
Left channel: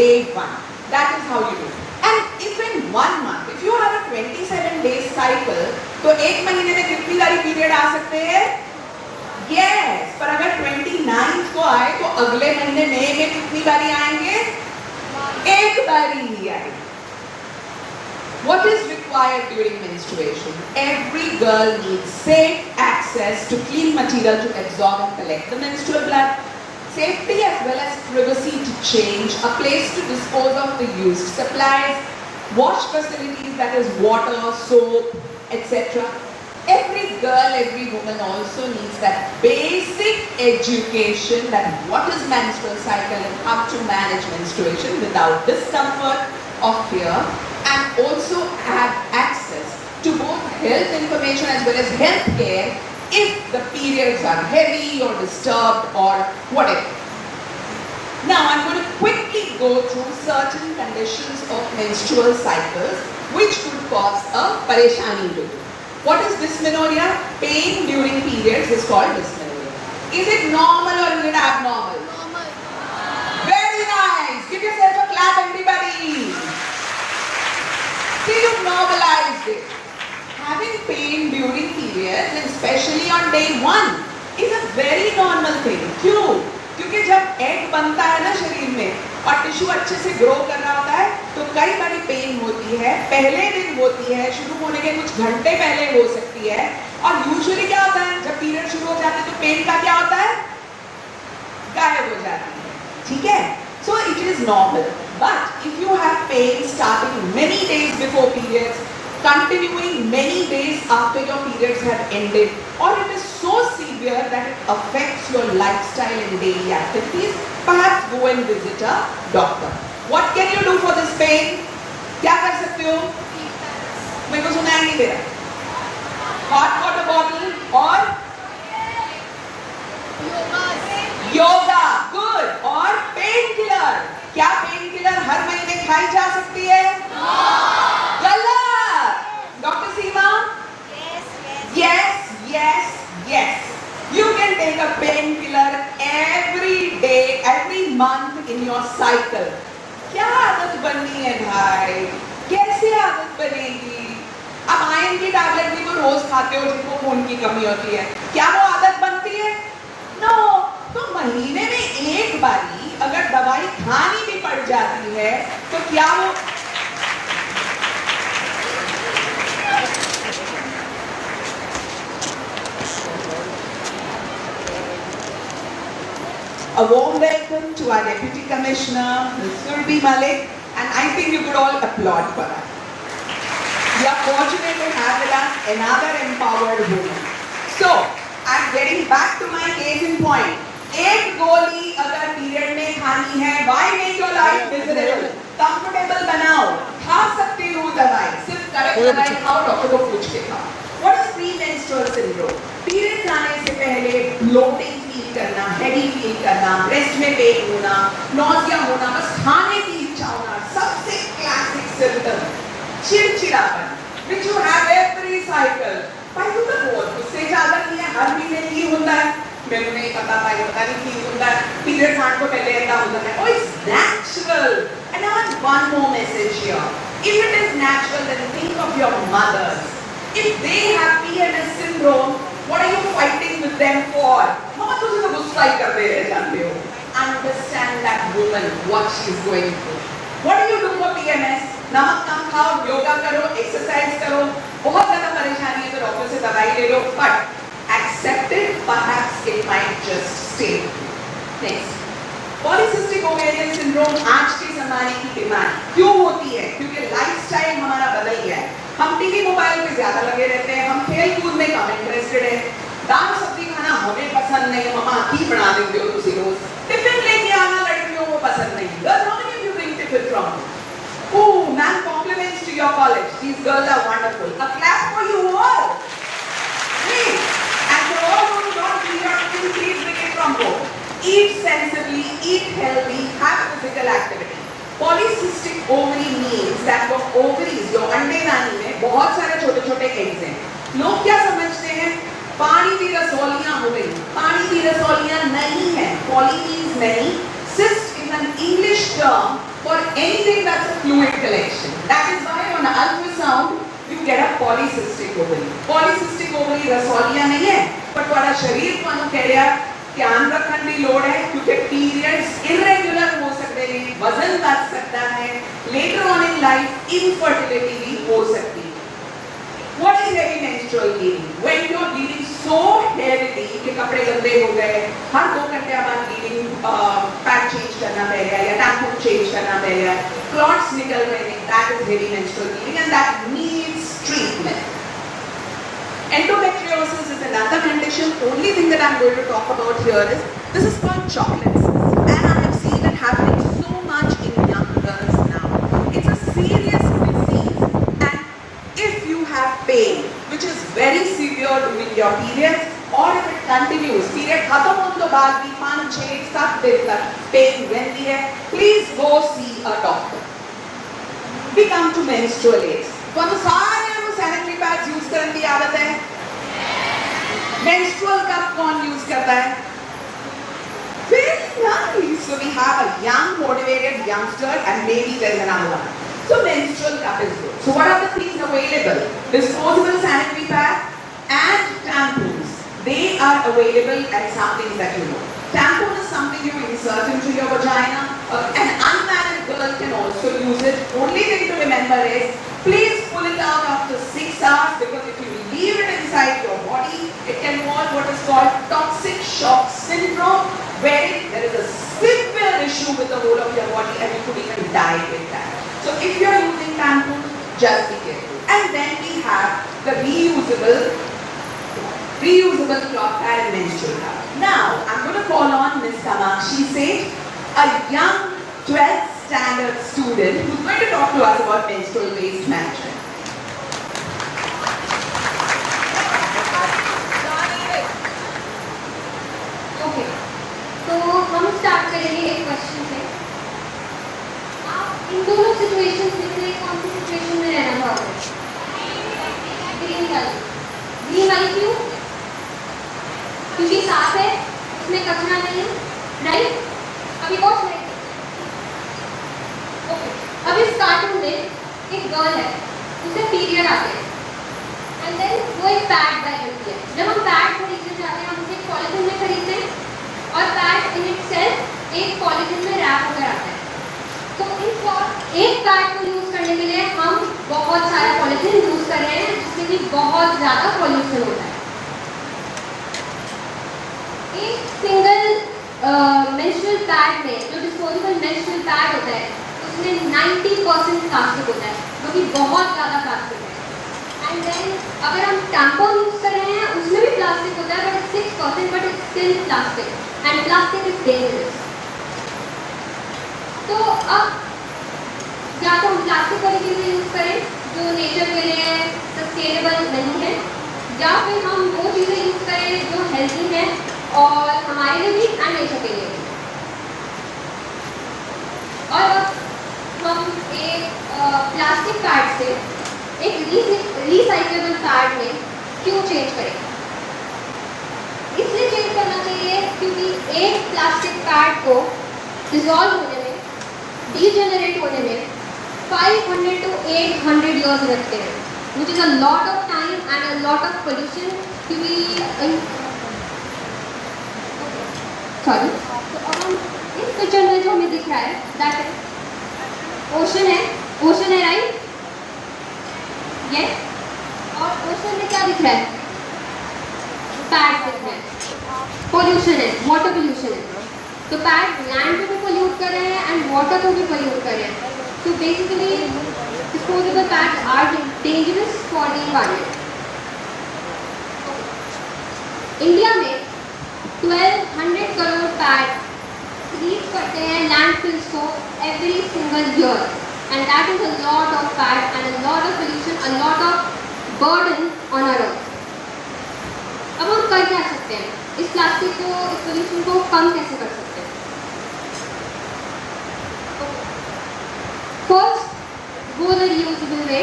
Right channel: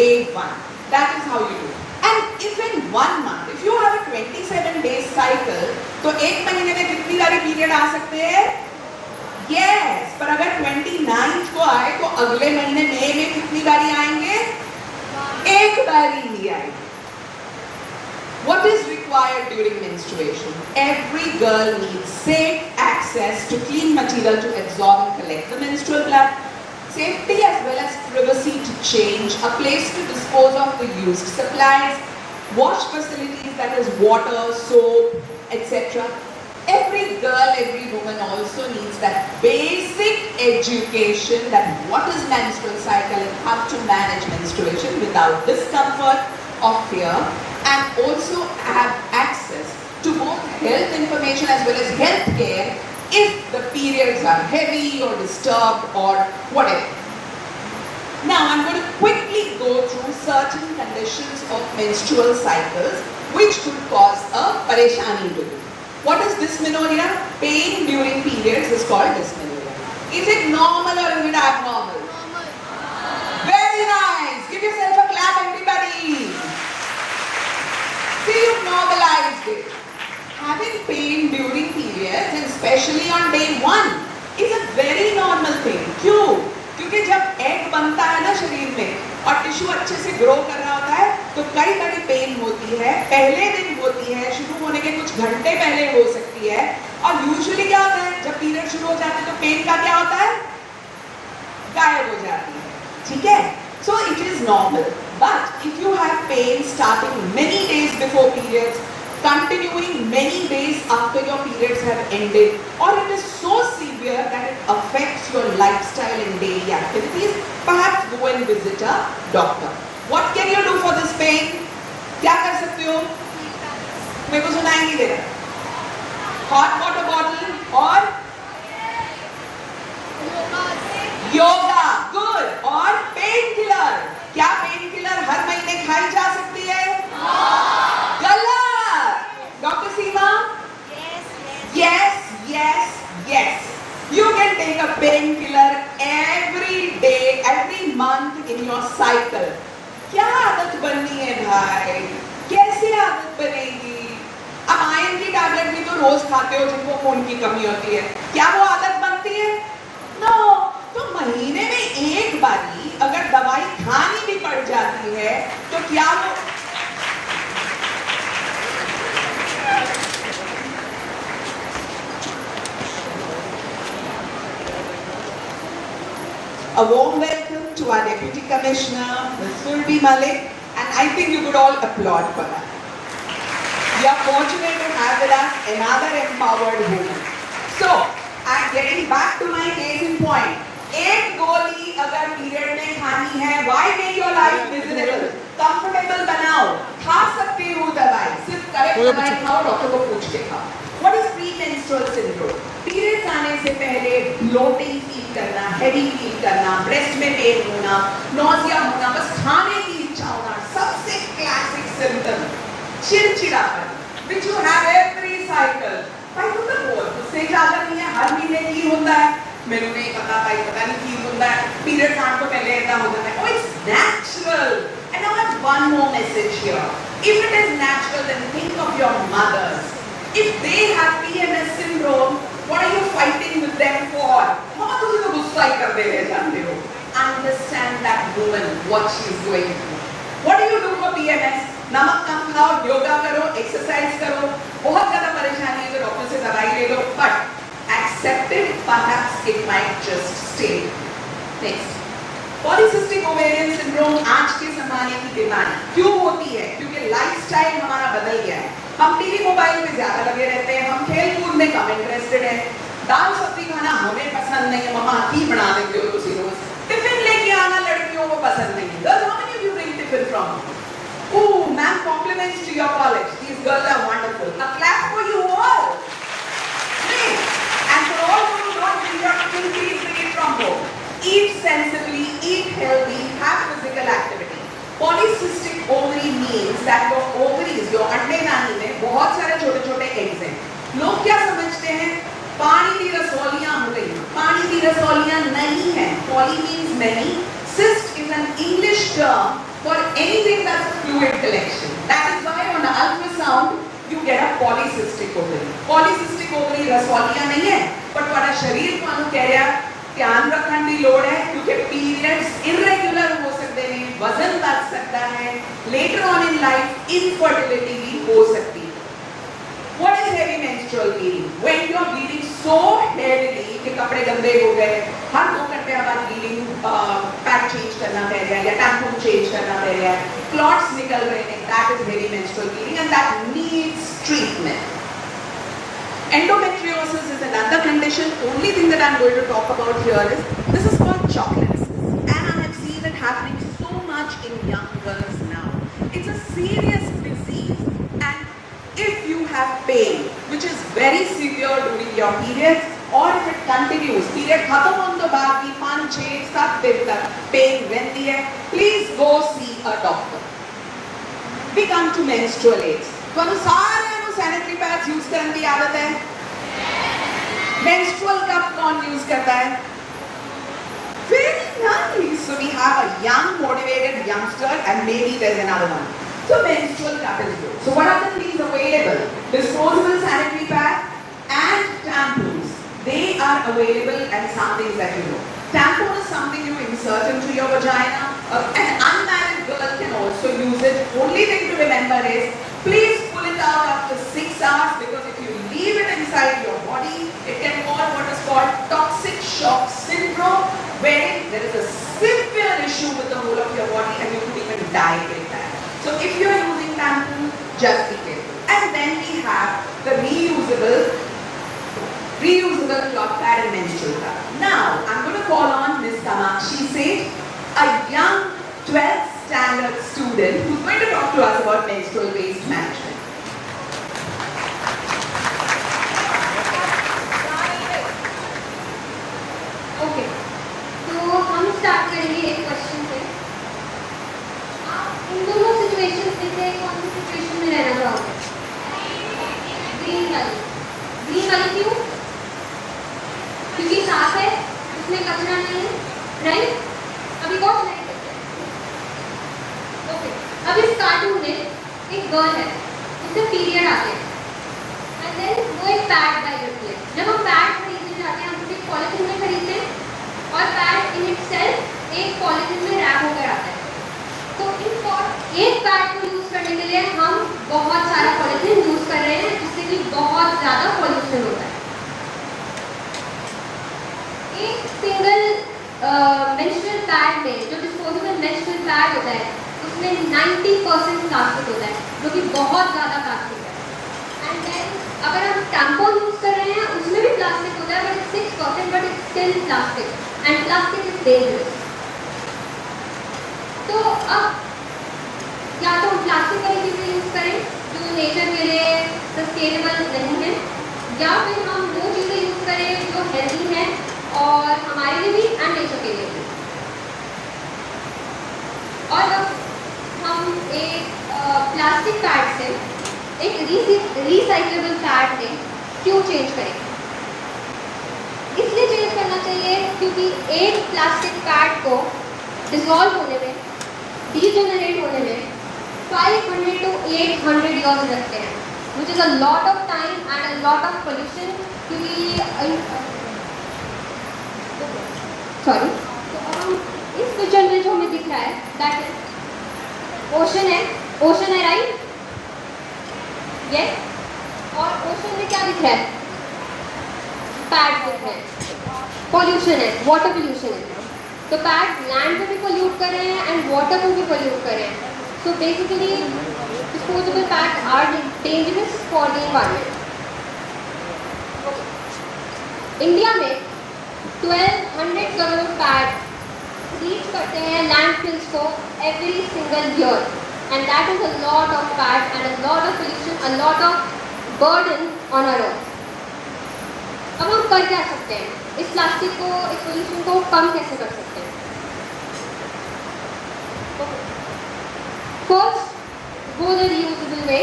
day 1. That is how you do. And if in 1 month, if you have a 27 days cycle, तो एक महीने में कितनी सारी पीरियड आ सकते हैं? Yes. पर अगर 29th को आए तो अगले महीने मई में कितनी बारी आएंगे? एक बारी ही आएंगे. What is required during menstruation? Every girl needs safe access to clean material to absorb and collect the menstrual blood. Safety as well as privacy to change, a place to dispose of the used supplies, wash facilities, that is water, soap, etc. Every girl, every woman also needs that basic education that what is menstrual cycle and how to manage menstruation without discomfort or fear, and also have access to both health information as well as health care if the periods are heavy or disturbed or whatever. Now I'm going to quickly go through certain conditions of menstrual cycles which could cause a pareshani to you. What is dysmenorrhea? Pain during periods is called dysmenorrhea. Is it normal or is it abnormal? Normal. Very nice. Give yourself a clap, everybody. See, you've normalized it. Having pain during periods, and especially on day 1, is a very normal thing. क्यों? क्योंकि जब एग बनता है ना शरीर में और टिश्यू अच्छे से ग्रो कर रहा होता है तो कई बारी पेन होती है. पहले दिन होती है, शुरू होने के कुछ घंटे पहले हो सकती है. और यूजुअली क्या होता है, जब पीरियड शुरू हो जाते हैं तो पेन का क्या होता है? गायब हो जाती है. ठीक है? So it is normal. But if you have pain starting many days before periods, continuing many days after your periods have ended, or it is so severe that it affects your lifestyle and daily activities, perhaps go and visit a doctor. What can you do for this pain? क्या कर सकते हो? मेरे को सुनाई नहीं दे रहा. Hot water bottle और योगा. Good. और पेन किलर. क्या पेन किलर हर महीने खाई जा सकती है? गलत. डॉक्टर सीमा? Yes. You can take a painkiller every day, every month in your cycle. क्या आदत बननी है भाई? कैसे आदत बनेगी? अब आयरन की टैबलेट भी तो रोज खाते हो जिनको खून की कमी होती है. क्या वो आदत बनती है? No. तो महीने में एक बारी अगर दवाई खानी भी पड़ जाती है तो क्या वो A warm welcome to our Deputy Commissioner, Ms. Surbi Malik, and I think you could all applaud for that. We are fortunate to have with us another empowered woman. So, I'm getting back to my case in point. एक गोली अगर पीरियड में खानी है, why make your life miserable? Comfortable बनाओ. खा सकती हूँ दवाई, सिर्फ करेक्ट दवाई खाओ, डॉक्टर को पूछ के खाओ. What is premenstrual syndrome? Periods आने से पहले ब्लोटिंग फील करना, हेवी फील करना, ब्रेस्ट में पेन होना, नॉसिया होना, बस खाने की इच्छा होना, सबसे क्लासिक सिम्टम. चिड़चिड़ापन, which you have every cycle. हर महीने की होता है मैंने नहीं पता था ये पता नहीं की होता है पीरियड्स आने को पहले ऐसा होता है oh it's natural and I want one more message here if it is natural then think of your mothers if they have PMS syndrome what are you fighting with them for हाँ तुम तो गुस्सा ही कर रहे जानते हो understand that woman what she is going through what do you do for PMS नमक कम खाओ योगा करो एक्सरसाइज करो बहुत ज्यादा परेशानी है तो डॉक्टर से दवाई ले लो but accept it perhaps it might just stay next polycystic ovarian syndrome आज के जमाने की बीमारी क्यों होती है क्योंकि लाइफस्टाइल हमारा बदल गया है हम टीवी मोबाइल में ज्यादा लगे रहते हैं हम खेल कूद में कम इंटरेस्टेड है दाल सब्जी खाना हमें पसंद नहीं है मम्मा की बना देते हो तुसी रोज टिफिन लेके आना लड़कियों को पसंद नहीं है girls how many of you bring tiffin from Oh, man, compliments to your college. These girls are wonderful. A clap for you all. Please. And for all who do not bring your tiffin, please bring it from home. Eat sensibly, eat healthy, have physical activity. Polycystic ovary means that your ovaries, your अंडे नानी में बहुत सारे छोटे-छोटे eggs हैं. लोग क्या समझते हैं? पानी की रसौलियाँ हो गई. पानी की रसौलियाँ नहीं है. Poly means many. Cyst is an English term for anything that's a fluid collection. That is why on ultrasound you get a polycystic ovary. Polycystic ovary रसौलियाँ नहीं है, but तुम्हारा शरीर को अनु कह रहा ध्यान रखने की लोड़ है क्योंकि periods irregular हो सकते हैं, वजन बढ़ सकता है, later on in life infertility भी हो सकती है. What is heavy menstrual bleeding? When you are bleeding so heavily कि कपड़े गंदे हो गए, हर 2 घंटे बाद bleeding पैड चेंज करना पड़ गया या टैम्पू चेंज करना पड़ गया, clots निकल रहे हैं, that is heavy menstrual bleeding and that needs treatment. Endometriosis is another condition. Only thing that I'm going to talk about here is this is called chocolates, and I have seen it happening so much in young girls now. It's a serious disease, and if you have pain, which is very severe during your periods, or if it continues, period खत्म होने के बाद भी 5, 6, 7 दिन तक pain रहती है, please go see a doctor. We come to menstrual aids. तो सारे sanitary pads use करने की आदत है. Menstrual cup कौन use करता है? Very nice. So we have a young, motivated youngster, and maybe there's another one. So menstrual cup is good. So what are the things available? Disposable sanitary pad and tampons. They are available and some things that you know. Tampon is something you insert into your vagina. An unmarried girl can also use it. Only thing to remember is, please pull it out after 6 hours because if you leave it inside your body, it can cause what is called toxic shock syndrome, where there is a severe issue with the whole of your body and you could even die with that. So if you are using tampon, just be careful. And then we have the reusable cloth pad and menstrual cup. Now, I'm going to call on Ms. Kamakshi Seth, a young 12th standard student who's going to talk to us about menstrual waste management. Okay, तो हम स्टार्ट करेंगे एक क्वेश्चन से. आप इन दोनों सिचुएशंस में से कौन सी सिचुएशन में रहना चाहोगे? ग्रीन वाली क्यों? क्योंकि साफ है, उसमें कचरा नहीं है, राइट? अभी कौन सा नहीं करते? ओके, अब इस कार्टून में एक गर्ल है, उसे पीरियड आते हैं, एंड देन वो एक पैड बाय करती है. जब हम पैड खरीदने जाते हैं, हम उसे पॉलिथीन में खरीदते हैं, और पैड इन इटसेल्फ एक पॉलिथीन में रैप होकर आता है. तो एक पैड को यूज करने के लिए हम बहुत सारा पॉलिथीन यूज कर रहे हैं, जिससे कि बहुत ज्यादा पॉल्यूशन होता है. एक सिंगल मेंस्ट्रुअल पैड में, जो डिस्पोजेबल मेंस्ट्रुअल पैड होता है, उसमें 90% प्लास्टिक होता है, जो कि बहुत ज़्यादा प्लास्टिक है. एंड देन अगर हम टैम्पॉन यूज कर रहे हैं, उसमें भी प्लास्टिक होता है, बट 6%, but it's still plastic, and plastic is dangerous. तो अब या तो हम प्लास्टिक वाली चीज़ें यूज करें जो नेचर के लिए सस्टेनेबल नहीं है, या फिर हम वो चीज़ें यूज करें जो हेल्दी है और हमारे लिए भी एंड नेचर के लिए भी. और अब हम एक प्लास्टिक पैड से एक रिसाइक्लेबल पैड में क्यों चेंज करें? एक प्लास्टिक पैड को डिजॉल्व होने में, डीजेनरेट होने में 500 to 800 years लगते हैं, which is a lot of time and a lot of pollution to be sorry. इस पिक्चर में जो हमें दिख रहा है दैट ओशन है राइट? यस। और ओशन में क्या दिख रहा है? पैड दिख रहा है, पोल्यूशन है, वाटर पोल्यूशन है। तो पैड लैंड को भी पोल्यूट कर रहे हैं एंड वाटर को भी पोल्यूट कर रहे हैं। तो basically disposable pads are dangerous for the environment. India में 1200 करोड़ पैड रीच करते हैं लैंडफिल्स को every single year, and that is a lot of pad and a lot of pollution, a lot of burden on our earth. अब हम कर क्या सकते हैं? इस प्लास्टिक को, इस पोल्यूशन को कम कैसे कर सकते हैं? फर्स्ट, गो द रीयूजेबल वे।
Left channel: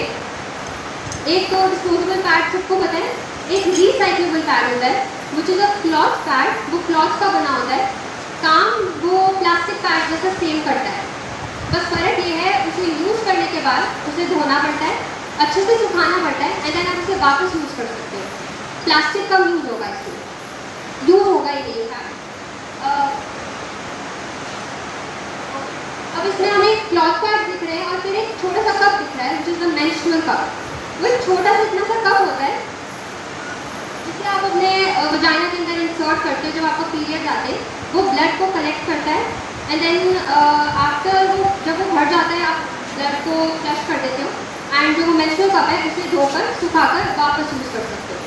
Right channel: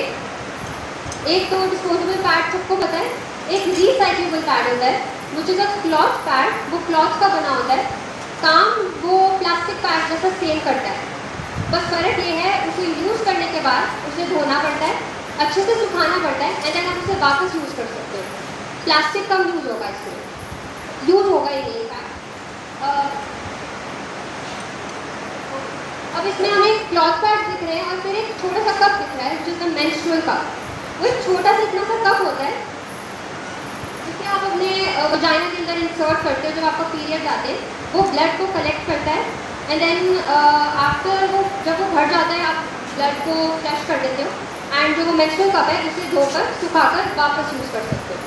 एक तो डिस्पोजेबल पैड सबको पता है, एक रिसाइक्लेबल पैड होता है which is a cloth pad, वो क्लॉथ का बना होता है, काम वो प्लास्टिक पैड जैसा सेम करता है, बस फर्क ये है उसे यूज करने के बाद उसे धोना पड़ता है, अच्छे से सुखाना पड़ता है, एंड देन आप उसे वापस यूज कर सकते हैं। प्लास्टिक कम यूज होगा, इसमें यूज होगा ही नहीं पैड। अब इसमें हमें क्लॉथ पैड दिख रहे हैं और फिर एक छोटा सा कप दिख रहा है जिसका मेंस्ट्रुअल कप। वो एक छोटा सा इतना सा कप होता है जिसे आप अपने वजाइना के अंदर इंसर्ट करते हो जब आपका पीरियड आते हैं, वो ब्लड को कलेक्ट करता है एंड देन आफ्टर वो जब वो भर जाता है आप ब्लड को फ्लश कर देते हो एंड जो मेंस्ट्रुअल कप है उसे धोकर सुखाकर वापस यूज कर सकते हो।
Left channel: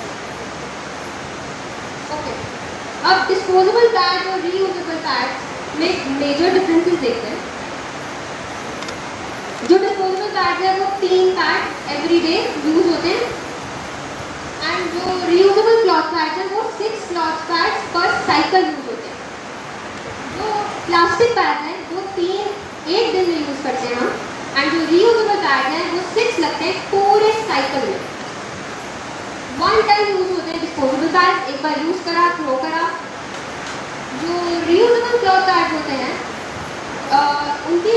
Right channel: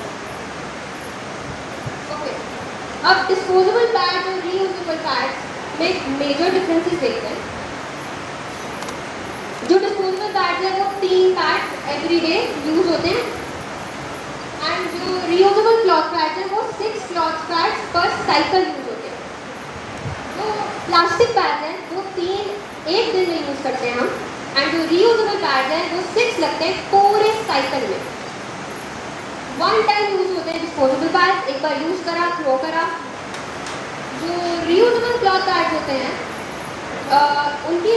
अब डिस्पोजेबल पैड और रीयूजेबल पैड में मेजर डिफरेंसेस देखते हैं। जो डिस्पोजेबल पैड है वो 3 पैड एवरी डे यूज होते हैं, एंड जो रीयूजेबल क्लॉथ पैड है वो 6 क्लॉथ पैड पर साइकिल यूज होते हैं। जो प्लास्टिक पैड है वो 1 दिन में यूज करते हैं हम, एंड जो रीयूजेबल पैड है वो 6 लगते हैं पूरे साइकिल में। 1 टाइम यूज होते हैं डिस्पोजेबल पैड, एक बार यूज करा थ्रो करा। जो रीयूजेबल क्लॉथ पैड होते हैं उनकी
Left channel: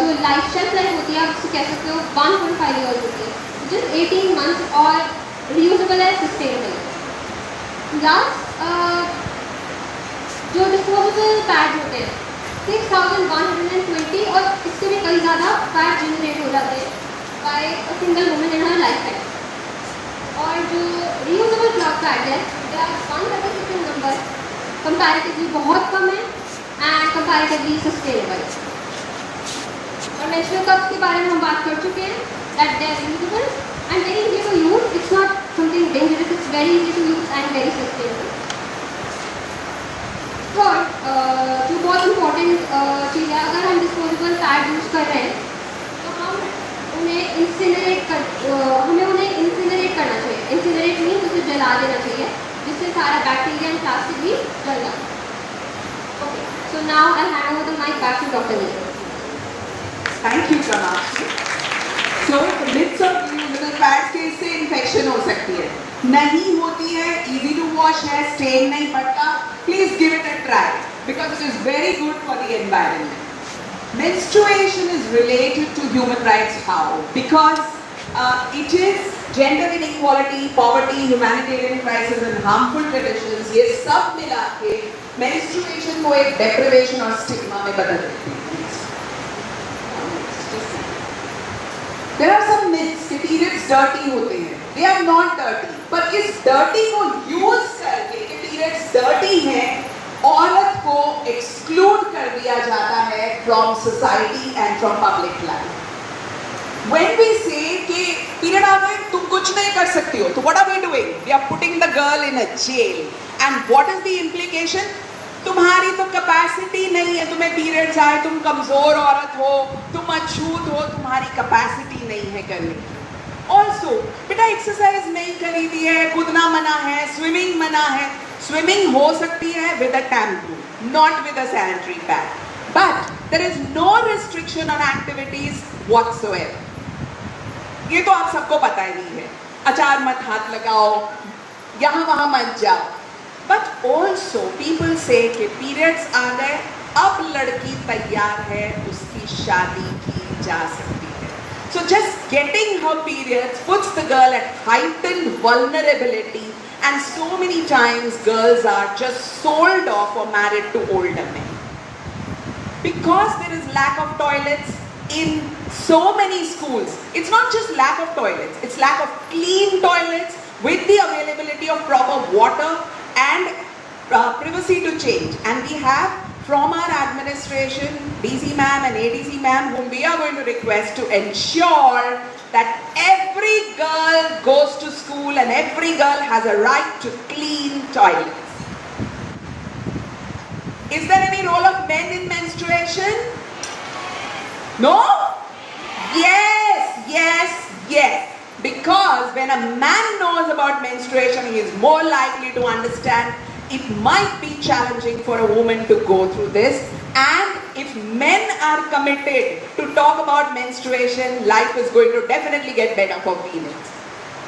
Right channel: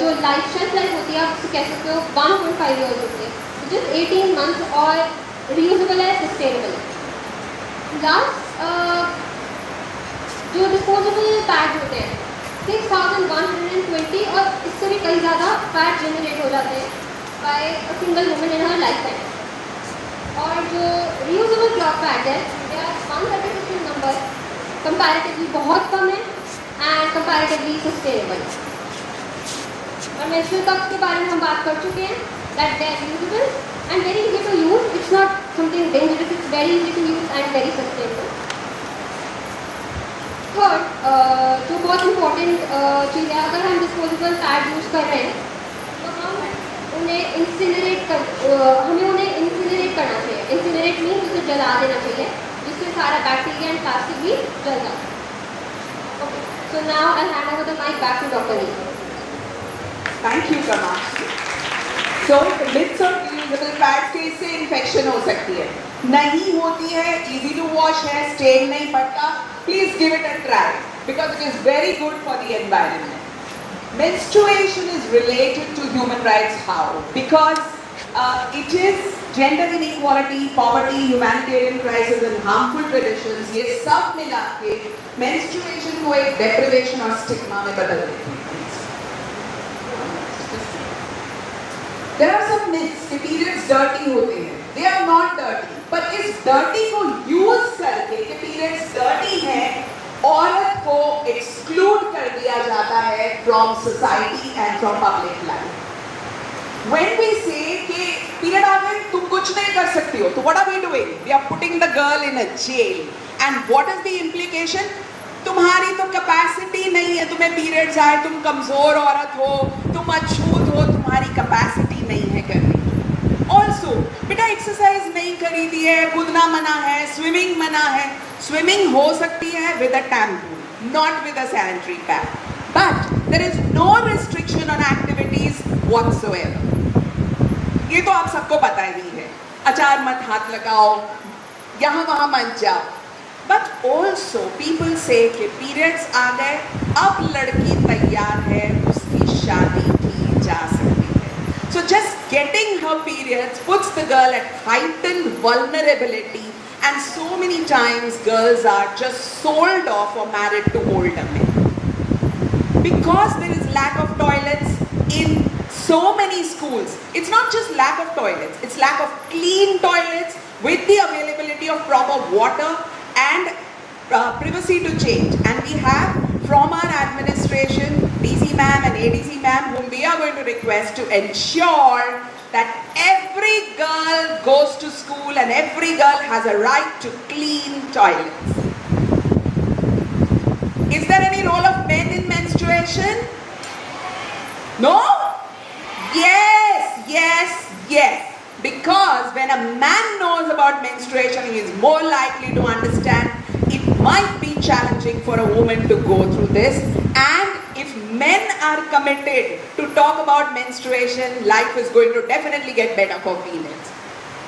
जो लाइफ शेल्फ लाइफ होती है आप उससे कह सकते हो 1.5 ईयर्स होती है, जिस 18 मंथ्स, और रीयूजेबल है सस्टेनेबल। लास्ट जो डिस्पोजेबल पैड होते हैं 6120 और इससे भी कई ज़्यादा पैड जनरेट हो जाते हैं by a single woman in her life time. और जो रीयूजेबल क्लॉथ पैड है अनसर्टिफिकेट नंबर कंपैरेटिवली बहुत कम है एंड कंपैरेटिवली सस्टेनेबल। और मेंस्ट्रुअल कप्स के बारे में हम बात कर चुके हैं that they are usable and very easy to use, it's not something dangerous, it's very easy to use and very sustainable. और जो बहुत इंपॉर्टेंट चीज़ है, अगर हम डिस्पोजेबल पैड यूज कर रहे हैं तो हम उन्हें इंसिनरेट करना चाहिए। इंसिनरेट मीन्स उसे जला देना चाहिए, जिससे सारा बैक्टीरिया एंड प्लास्टिक भी जल जाता है। Okay, so now I hand over the mic back to doctor Neeta. Thank you Kamakshi. So myths of reusable pads के इससे इन्फेक्शन हो सकती है, नहीं होती है, इजी टू वॉश है, स्टेन नहीं पड़ता। Please give it a try because it is very good for the environment. Menstruation is related to human rights. How? Because it is gender inequality, poverty, humanitarian crisis and harmful traditions. ये सब मिला के menstruation को एक deprivation और stigma में बदल देती है। There are some myths कि periods dirty होते हैं. They are not dirty. पर इस dirty को use करके कि periods dirty हैं, औरत को एक्सक्लूड कर दिया जाता है from society and from public life. When we say कि पीरियड आ गए तुम कुछ नहीं कर सकती हो, तो what are we doing? We are putting the girl in a jail. And what is the implication? तुम्हारी तो कैपेसिटी नहीं है, तुम्हें पीरियड्स आए, तुम कमजोर औरत हो, तुम अछूत हो, तुम्हारी कैपेसिटी नहीं है करने की। ऑल्सो बेटा एक्सरसाइज नहीं करी थी है, कूदना मना है, स्विमिंग मना है। स्विमिंग हो सकती है with a tampon, not with a sanitary pad, but there is no restriction on activities whatsoever. ये तो आप सबको पता ही है। अचार मत हाथ लगाओ, यहाँ वहाँ मत जाओ, But also people say कि periods आ गए, अब लड़की तैयार है, उसकी शादी की जा सकती है. So just getting her periods puts the girl at heightened vulnerability, and so many times girls are just sold off or married to older men. Because there is lack of toilets in so many schools. It's not just lack of toilets, it's lack of clean toilets with the availability of proper water and privacy to change. And we have from our administration, DC ma'am and ADC ma'am, whom we are going to request to ensure that every girl goes to school and every girl has a right to clean toilets. Is there any role of men in menstruation? No? Yes, yes, yes. Because when a man knows about menstruation, he is more likely to understand it might be challenging for a woman to go through this. And if men are committed to talk about menstruation, life is going to definitely get better for females.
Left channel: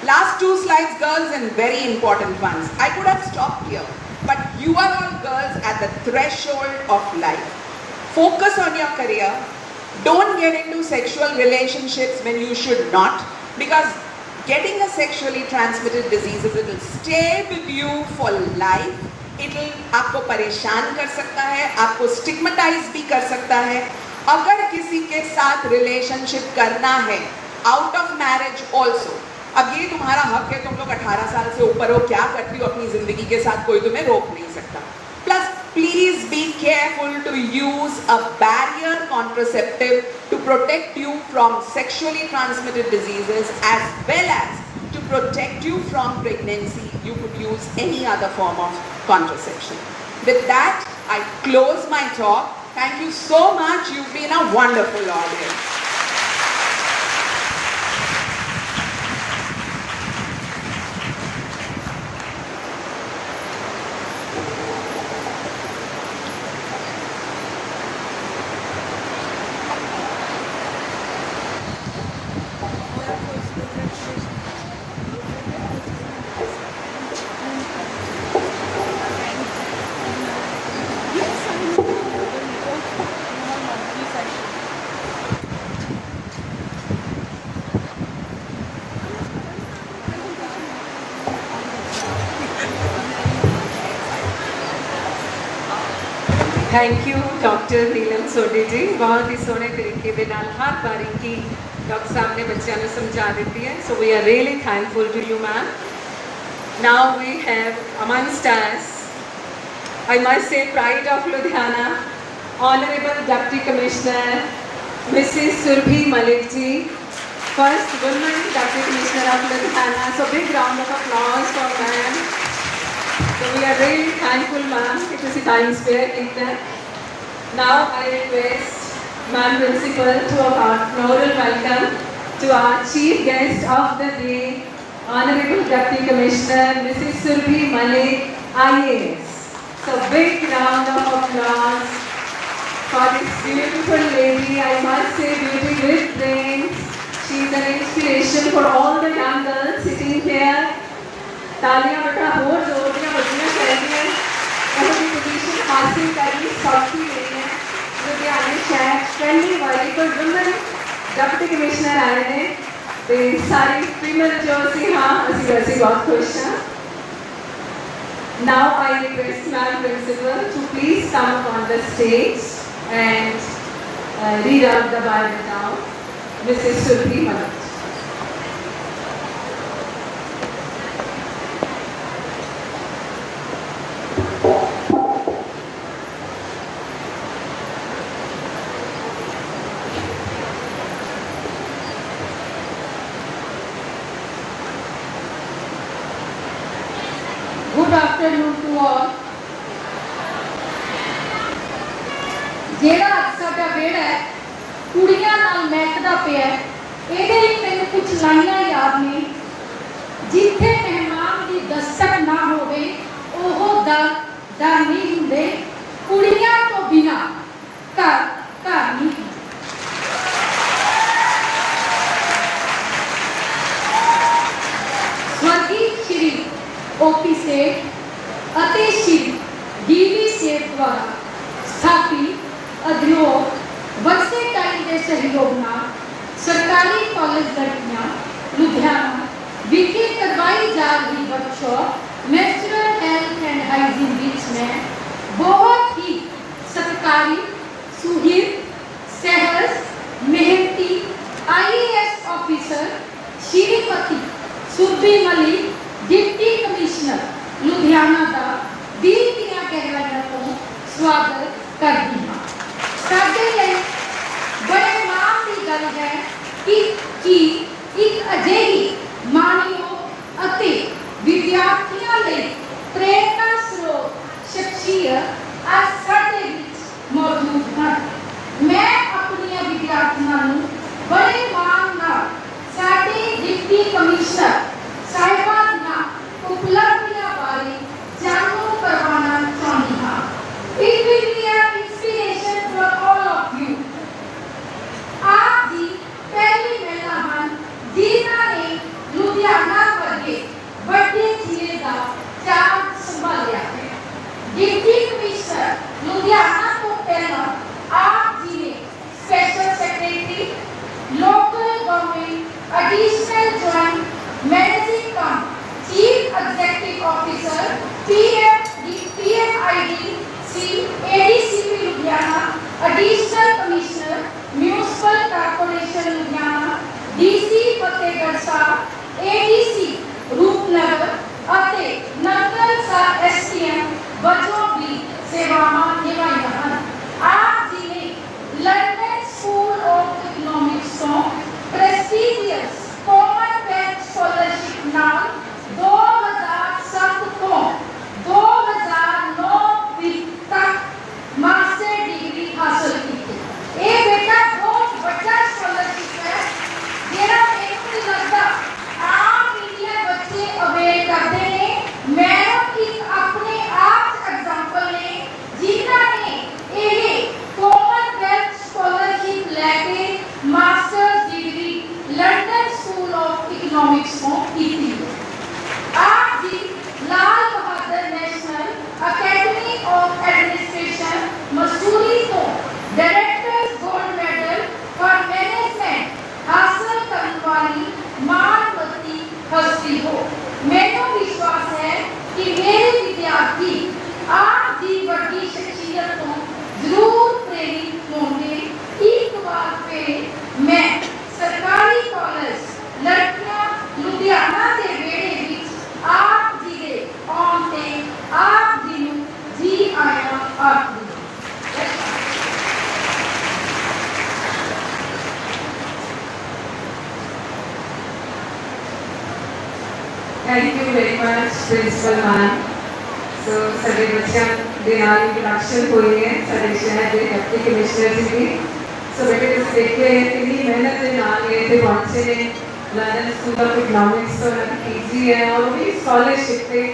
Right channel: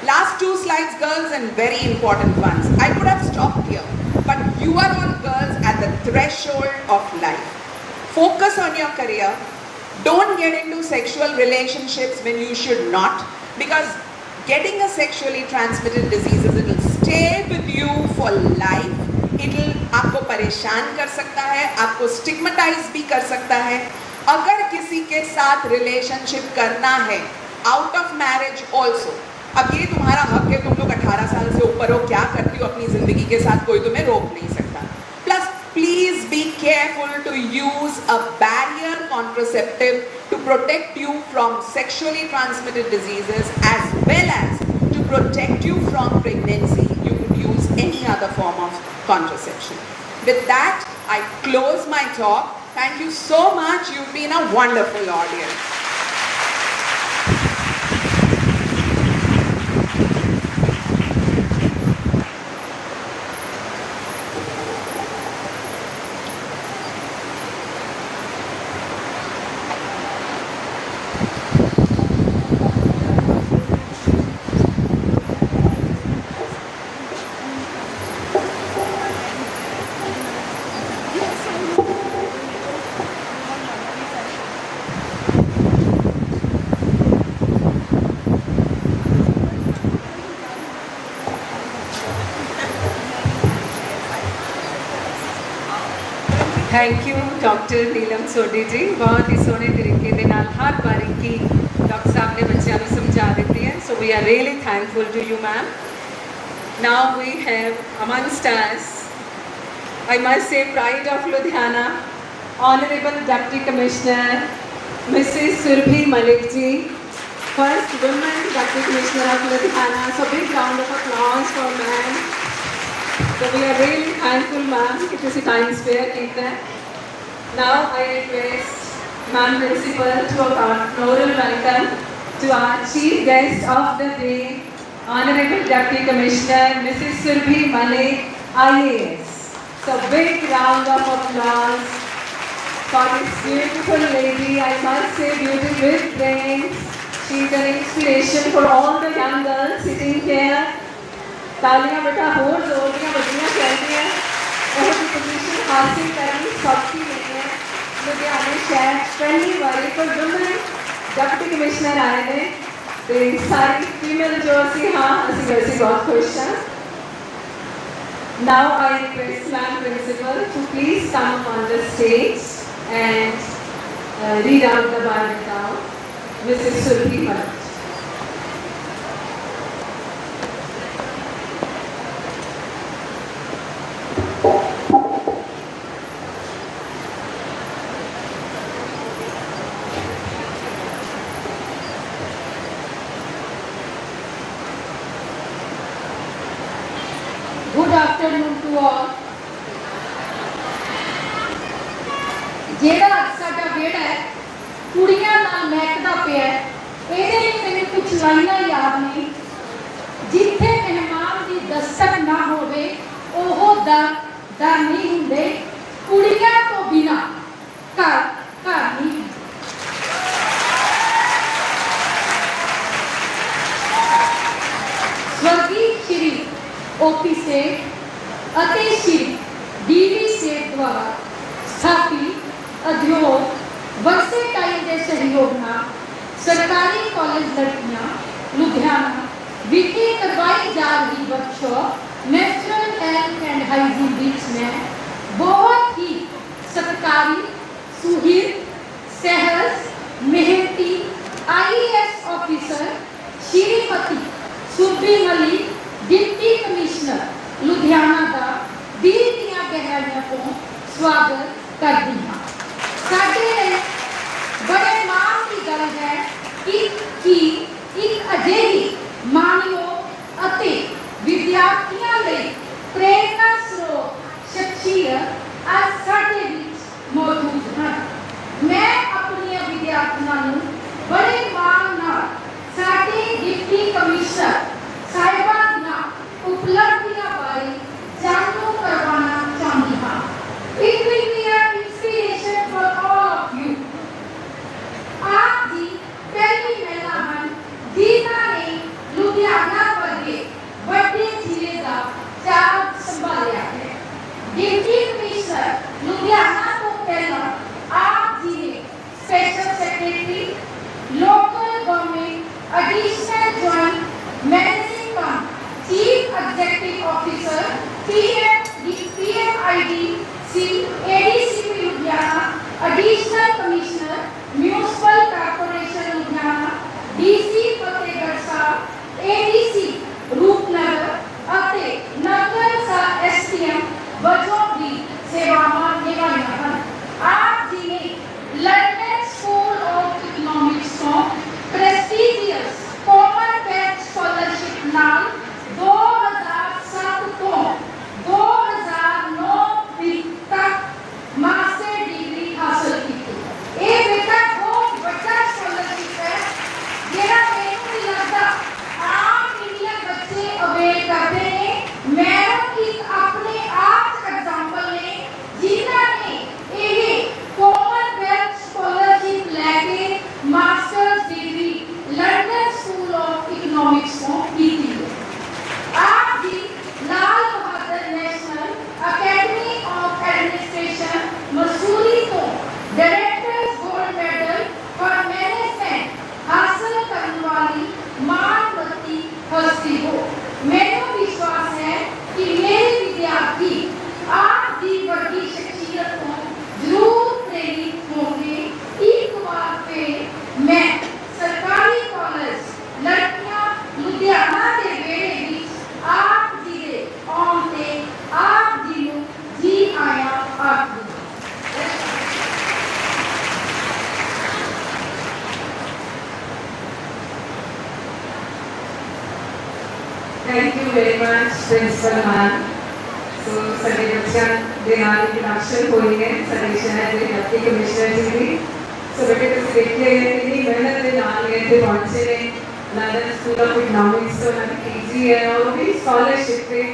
Last two slides, girls, and very important ones. I could have stopped here, but you are all girls at the threshold of life. Focus on your career. Don't get into sexual relationships when you should not, because getting a sexually transmitted disease, it will stay with you for life. It will आपको परेशान कर सकता है, आपको स्टिग्मेटाइज भी कर सकता है. अगर किसी के साथ रिलेशनशिप करना है आउट ऑफ मैरिज ऑल्सो, अब ये तुम्हारा हक है, तुम लोग 18 साल से ऊपर हो, क्या करती हो अपनी जिंदगी के साथ कोई तुम्हें रोक नहीं सकता. Plus please be careful to use a barrier contraceptive to protect you from sexually transmitted diseases as well as to protect you from pregnancy. You could use any other form of contraception. With that, I close my talk. Thank you so much. You've been a wonderful audience. Thank you doctor Neelam Sodhi ji, बहुत ही सोहने तरीके ਦੇ ਨਾਲ ਹਰ ਬਾਰੀਕੀ ਡਾਕਟਰ ਸਾਹਿਬ ਨੇ ਬੱਚਿਆਂ ਨੂੰ ਸਮਝਾ ਦਿੱਤੀ ਹੈ. So we are really thankful to you ma'am. Now we have amongst us, I must say, pride of Ludhiana, Honorable Deputy Commissioner Mrs. Surbhi Malik ji, first woman Deputy Commissioner of Ludhiana. So big round of applause for ma'am. So we are really thankful, ma'am, कि तुसी time spare कितना. Now I request ma'am principal to our floral welcome to our chief guest of the day, Honorable Deputy Commissioner Mrs. Surbhi Malik, IAS. So big round of applause for this beautiful lady. I must say, beauty with brains. She is an inspiration for all the young girls sitting here. तालियां बेटा और जोर दिया बजनियां चाहिए. बहुत ही पोजीशन हासिल करनी सबकी नहीं है. लुधियाने शहर पहली बारी कोई वुमेन डिप्टी कमिश्नर आए ने ते सारी फीमेल जो सी हाँ असि वैसे बहुत खुश हैं. Now I request Ma'am Principal to please come on the stage and read out the biodata of Mrs. Surbhi Malik. Good afternoon to all. ਜਿਹੜਾ ਅੱਜ ਸਾਡਾ ਵਿਹੜਾ ਹੈ ਕੁੜੀਆਂ ਨਾਲ ਮਹਿਕਦਾ ਪਿਆ, ਇਹਦੇ ਹੀ ਮੈਨੂੰ ਕੁਝ ਲਾਈਨਾਂ ਯਾਦ ਨੇ. ਜਿੱਥੇ ਮਹਿਮਾਨ ਦੀ ਦਸਤਕ ਨਾ ਹੋਵੇ ਉਹ ਡਰ ਨਹੀਂ ਹੁੰਦੇ, ਕੁੜੀਆਂ ਤੋਂ ਬਿਨਾ ਘਰ ਨਹੀਂ. स्वर्गीय श्री ओपी सेठ ਅਤੇ ਸ਼੍ਰੀ ਡੀਵੀ ਸੇਠ ਦੁਆਰਾ ਸਥਾਪਿਤ ਉਦਯੋਗ ਵਰਸੇ ਟਾਈਮ ਦੇ ਸਹਿਯੋਗ ਨਾਲ ਸਰਕਾਰੀ ਕਾਲਜ ਲੜਕੀਆਂ ਲੁਧਿਆਣਾ ਵਿਖੇ ਕਰਵਾਈ ਜਾ ਰਹੀ workshop menstrual health and hygiene ਵਿੱਚ ਮੈਂ बहुत ही सत्कारी सुहिर सहज मेहनती IAS officer Shrimati Surabhi Malik deputy commissioner Ludhiana का दिल दियां गहराइयां तो स्वागत करती हाँ। साडे लिए बड़े माण की गल है कि एक अजिही माणयोग अते विद्यार्थियों लिए प्रेरणा स्रोत शख्सियत आज साडे विच मौजूद है। मैं अपनी विद्यार्थियों को बड़े मान नाल साडे डिप्टी कमिश्नर साहिबा दीआं उपलब्धियां बारे जाणू करवाना चाहती हाँ। It will be an inspiration for all of you। आप जी पहली महिला हैं जिन्हां ने लुधियाना वर्गे वड्डे जिले का चार्ज संभालिया है। डिप्टी कमिश्नर लुधियाना को पहला आप जी ने special secretary local government additional joint managing cum chief executive officer PMIDC ADCP Ludhiana additional commissioner municipal corporation Ludhiana DC Fatehgarh Sahib ADC Rupnagar ਅਤੇ ਨਗਰ ਸਾ STM ਵਜੋਂ ਵੀ ਸੇਵਾਵਾਂ ਨਿਭਾਈਆਂ ਹਨ। ਆਪ ਜੀ ਨੇ ਲੰਡਨ ਸਕੂਲ ਆਫ ਇਕਨੋਮਿਕਸ ਤੋਂ ਪ੍ਰੈਸਟੀਜੀਅਸ ਕਾਮਨਵੈਲਥ ਸਕਾਲਰਸ਼ਿਪ ਨਾਲ 2007 ਤੋਂ 2009 ਤੱਕ ਮਾਸਟਰ ਡਿਗਰੀ ਹਾਸਲ ਕੀਤੀ। ਇਹ ਬੇਟਾ ਬਹੁਤ ਵੱਡਾ ਸਕਾਲਰਸ਼ਿਪ ਹੈ ਜਿਹੜਾ ਮੈਨੂੰ ਨਹੀਂ ਲੱਗਦਾ ਆਮ ਇੰਡੀਅਨ ਬੱਚੇ ਅਵੇਲ ਕਰਦੇ ਨੇ। मैडम इस अपने आप एग्जाम्पल ने जिन्होंने ये कॉमनवेल्थ स्कॉलरशिप लैके masters degree London School of Economics को की थी। आप जी Lal Bahadur National Academy of Administration Mussoorie को directors gold medal for management हासिल करने वाली मानवती हस्ती हो। मेरा विश्वास है कि मेरे विद्यार्थी आप जी वर्गी शख्सियत को जरूर प्रेरित होंगे। एक बार फिर मैं सरकारी कॉलेज लड़कियां लुधियाना के बेड़े विच आप जी दे आउंदे आप जी नूं जी आया आखदी। Thank you very much, Principal Ma'am. So, साडे बच्चों दे नाल इंट्रोडक्शन हुई है साडे शहर के डिप्टी कमिश्नर जी की। सो बेटे तुम देखिए कितनी मेहनत के नाल ये थे पहुंचे ने लंदन स्कूल ऑफ इकनॉमिक्स तो PG है और भी स्कॉलरशिप पे।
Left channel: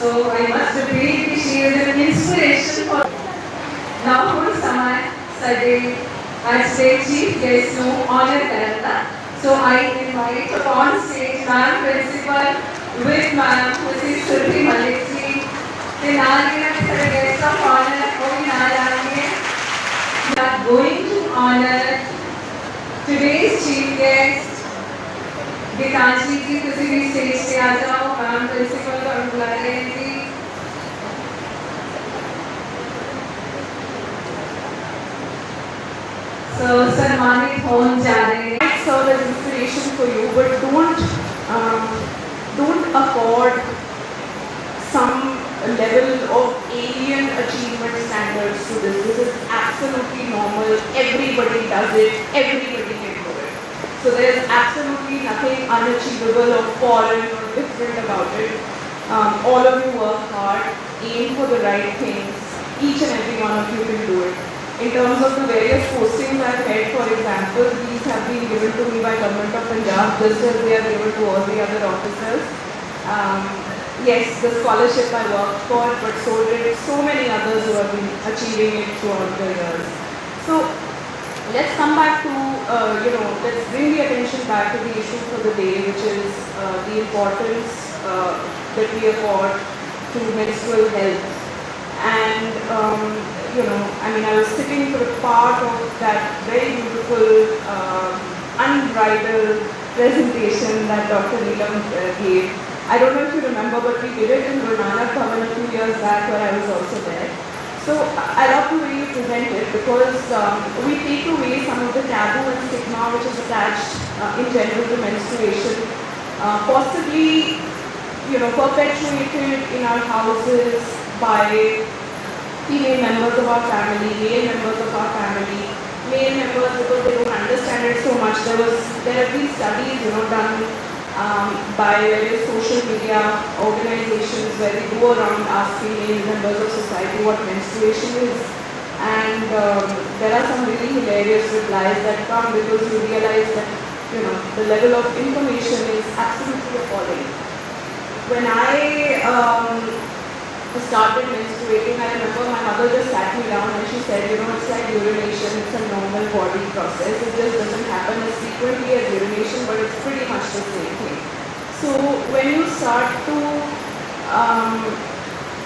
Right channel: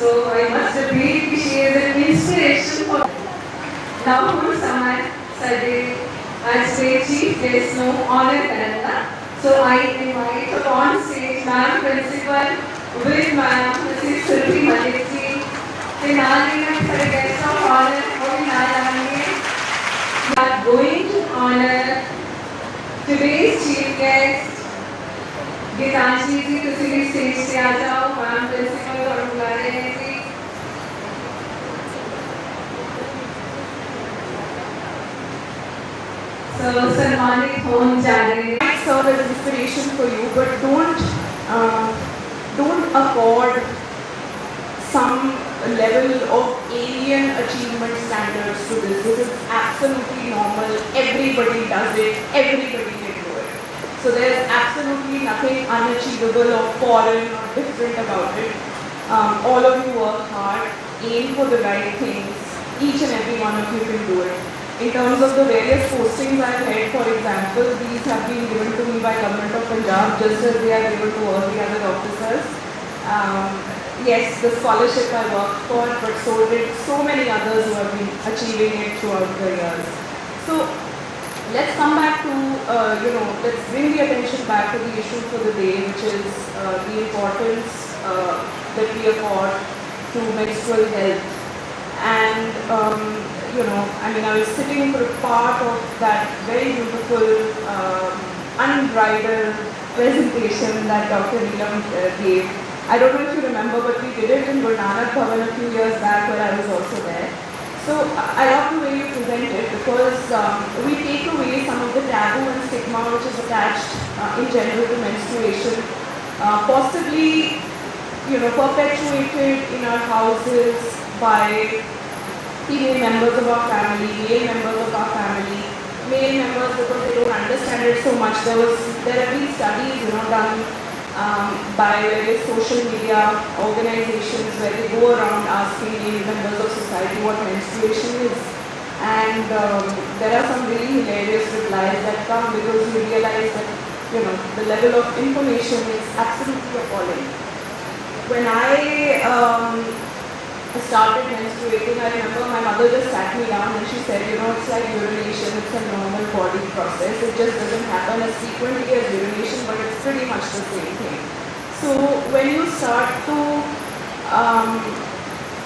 So I must agree कि she is an inspiration for now हम समय साडे आज के चीफ गेस्ट नो ऑनर करना। So I invite upon stage Ma'am Principal with Ma'am Mrs. Surbhi Malik ji के नाल में सारे गेस्ट ऑफ ऑनर वो भी नाल आएंगे। We are going to honor today's chief guest Geetanjali जी। तुसी भी स्टेज पे आ जाओ। Ma'am Principal और बुला रहे हैं जी। So सम्मानित होने जा रहे हैं। Serve as inspiration for you, but don't afford some level of alien achievement standards to this. This is absolutely normal. Everybody does it. Everybody can do it. So there's absolutely nothing unachievable or foreign or different about it. All of you work hard, aim for the right things. Each and every one of you can do it. In terms of the various postings I've had, for example, these have been given to me by Government of Punjab just as they are given to all the other officers. Yes, the scholarship I worked for, but so did so many others who have been achieving it throughout the years. So let's come back to, let's bring the attention back to the issue for the day, which is the importance that we afford to menstrual health. And I was sitting for a part of that very beautiful, unbridled presentation that Dr. Neelam gave. I don't know if you remember, but we did it in Guru Nanak Bhavan a few years back where I was also there. So I love the way you present it because we take away some of the taboo and stigma which is attached in general to menstruation, possibly perpetuated in our houses by female members of our family, male members of our family, male members because they don't understand it so much. There have been studies done by various social media organizations where they go around asking male members of society what menstruation is. And there are some really hilarious replies that come because you realize that the level of information is absolutely appalling. When I started menstruating, I remember my mother just sat me down and she said, it's like urination, it's a normal body process. It just doesn't happen as frequently as urination, but it's pretty much the same thing. So when you start to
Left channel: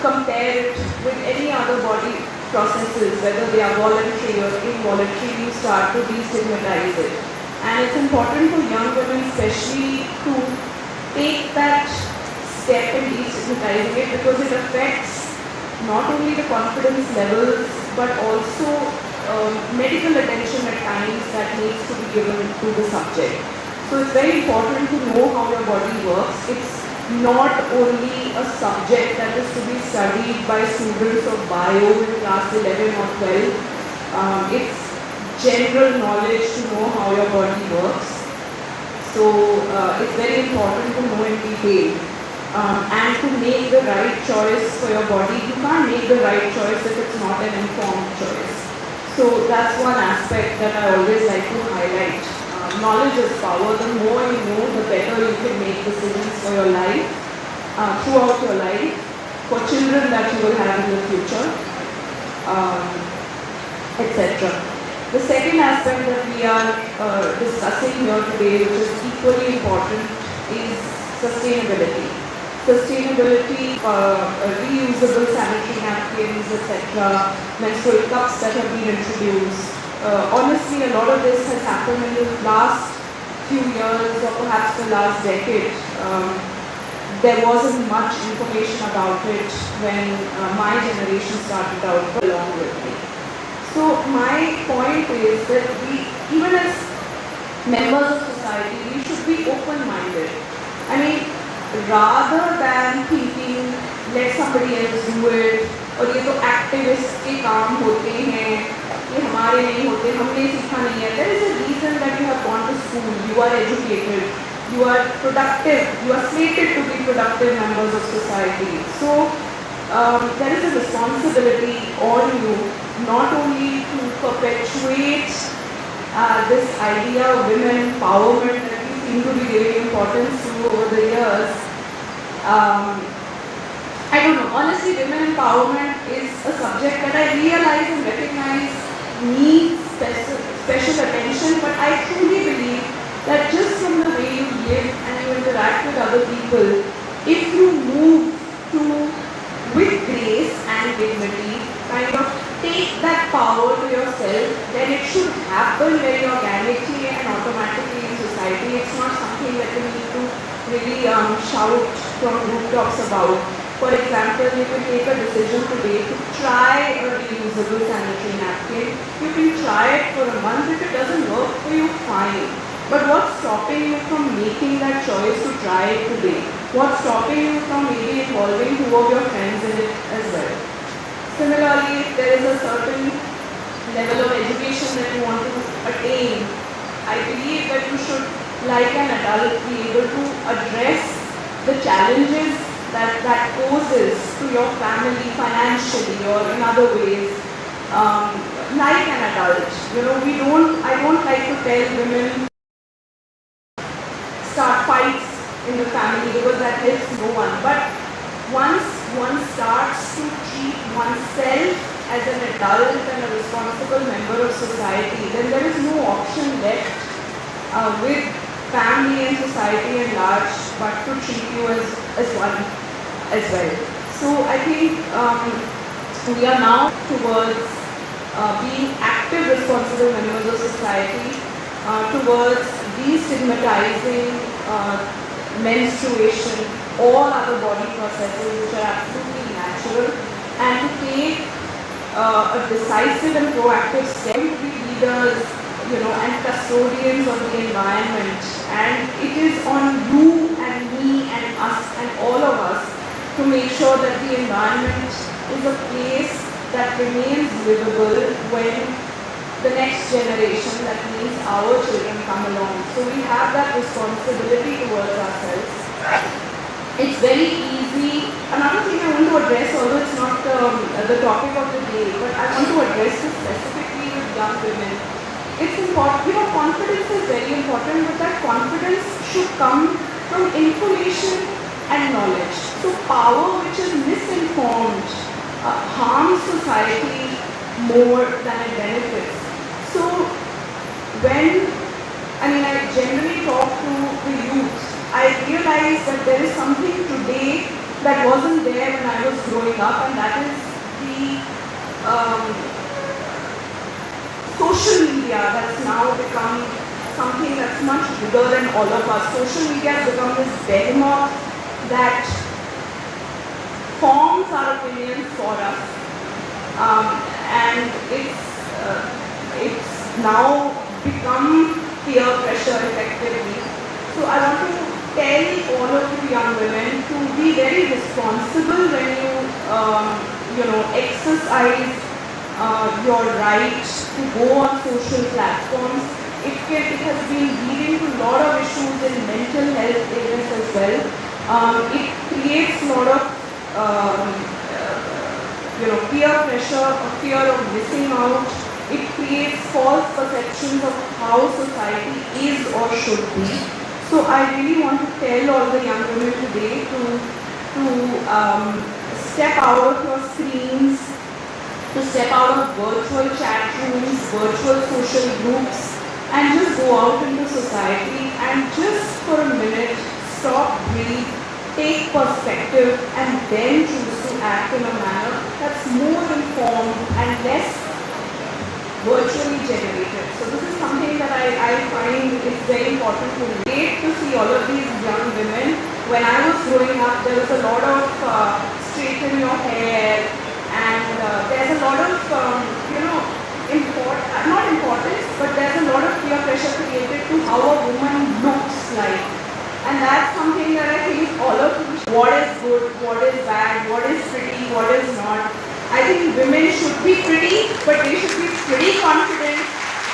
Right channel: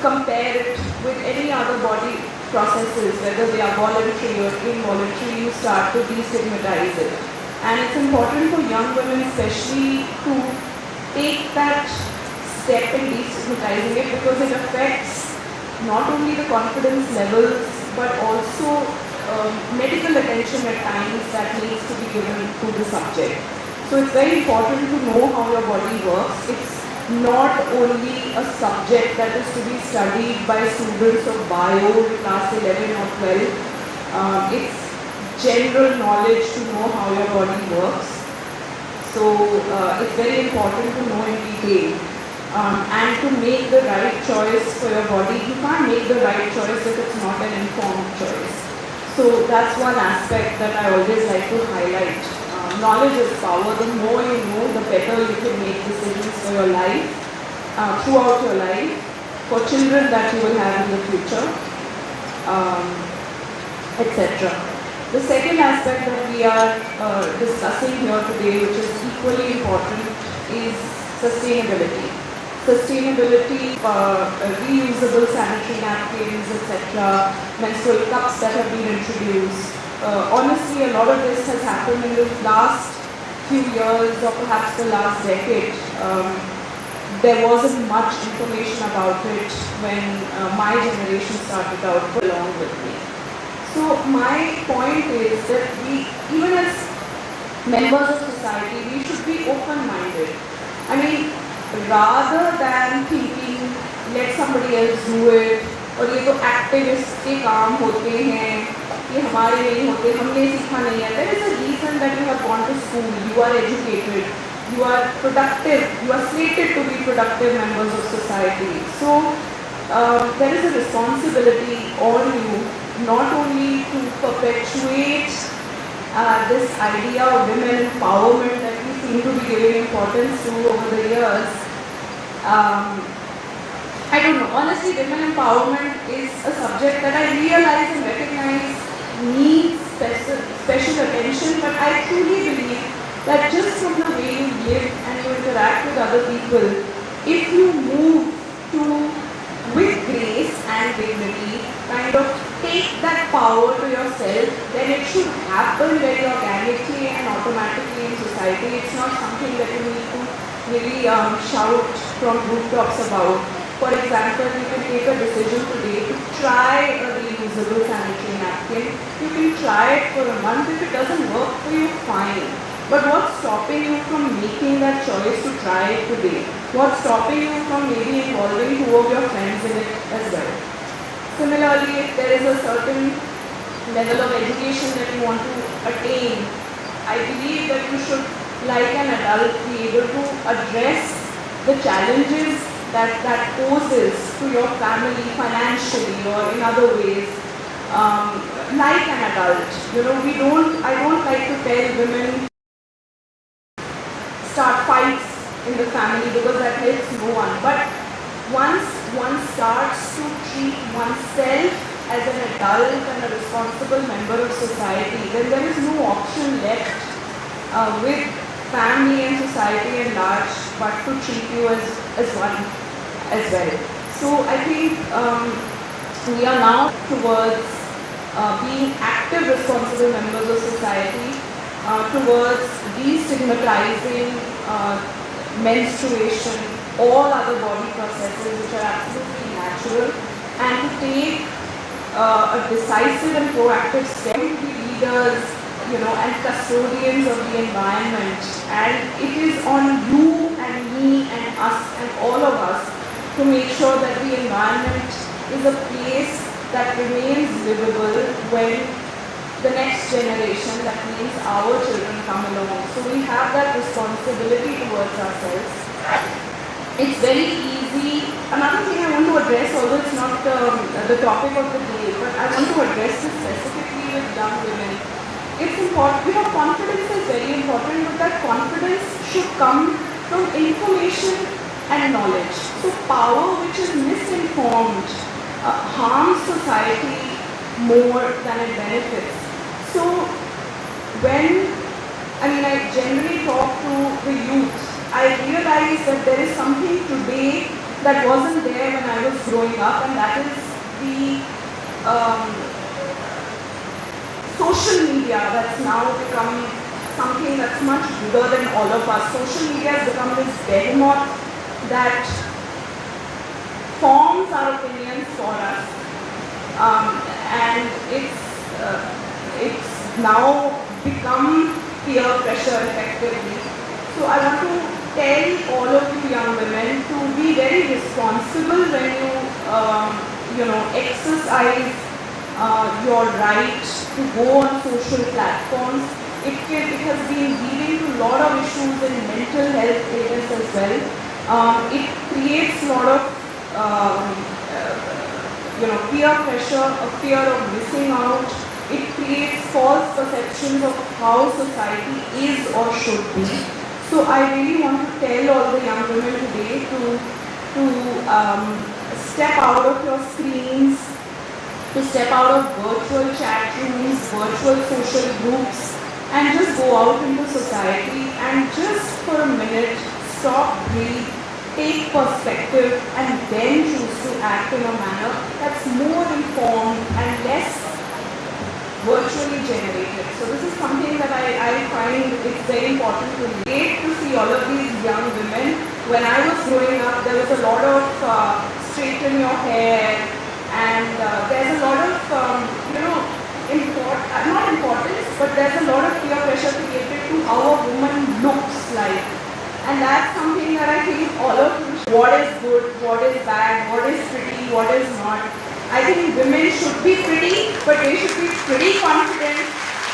compare it with any other body processes, whether they are voluntary or involuntary, you start to destigmatize it. And it's important for young women especially to take that step in destigmatizing it because it affects not only the confidence levels but also medical attention at times that needs to be given to the subject. So it's very important to know how your body works. It's not only a subject that is to be studied by students of bio in class 11 or 12. It's general knowledge to know how your body works. So it's very important to know in detail. And to make the right choice for your body. You can't make the right choice if it's not an informed choice. So that's one aspect that I always like to highlight. Knowledge is power. The more you know, the better you can make decisions for your life, throughout your life, for children that you will have in the future, etc. The second aspect that we are discussing here today, which is equally important, is sustainability. Sustainability, reusable sanitary napkins, etc., menstrual cups that have been introduced. Honestly, a lot of this has happened in the last few years or perhaps the last decade. There wasn't much information about it when my generation started out along with me. So my point is that we, even as members of society, we should be open-minded. I mean, rather than thinking, let somebody else do it, और ये तो activist के काम होते हैं, ये हमारे नहीं होते, हमने सीखा नहीं है. There is a reason that you have gone to school, you are educated, you are productive, you are slated to be productive members of society. So there is a responsibility on you not only to perpetuate this idea of women empowerment that we seem to be giving importance to over the years. I don't know, honestly, women empowerment is a subject that I realize and recognize needs special attention, but I truly believe that just from the way you live and you interact with other people, if you move with grace and dignity, kind of take that power to yourself, then it should happen very organically and automatically in society. It's not something that you need to really shout from rooftops about. For example, you can take a decision today to try a reusable sanitary napkin. You can try it for a month. If it doesn't work for you, fine. But what's stopping you from making that choice to try it today? What's stopping you from maybe involving two of your friends in it as well? Similarly, if there is a certain level of education that you want to attain, I believe that you should, like an adult, be able to address the challenges that poses to your family financially or in other ways, like an adult. I don't like to tell women start fights in the family because that helps no one. But once one starts to treat oneself as an adult and a responsible member of society, then there is no option left with family and society at large but to treat you as one as well. So I think we are now towards being active, responsible members of society, towards destigmatizing menstruation, all other body processes which are absolutely natural, and to take a decisive and proactive step to be leaders, and custodians of the environment. And it is on you and me and us and all of us to make sure that the environment is a place that remains livable when the next generation, that means our children, come along. So we have that responsibility towards ourselves. It's very easy. Another thing I want to address, although it's not the topic of the day, but I want to address this specifically with young women. It's important, confidence is very important, but that confidence should come from information and knowledge. So power which is misinformed harms society more than it benefits. So I generally talk to the youth, I realize that there is something today that wasn't there when I was growing up, and that is the social media that's now become something that's much bigger than all of us. Social media has become this behemoth that forms our opinions for us, and it's now become peer pressure effectively. So I want to tell all of you young women to be very responsible when you exercise your right to go on social platforms. It has been leading to a lot of issues in mental health illness as well. It creates a lot of peer pressure, a fear of missing out. It creates false perceptions of how society is or should be. So I really want to tell all the young women today to step out of your screens, to step out of virtual chat rooms, virtual social groups, and just go out into society and just for a minute stop, breathe, take perspective, and then choose to act in a manner that's more informed and less virtually generated. So this is something that I find it's very important to relate to see all of these young women. When I was growing up, there was a lot of straighten your hair, and there's a lot of, not importance, but there's a lot of peer pressure created to how a woman looks like. And that's something that I think all of you, what is good, what is bad, what is pretty, what is not. I think women should be pretty, but they should be pretty confident,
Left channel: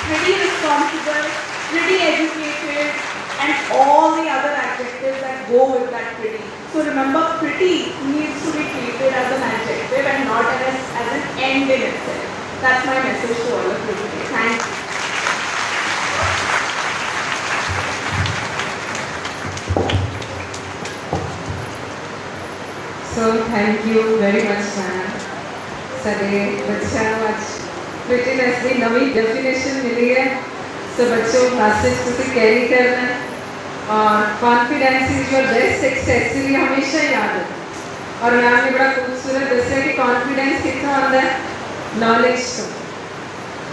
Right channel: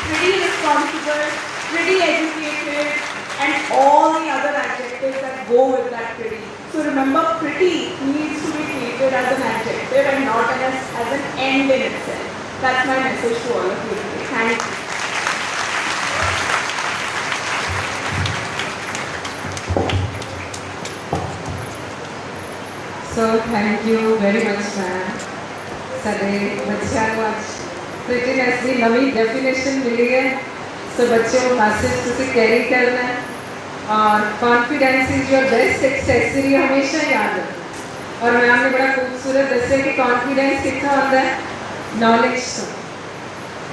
pretty responsible, pretty educated, and all the other adjectives that go with that pretty. So remember, pretty needs to be treated as an adjective and not as an end in itself. That's my message to all of you today. Thank you. So thank you very much, ma'am. ਸਾਡੇ ਬੱਚਿਆਂ ਨੂੰ ਅੱਜ ਫਿਟਨੈਸ ਦੀ ਨਵੀਂ ਡੈਫੀਨੇਸ਼ਨ ਮਿਲੀ ਹੈ। ਸੋ ਬੱਚਿਓ ਮੈਸੇਜ ਤੁਸੀਂ ਕੈਰੀ ਕਰਨਾ और confidence is your best accessory हमेशा याद रखो। और मैम ने बड़ा खूबसूरत दसिया कि कॉन्फिडेंस कितना आता है नॉलेज तो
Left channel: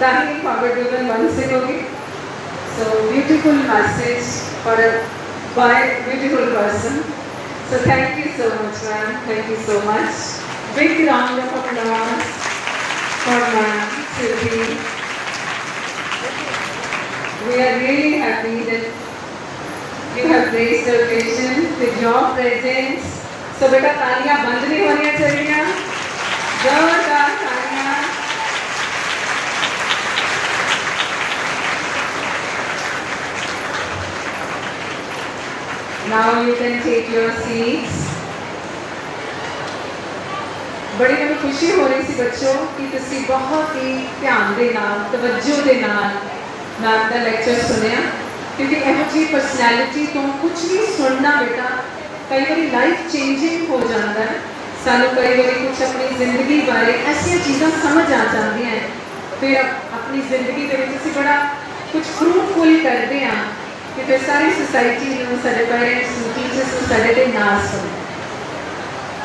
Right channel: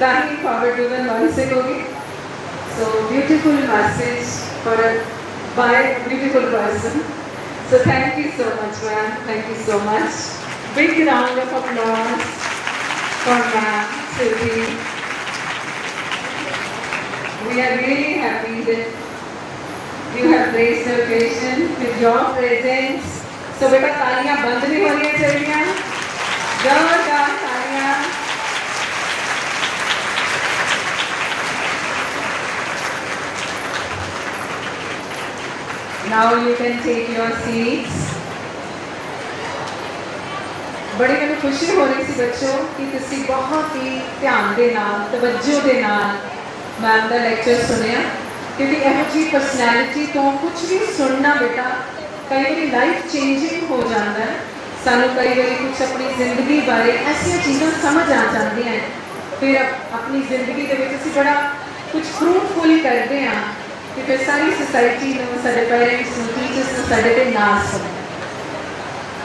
ताकि फॉरवर्ड वुमन बन सकोगी। So beautiful message for a beautiful person. So thank you so much, ma'am. Thank you so much. Big round of applause for ma'am Siddhi. We are really happy that you have graced the occasion with your presence. So beta तालियां बंद नहीं होनी चाहिए, जोरदार तालियां। Now you can take your seats. बड़ी मैंने खुशी हो रही थी बच्चों कि तुसी बहुत ही ध्यान दे नाल तवज्जो दे नाल मैम दा लेक्चर सुनिया, क्योंकि यहो जी परसनैलिटी तो कुछ भी सुनना बेटा कई बार लाइफ चेंजिंग हो जाता है। सानू कई बार कुछ अपनी जिंदगी बारे ऐसी चीज़ां समझ आ जाती हैं, फिर अपनी जिंदगी के विच असीं बड़ा कुछ फ्रूटफुल करते हैं कि फिर सारी सोसाइटी नूं, साडे पेरेंट्स नूं, टीचर्स नूं साडे ते नाज़ सुने।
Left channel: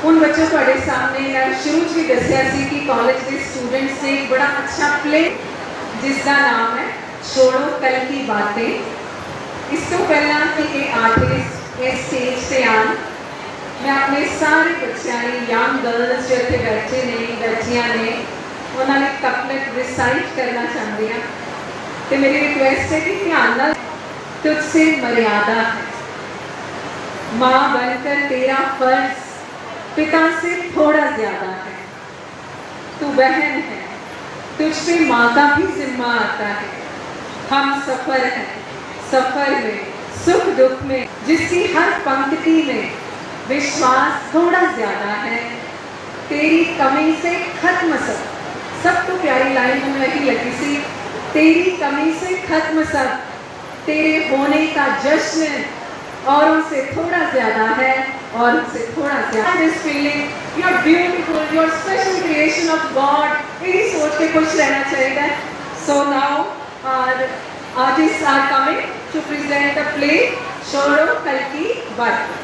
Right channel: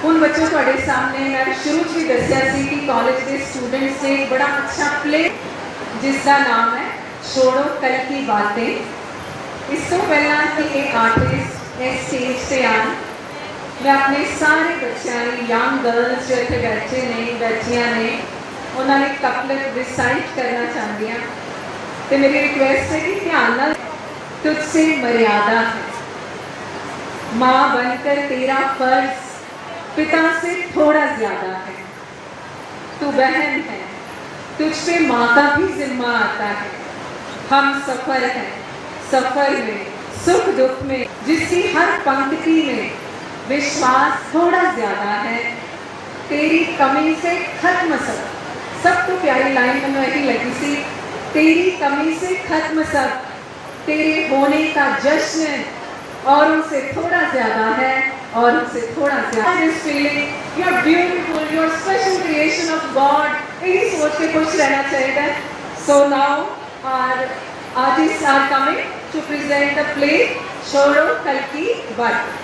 उन बच्चों ਤੁਹਾਡੇ सामने मैं शुरू च भी दसिया सी कि कॉलेज के स्टूडेंट्स ने एक बड़ा अच्छा प्ले जिसका नाम है छोड़ो कल की बातें। इस तो पहला कि ये आर्टिस्ट इस स्टेज से आन, मैं अपने सारे बच्चों यंग गर्ल्स जो इतने बैठे ने बैठिया ने उन्होंने कपलेट रिसाइट करना चाहती हाँ। तो मेरी रिक्वेस्ट है कि ध्यान नाल तुझसे मर्यादा है, माँ बनकर तेरा फर्ज पिता से थोड़ा ज्यादा है, तू बहन है, तुझ पे माँ का भी जिम्मा आता है। हम सफर हैं, सफर में सुख दुख में जिसकी हर पंक्ति में विश्वास थोड़ा ज्यादा है, तेरी कमी से खत्म सब तो प्यारी लाइन मैंने यही लगी सी, तेरी कमी से खत्म सब, तेरे होने का जश्न और उनसे थोड़ा ज्यादा है, और उनसे थोड़ा ज्यादा। This feeling you are beautiful, you are special creation of God, यही सोच के खुश रहना चाहिए। So now our artist are coming to present the play छोड़ो कल की बातें।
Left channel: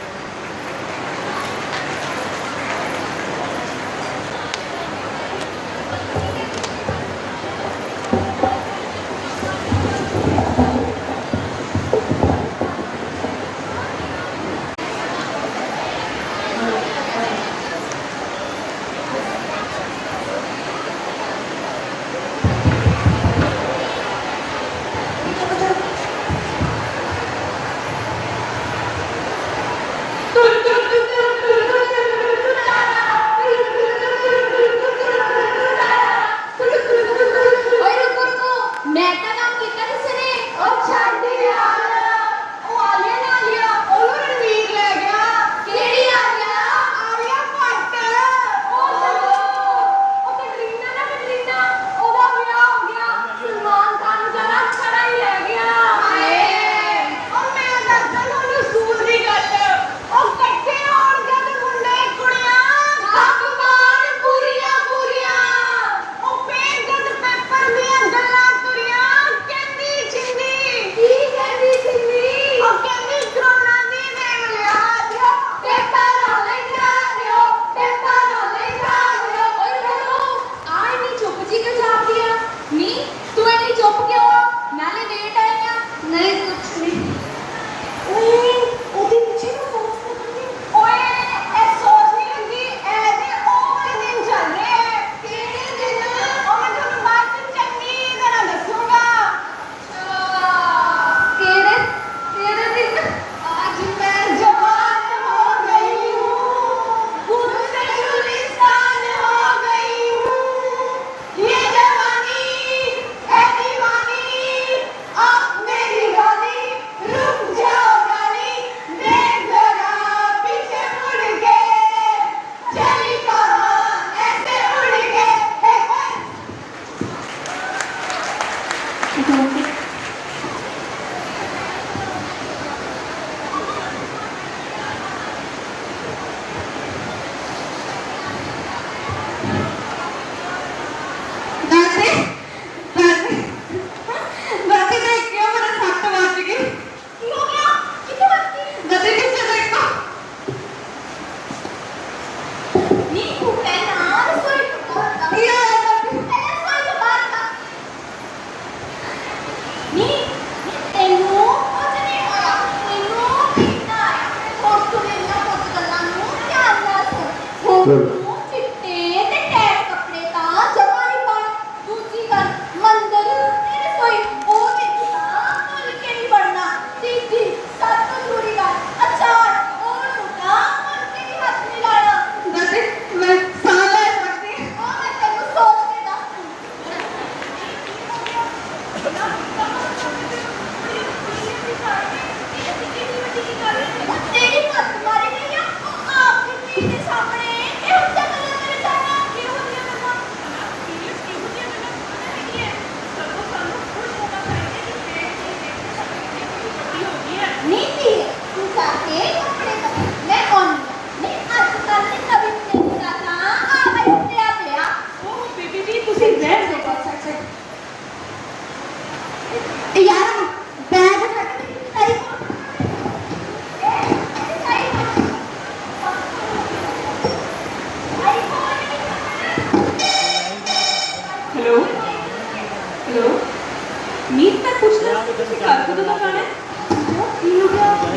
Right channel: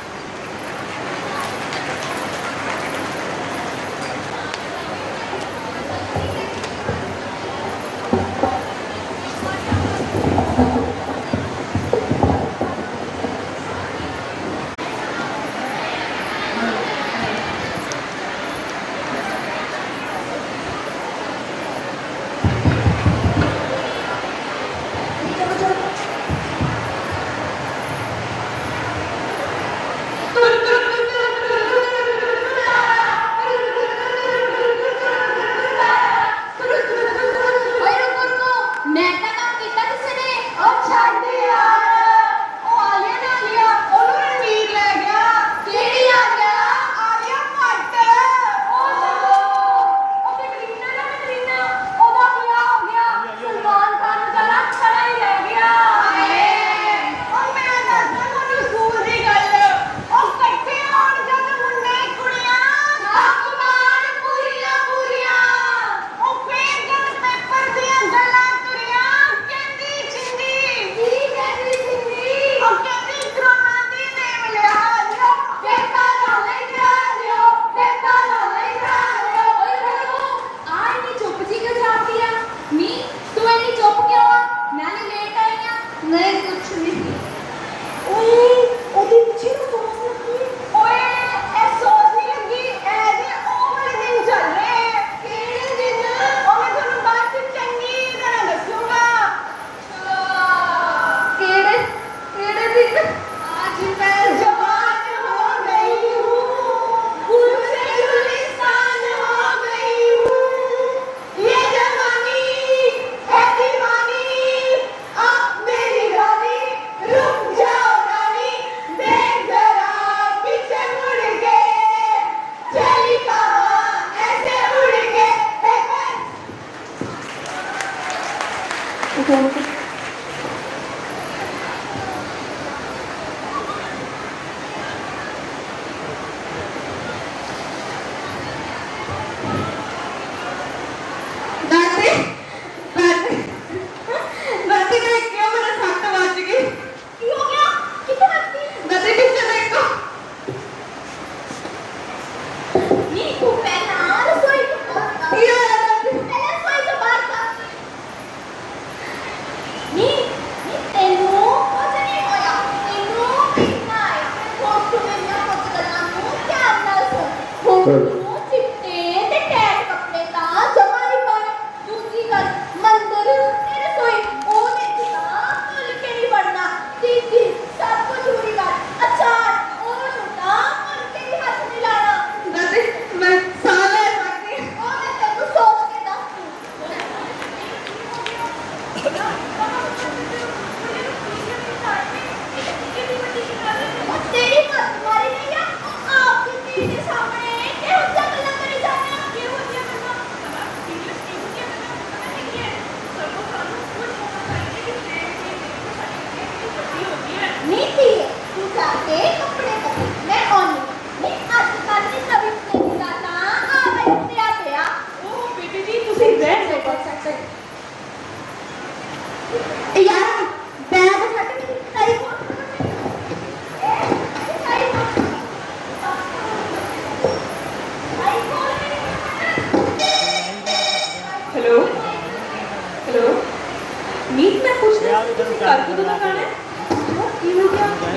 यार कदों तक आना है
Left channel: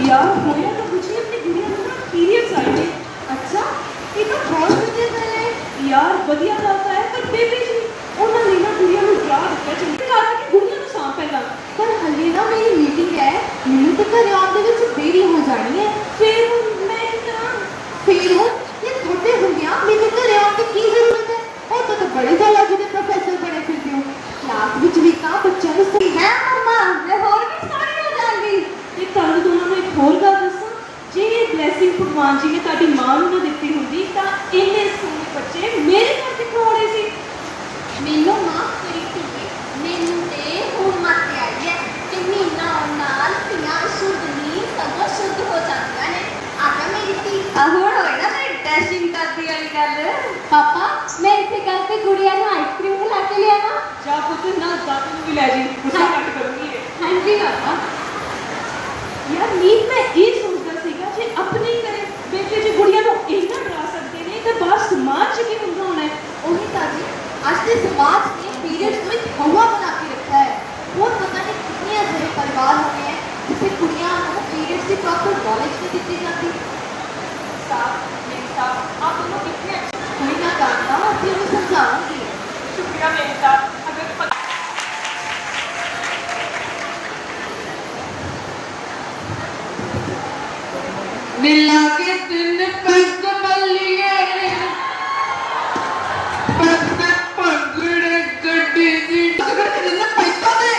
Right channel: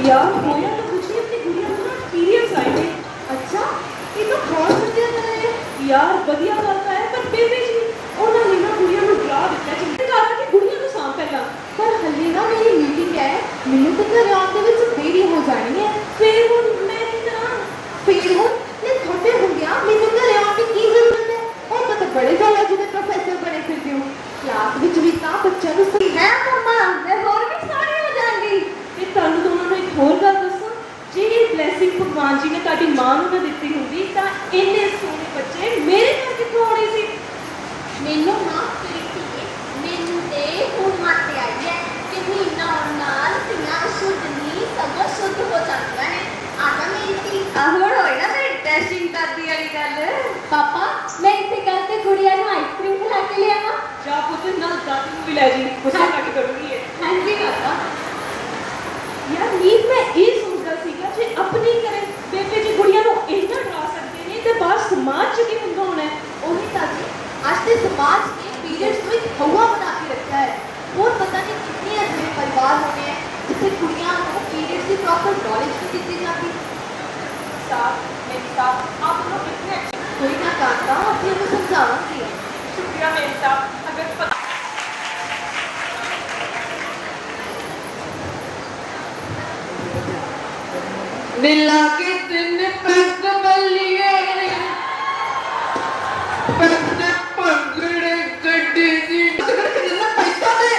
यार मुझे तो कुछ नहीं अपनी गुड़िया को ना पीरियड्स आए थे अच्छा ये तो बहुत मुझे पहले यार बढ़िया बात है पर बेबी जी उन्होंने ना गुड़िया को डरा दिया चलते कहा कि गुड़िया को सांप पहला यार हल्ले ना मेरी मीटिंग है मैंने तो घर आने में देरी हो जानी है फिर मैं की तरह फिर ये छोटे हो गया लेकिन घर आके की जरूरत है और तो बड़े जगह जिन्हें प्रोफेसर बने फिरती हूँ क्लास ਵਿੱਚ ਵੀ ਤਾਂ ਬੱਚਿਆਂ ਨੂੰ ਸਹੀ ਹੈ ਮੰਮਾ मैं और भी सारी हो जाएंगी ਇਹ ਤੁਹਾਨੂੰ ਦੋਨਾਂ ਨੂੰ ਇੱਕ ਹੋਰ ਗੱਲ ਦੱਸਾਂ ਜੇ ਇਹ ਬਲੇਸਿੰਗ ਭਗਵਾਨ ਜੀ ਨੇ ਤੁਹਾਡੀ ਮਾਂ ਨੂੰ ਨਾ ਦਿੱਤੀ ਹੁੰਦੀ ਤਾਂ ਇੰਨੇ ਸੋਹਣੇ ਬੱਚੇ ਮੇਰੇ ਘਰ ਕਿੱਥੋਂ ਆਉਣੇ ਸੀ ਮੈਨੂੰ ਨਾ ਤੇਰੀ ਧੀ ਮੈਨੂੰ ਤੇ ਹੁਣ ਮੱਤ ਆਈ ਹੈ ਕਿ ਮਹੀਨਾ ਨਾਲ ਧੀਆਂ ਸ਼ੁੱਧ ਨਹੀਂ ਸਗੋਂ ਸ਼ੁੱਧ ਹੋ ਜਾਂਦੀਆਂ ਨੇ ਆਗਾ ਮੇਰੀ ਧੀ ਹੁਣ ਹੋਏ ਨਾ ਮੇਰੀ ਡੈਸ਼ਿੰਗ ਕਰਦੀ ਵਾਲੀ ਗੱਲ ਪਾਪਾ ਮੈਂ ਇੱਥੇ ਕਹਿੰਦੇ ਗੁੜੀਆ ਨੂੰ ਆਈਸਕ੍ਰੀਮ ਖਿਲਾ ਕੇ ਲਿਆਵਾਂ ਜਾ ਪੁੱਤ ਨਾਲ ਦਾਦੀ ਨੂੰ ਵੀ ਲੈ ਜੀ ਗੁੱਸਾ ਘੱਟ ਕਰੂੰਗੀ ਇਹ ਹਾਂਜੀ ਪਾਪਾ यार नींद में ये सोचता सीगा जे अपने घरे बेटे जी गुड़िया को इतना डरा सकते ने ते बाहर समाज च की हुंदा होना है वही ताकि आज के समाज ने पीरियड्स में हवा बना के रखा है और पता नहीं कितने ऐसे परिवार होते हैं जिसे कुड़ियां को पीरियड्स की प्रॉपर नॉलेज नहीं दी जाती आप लोग कितने अच्छे कोई ना जानता हूँ फिर मैं समझाऊंगी शुक्रिया मेरे साथ अगर मिला के दिन पैसे बलिए पैसे पगड़े गड्डी दी पैसा दे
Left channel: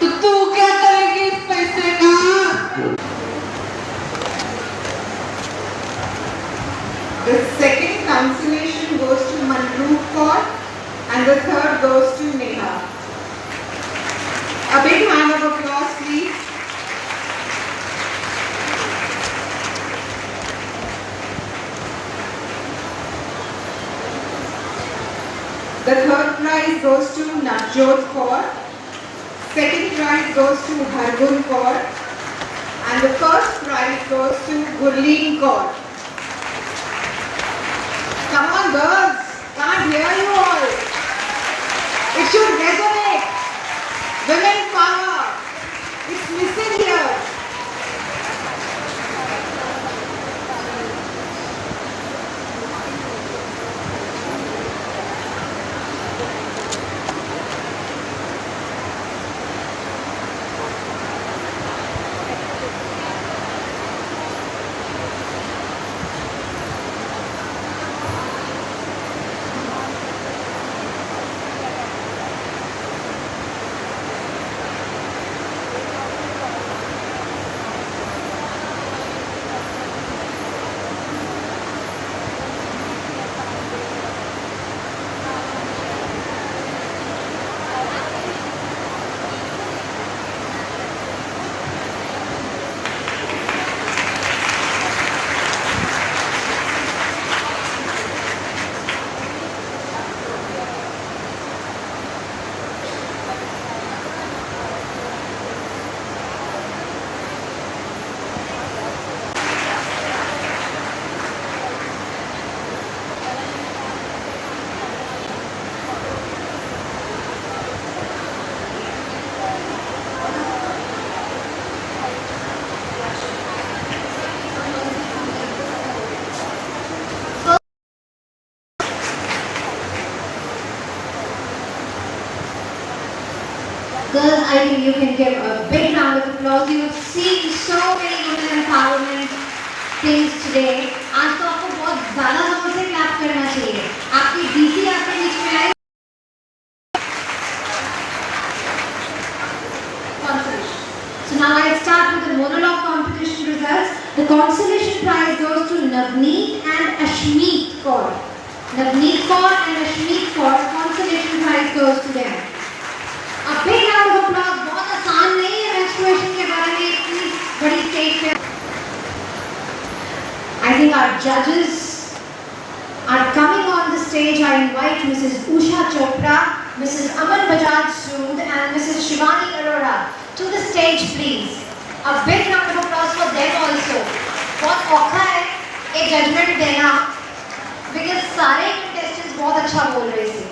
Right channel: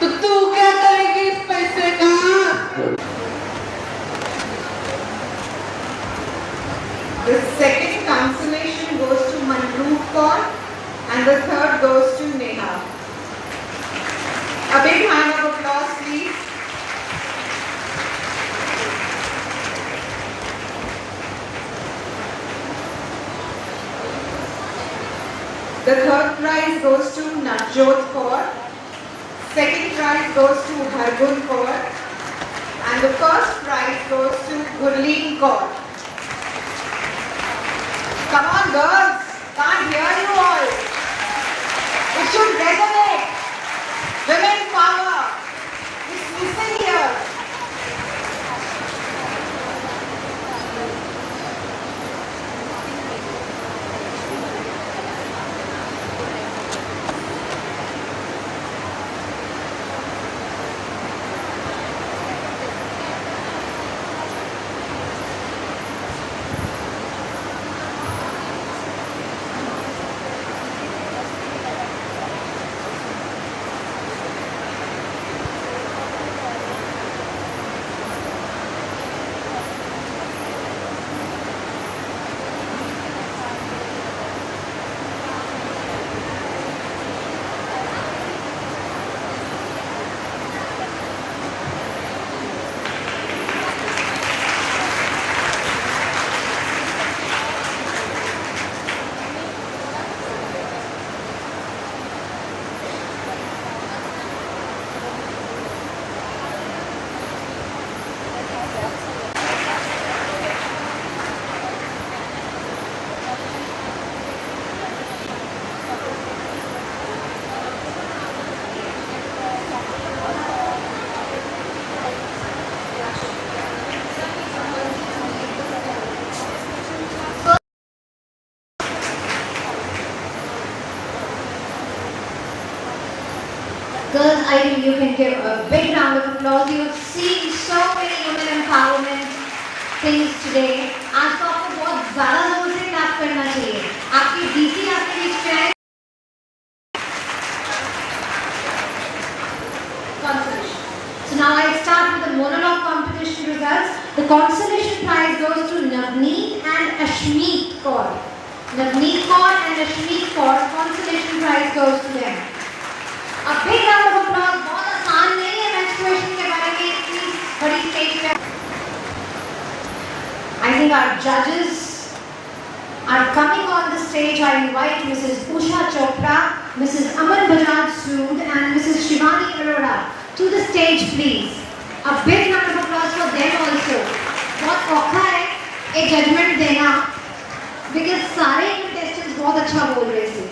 तो तू क्या करेगी इस पैसे का The second consolation goes to Manroop Kaur and the third goes to Neha. A big round of applause, please. The third prize goes to Navjot Kaur. Second prize goes to Hargun Kaur. And the first prize goes to Gurleen Kaur. Come on, girls. Can't hear you all. It should resonate. Women power. It's missing here. Girls, I think you can give a big round of applause. You have seen so many women empowerment things today. आज तो आपको बहुत ज़्यादा जोर से क्लैप करना चाहिए. आपकी डीसी आपके बीच में आए. So now I start with the monologue competition results. The consolation prize goes to Navneet and Ashmeet Kaur. Navneet Kaur and Ashmeet Kaur, consolation prize goes to them. A big round of applause. बहुत आसान नहीं है menstruation के बारे में इतनी बड़ी स्टेज पे. I think our judges are coming on the stage. I invite Mrs. Usha Chopra, Mrs. Aman Bajaj Sood and Mrs. Shivani Arora to the stage, please. A big round of applause for them also. बहुत औखा है एक judgment देना because सारे contestants बहुत अच्छा बोल रहे थे.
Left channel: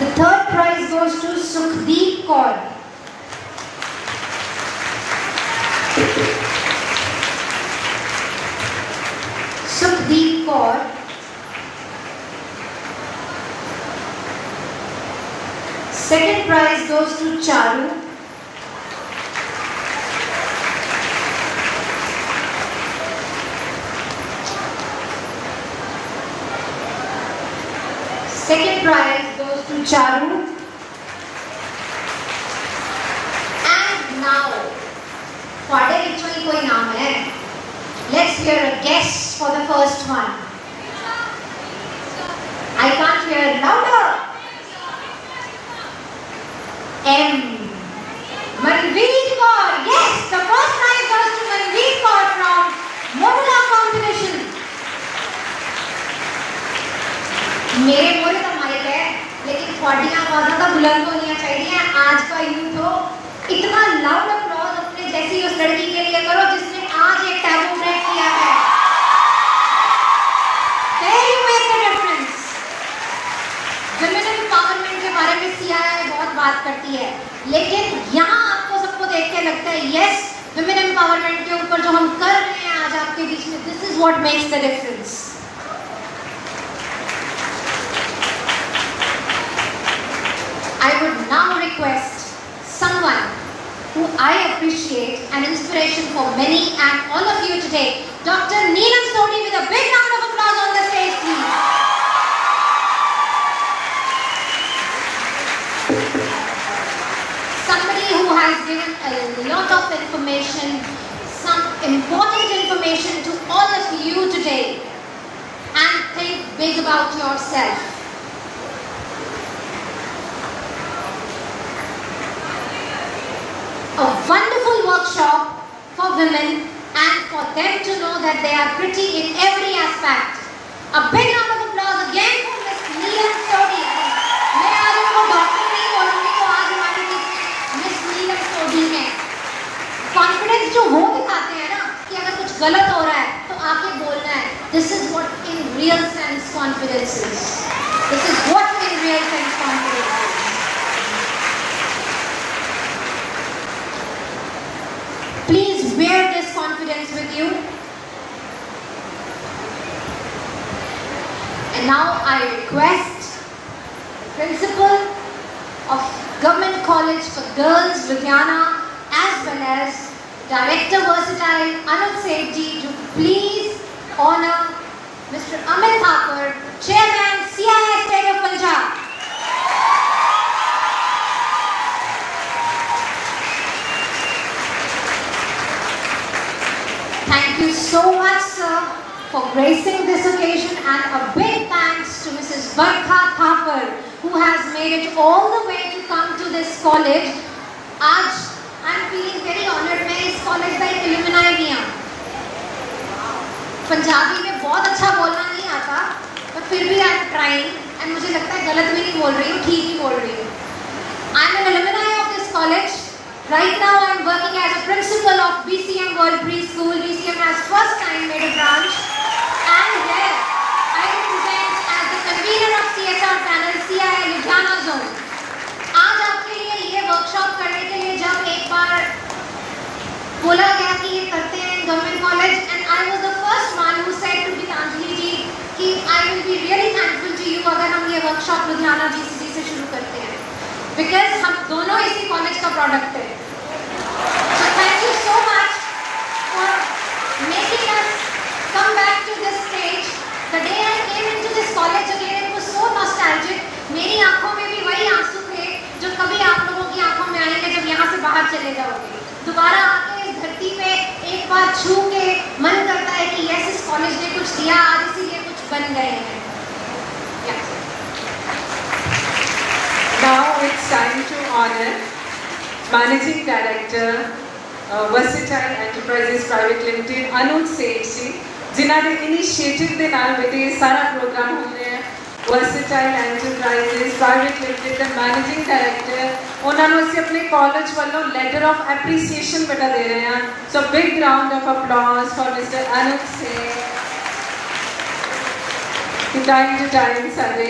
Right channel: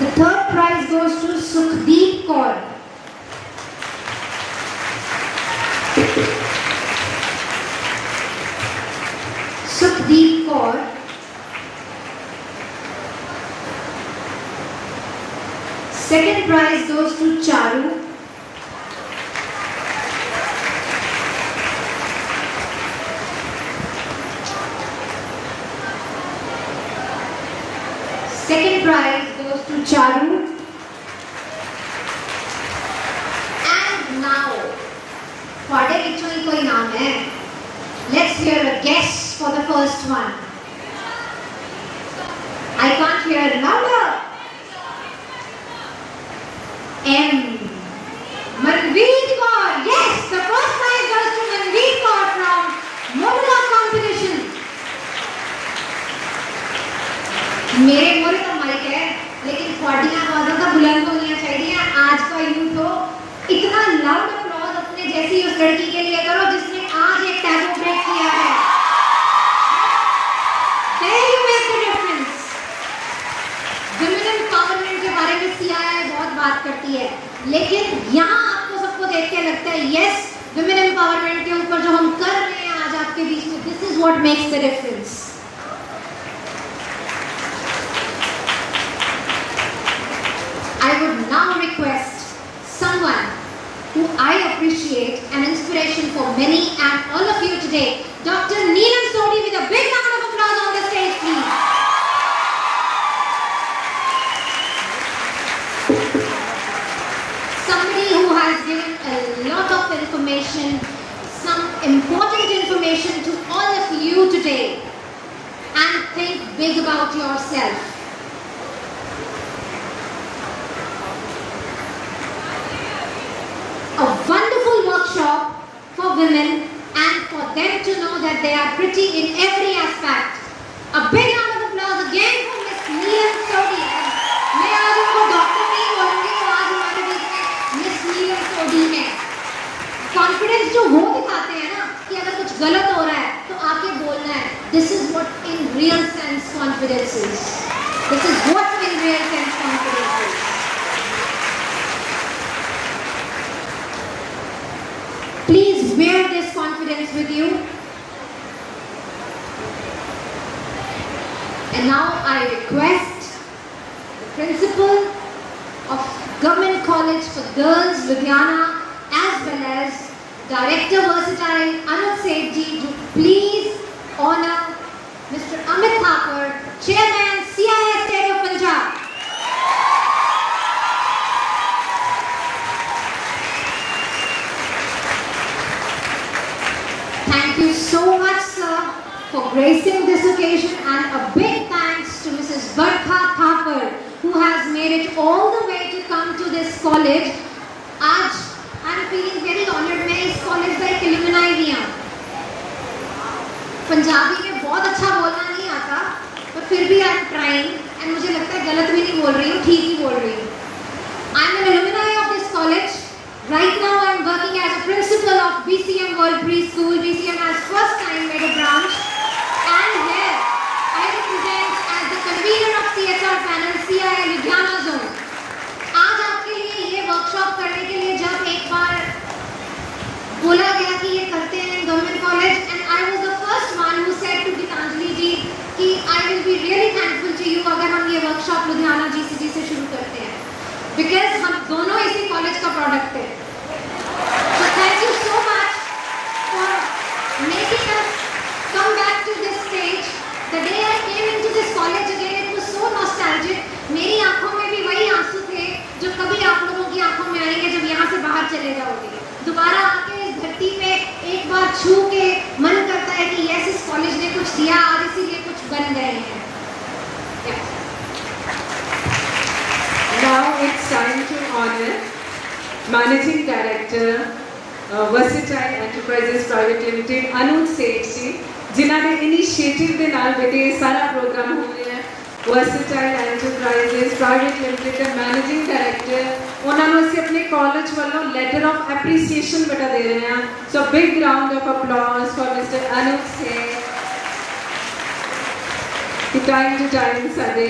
The third prize goes to Sukhdeep Kaur. Sukhdeep Kaur. Second prize goes to Charu. Second prize goes to Charu. And now, Fade Kichwai koi naam hai. Let's hear a guess for the first one. I can't hear louder. M. Manveer Kaur. Yes, the first prize goes to Manveer Kaur from Mohla competition. मेरे मोरे तो माइक है, लेकिन फॉडियां आवाज़ तो बुलंद होनी चाहिए। आज का यूथ हो, इतना लाउड अप्लॉज अपने जैसी उस लड़की के लिए करो जिसने आज एक टैबू ब्रेक किया है। There you make the difference. Women empowerment के बारे में CII बहुत बात करती है, लेकिन यहाँ आपको सबको देख के लगता है yes, women empowerment के ऊपर जो हम कर रहे हैं आज आपके बीच में, this is what makes the difference. I would now request someone who I appreciate, an inspiration for many and all of you today, Dr. Neelam Sodhi, with a big round of applause on the stage, please. Somebody who has given a lot of information, some important information to all of you today, and think big about yourself. A wonderful workshop for women and for them to know that they are pretty in every aspect. A big round of applause again for Miss Neelam Sodhi. मैं आज उनको डॉक्टर नहीं बोलूँगी, तो आज हमारे बीच मिस नीलम सोडी है। कॉन्फिडेंस जो वो दिखाते हैं ना कि अगर कुछ गलत हो रहा है तो आके बोलना है। This is what in real sense confidence is. This is what in real sense confidence is. Please wear this confidence with you. And now I request the principal of Govt College for Girls, Ludhiana, as well as Director Versatile, Anuj Sethi, to please honor Mr. Amit Thakur, Chairman, CII State of Punjab. Thank you so much, sir, for gracing this occasion, and a big thanks to Mrs. Govt Thakur, who has made it all the way to come to this college. आज I'm feeling very honored. मैं इस college का एक alumni भी हूँ. पंजाबी में बहुत अच्छा बोलना नहीं आता, but फिर भी I'm trying, and मुझे लगता है गलत भी नहीं बोल रही हूँ, ठीक ही बोल रही हूँ. I'm an alumni of this college. Right now I'm working as a principal of BCM World Preschool. BCM has first time made a branch, and here I represent as the convener of CSR panel CII Ludhiana zone. आज आपके लिए ये workshop करने के लिए जब एक बार बोला गया कि ये करते हैं Govt College, and I was the first one who said to Gitanjali ji कि I will be really thankful to you अगर हम ये workshop Ludhiana GCC से शुरू करते हैं, because हम दोनों इसी college का product हैं. So thank you so much for making us come back to this stage. The day I came into this college again, it was so nostalgic. मेरी आँखों में भी वही आंसू थे जो कभी आप लोगों की आँखों में आएंगे जब यहाँ से बाहर चले जाओगे. दोबारा आके इस धरती में एक बार छू के मन करता है कि यस, इस कॉलेज ने कुछ दिया, आज इसीलिए कुछ बन गए हैं. Now it's time to honor Managing Director, Versatile Enterprises Private Limited, Anuj Sethi, जिन्हों ने इनिशिएटिव के नाल बेटे ये सारा प्रोग्राम होने हैं. Versatile Enterprises Private Limited के मैनेजिंग डायरेक्टर, उन्होंने असीं अपने कॉलेज वालों लेटर ऑफ एप्रीसीएशन बेटा दे रहे हैं. So big round of applause for Mr Anuj Seth. Time to time सारे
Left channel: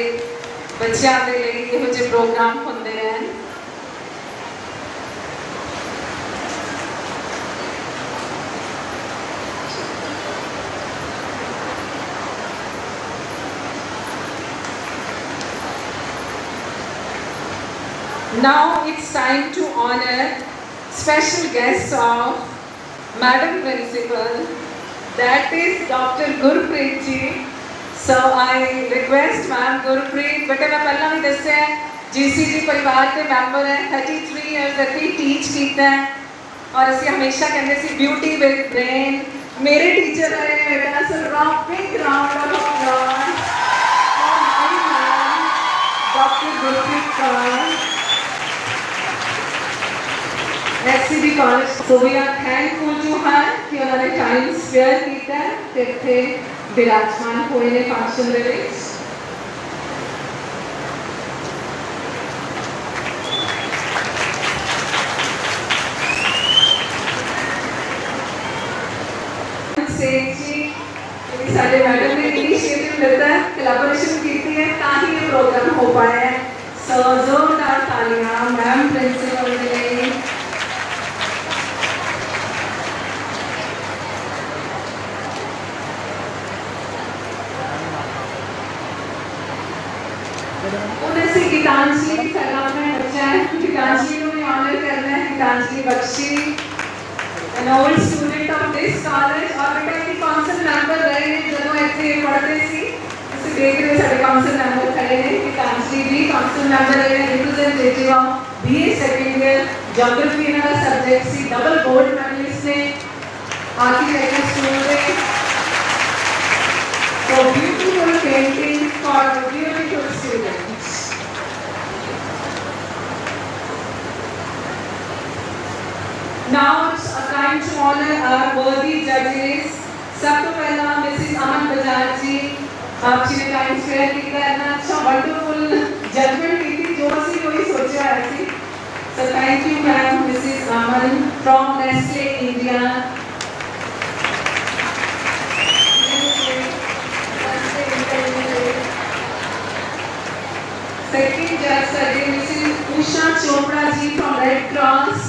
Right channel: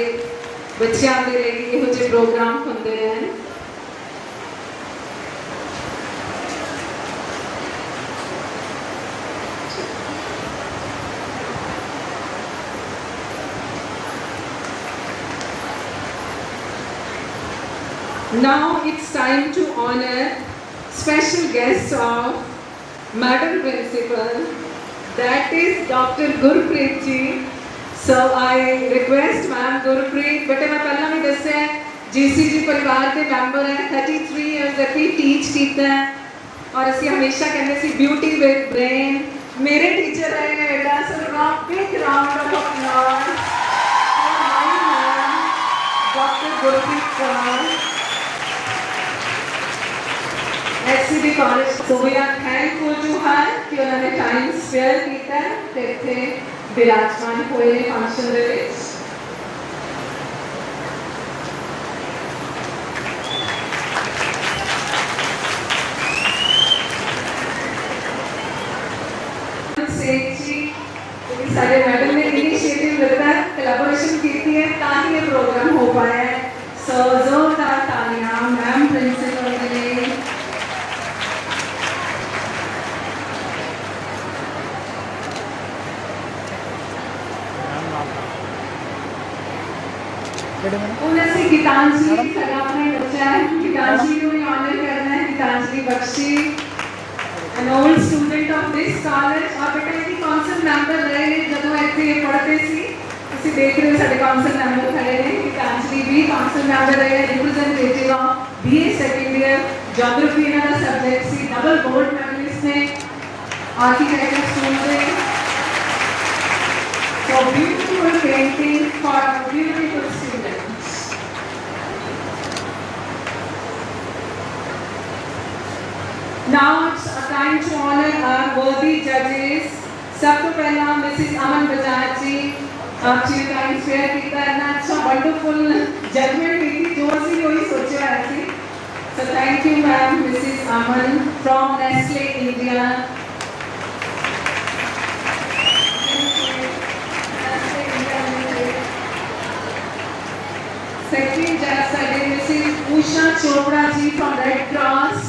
ਬੱਚਿਆਂ ਦੇ ਲਈ ਇਹੋ ਜਿਹੇ ਪ੍ਰੋਗਰਾਮ ਹੁੰਦੇ ਰਹਿਣ। Now it's time to honor special guest of Madam Principal, that is Dr. Gurpreet ji. So I request Madam Gurpreet, bete मैं पहला भी दस्या है GCG परिवार के member हैं, 33 years तक teach कीता है और ਅਸੀਂ हमेशा कहते सी beauty with brain। मेरे teacher हैं, that's a big round of applause Dr. Gurpreet sir। SCB College, so we are thankful to her कि उन्होंने time spare किया ते इत्थे विराजमान होए ने फंक्शन दे विच। सारे मैडम ने इनिशिएटिव लेकर कोलैबोरेशन की है ताकि ये प्रोग्राम हो पाया है। सो जोरदार तालियां मैम प्रिंसिपल के लिए। उनसे गीतांजलि की सलाम में बच्चा है, गीतांजलि को भी ऑनर करना है। गीतांजलि Bakshi, an old student of this college और बेटा एक काउंसिल मेंबर रहे हैं जब वो ऐसे पढ़ते सी इसे देख रहे सारे काउंसिल मेंबर खड़े हैं। गीतांजलि भी काउंसिल मेंबर रहे हैं, representative of BA second year geography ना सब्जेक्ट सी, डबल गोल्ड मेडलिस्ट ने आर्किटेक्चर स्कूल में। So beautiful painting for beautiful students. Now it's time to honor our worthy judges. सबसे पहला Mrs. अमन बजाज जी, आपने टाइम स्पेयर किया है ना, अच्छा wonderful judgment की थी जो सी कोई सोचा ऐसी। So thank you ma'am, Mrs. Aman from Nestle India. Second judge today, Mrs. Usha Chopra ji from Red Cross.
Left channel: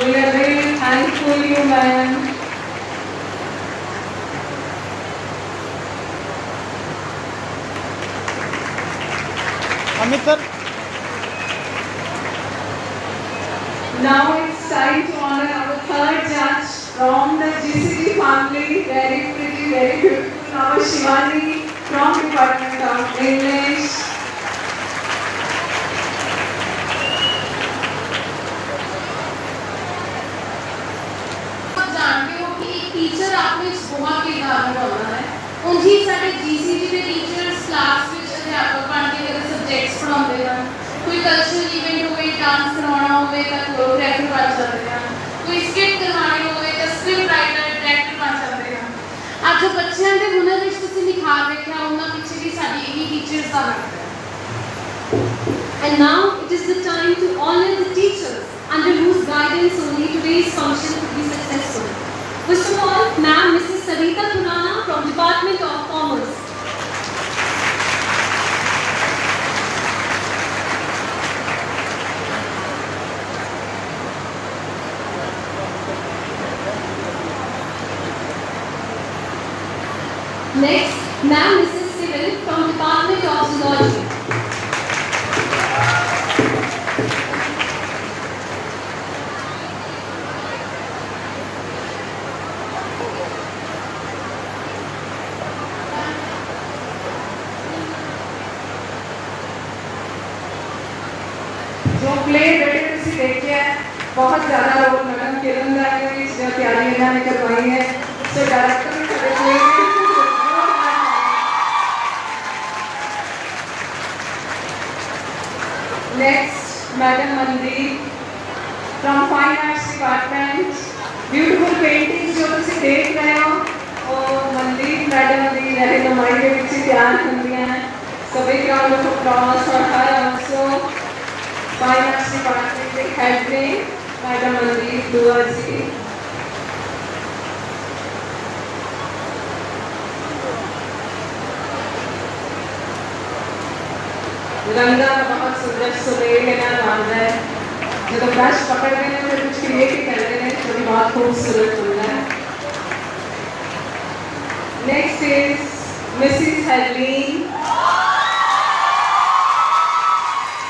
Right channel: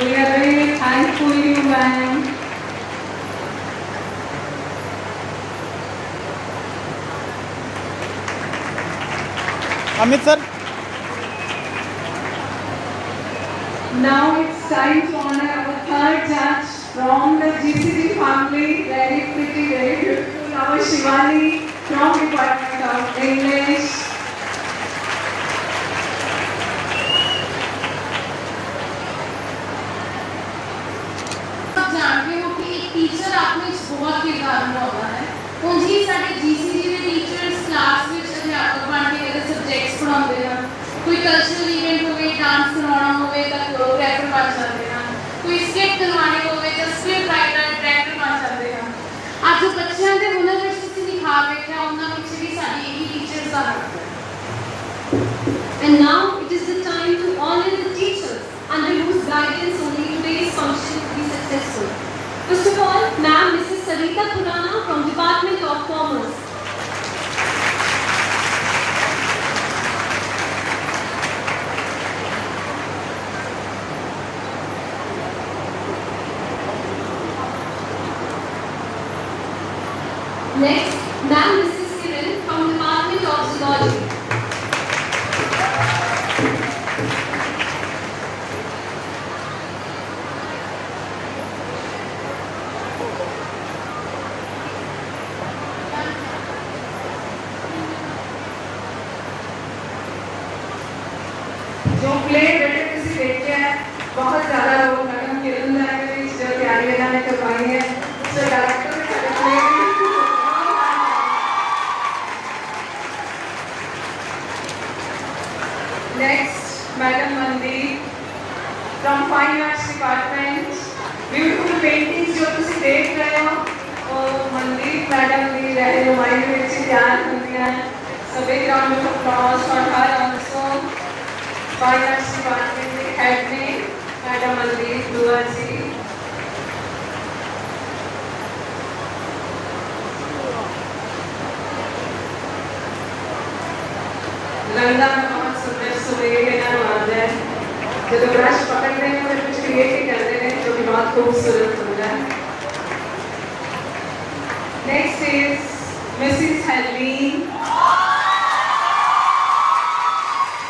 We are very thankful to you, ma'am. Amit sir. Now it's time to honor our third judge from the GCD family. Very pretty, very beautiful. Our Shivani from Department of English. Teacher आपने बहुत किरदार निभाया है। उनकी साडे GCG ਦੇ teachers class ਵਿੱਚ ਅਧਿਆਪਕ ਬਣ ਕੇ ਅਗਰ ਸਬਜੈਕਟਸ ਪੜਾਉਂਦੇ ਹਨ, ਕੋਈ ਕਲਚਰਲ ਇਵੈਂਟ ਹੋਵੇ, ਡਾਂਸ ਕਰਵਾਉਣਾ ਹੋਵੇ ਤਾਂ ਕੋਰੀਓਗ੍ਰਾਫਰ ਬਣ ਸਕਦੇ ਹਨ, ਕੋਈ ਸਕਿੱਟ ਕਰਵਾਉਣੀ ਹੋਵੇ ਤਾਂ ਸਕ੍ਰਿਪਟ ਰਾਈਟਰ, ਡਾਇਰੈਕਟਰ ਬਣ ਸਕਦੇ ਹਨ। ਅੱਜ ਬੱਚਿਆਂ ਦੇ ਹੁਨਰ ਵਿੱਚ ਤੁਸੀਂ ਨਿਖਾਰ ਵੇਖਿਆ, ਉਹਨਾਂ ਵਿੱਚ ਵੀ ਸਾਡੀ ਇਹੀ ਟੀਚਰਸ ਦਾ ਹੱਥ ਹੈ। And now it is the time to honor the teachers under whose guidance only today's function will be successful. First of all, Ma'am Mrs. Sarita Khurana from Department of Commerce. Next, Ma'am Mrs. Kiran from Department of Zoology. जो प्ले बैठे तुसी देखते हैं, बहुत ज़्यादा लोग मैडम किरण दा ने भी इसमें तैयारी इन्होंने करवाई है। सो डायरेक्टर भी सारे play next madam Mandeep from fine arts department. Beautiful painting जो तुसी देख रहे हो वो मनदीप मैडम दी रहनुमाई में तैयार होंदी हैं। सभी round of applause for her also. Fine arts department के एडमिन मैडम मनदीप दुआ जी। गंदा बहुत सुंदर सुरेला आता है जब ब्रश पकड़ रहे हैं तो कुछ क्रिएट करते हैं तो भी बहुत खूबसूरत होता है. Next is Mrs. Helene.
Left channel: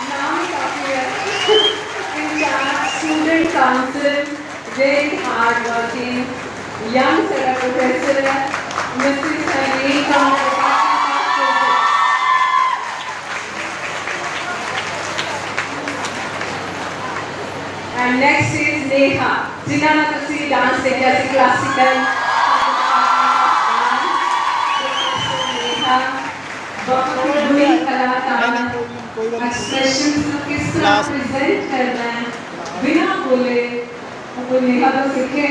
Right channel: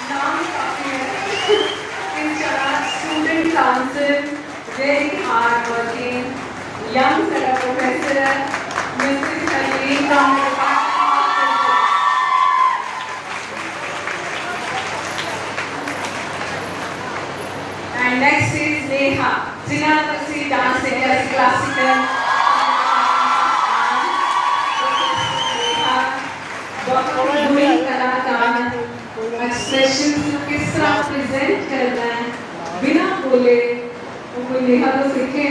Now in charge student council, very hardworking, young professor, Mrs. Helene from the And next is Neha. जिन्हें ਅਸੀਂ डांस देखा सी क्लासिकल बहुत कलाकार एक्सप्रेशन को किस तरह प्रेजेंट करना है बिना बोले वो नेहा तो सीखे.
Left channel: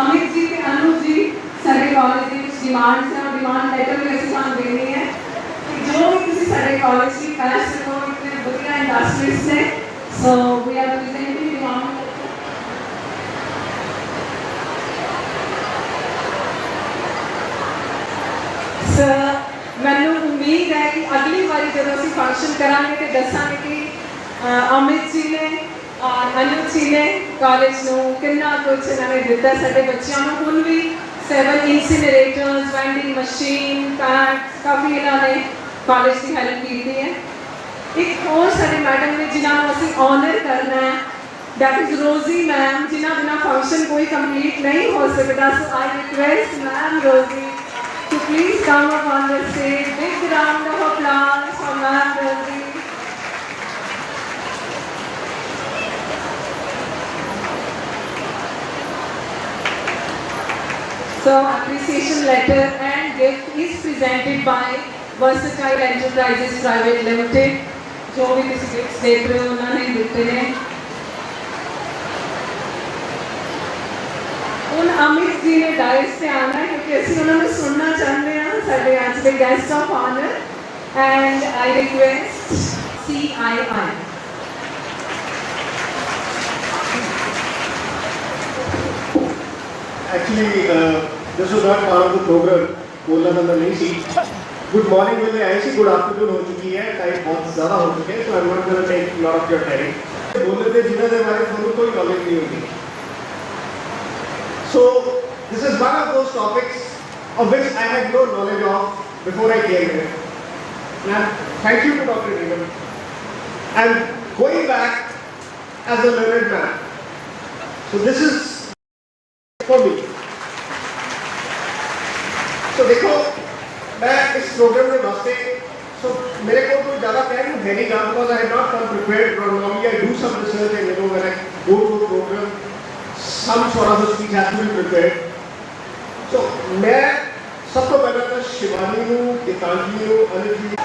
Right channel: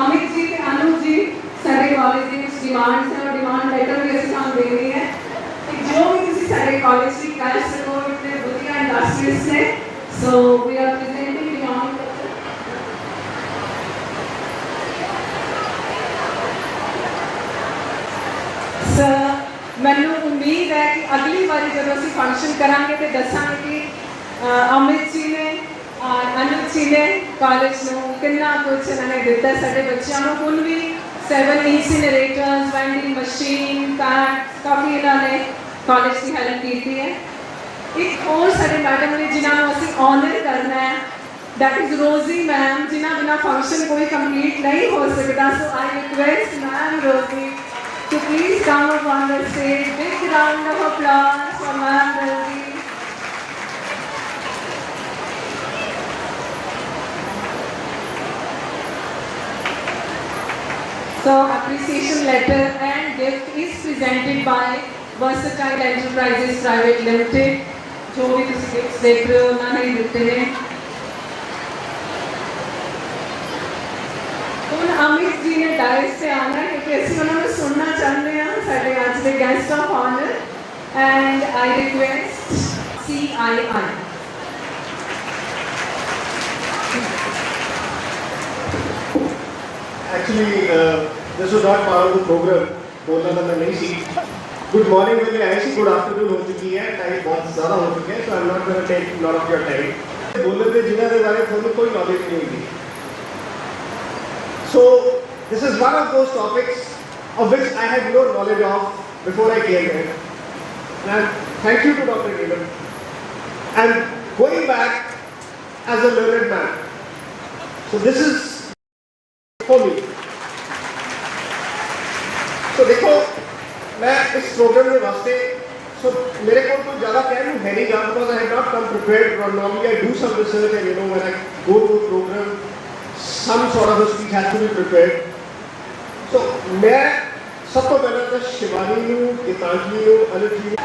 अमित जी ते अनु जी सारे कॉलेज की कुछ डिमांड्स हैं डिमांड लेटर भी ਅਸੀਂ ਤੁਹਾਨੂੰ ਦੇਣੀ ਹੈ ਕਿ ਜੋ ਵੀ ਤੁਸੀਂ ਸਾਡੇ ਕਾਲਜ ਦੀ ਪੈਸ ਕਰੋ ਇਤਨੇ ਵਧੀਆ ਇੰਡਸਟਰੀਜ਼ ਨੇ so we are presenting demand. Sir ਮੈਨੂੰ ਉਮੀਦ ਹੈ ਕਿ ਅਗਲੀ ਵਾਰੀ ਜਦੋਂ ਅਸੀਂ ਫੰਕਸ਼ਨ ਕਰਾਂਗੇ ਤੇ ਦੱਸਾਂਗੇ ਕਿ ਅਮਿਤ ਜੀ ਨੇ ਅਨੁਜ ਜੀ ਨੇ ਕਾਲਜ ਨੂੰ ਕਿੰਨਾ ਕੁਝ ਇਹਨਾਂ ਨੇ ਦਿੱਤਾ ਸਾਡੇ ਬੱਚਿਆਂ ਨੂੰ. ਹੁਣ ਵੀ 7 ਇਨਸੀਨਰੇਟਰਸ ਵੈਂਡਿੰਗ ਮਸ਼ੀਨ ਕਾਫੀ ਇਹਨਾਂ ਨੇ ਕਾਲਜ ਦੀ ਹੈਲਪ ਕੀਤੀ ਹੈ. ਇੱਕ ਹੋਰ ਸਾਡੇ ਮੈਡਮ ਨੇ ਜਿਨ੍ਹਾਂ ਨੂੰ ਅਸੀਂ ਆਨਰ ਕਰਨਾ ਹੈ that is Rosie ma'am ਜਿਨ੍ਹਾਂ ਬਿਨਾਂ ਫੰਕਸ਼ਨ ਕੋਈ ਕੰਪਲੀਟ ਨਹੀਂ ਹੋ ਸਕਦਾ. ਸੋ I request ma'am Rosie to please come up on the stage. Big round of applause for ma'am Rosie. So appreciation letter and gift is presented by Versatile Enterprises Private Limited. जो भी किसी गिफ्ट देख रहे हो उन्होंने दिते हैं. उन अमित जी ने डायस से आना है क्योंकि ਅਸੀਂ ਉਹਨਾਂ ਨੂੰ ਸੁਣਨਾ ਚਾਹੁੰਦੇ ਹਾਂ ਸਾਡੇ ਅੱਜ ਦੇ guest of honour and I request CII. Actually, this was not part of the program. बोलना तो मैं नहीं सी. Good morning में आए सी. Good afternoon हो चुकी है. टाइम बहुत ज़्यादा हो चुके हैं. So I'm not going to take a lot of your time. बोलने पे जिन्हें के बारे में कोई knowledge नहीं होगी. So this is one of those topics of which I had no knowledge of before I came here. And thank you to Dr. Neelam. And going back as a learned man. So this is for me. तो देखो मैं इस प्रोग्राम में वास्ते मेरे को तो ज़्यादा कहना है नहीं गा because I have not come prepared from normally I do some research and you know when I go to a program some sort of a speech has to be prepared. So मैं सब तो पहले तो शिवानी हूँ, गीतांजलि हूँ, अनिल जी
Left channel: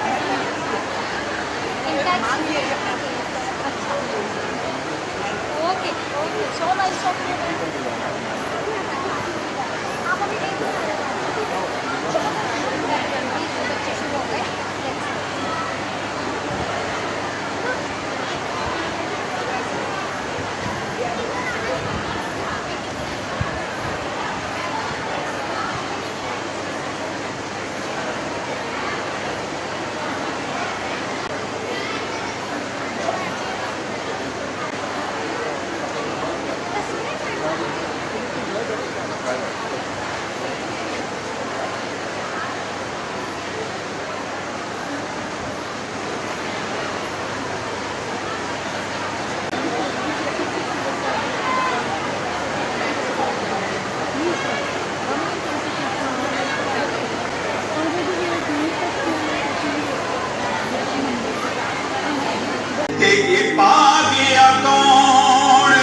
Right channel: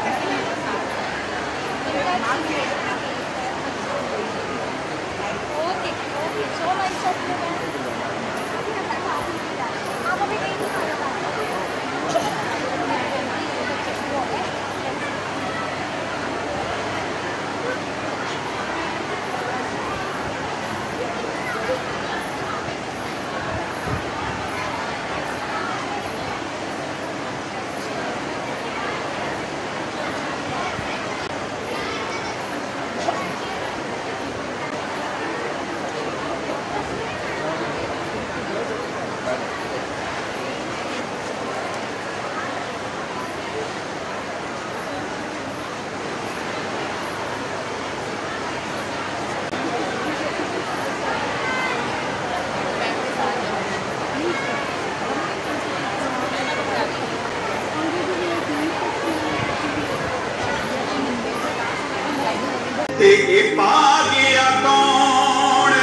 तेरे पागिया कौन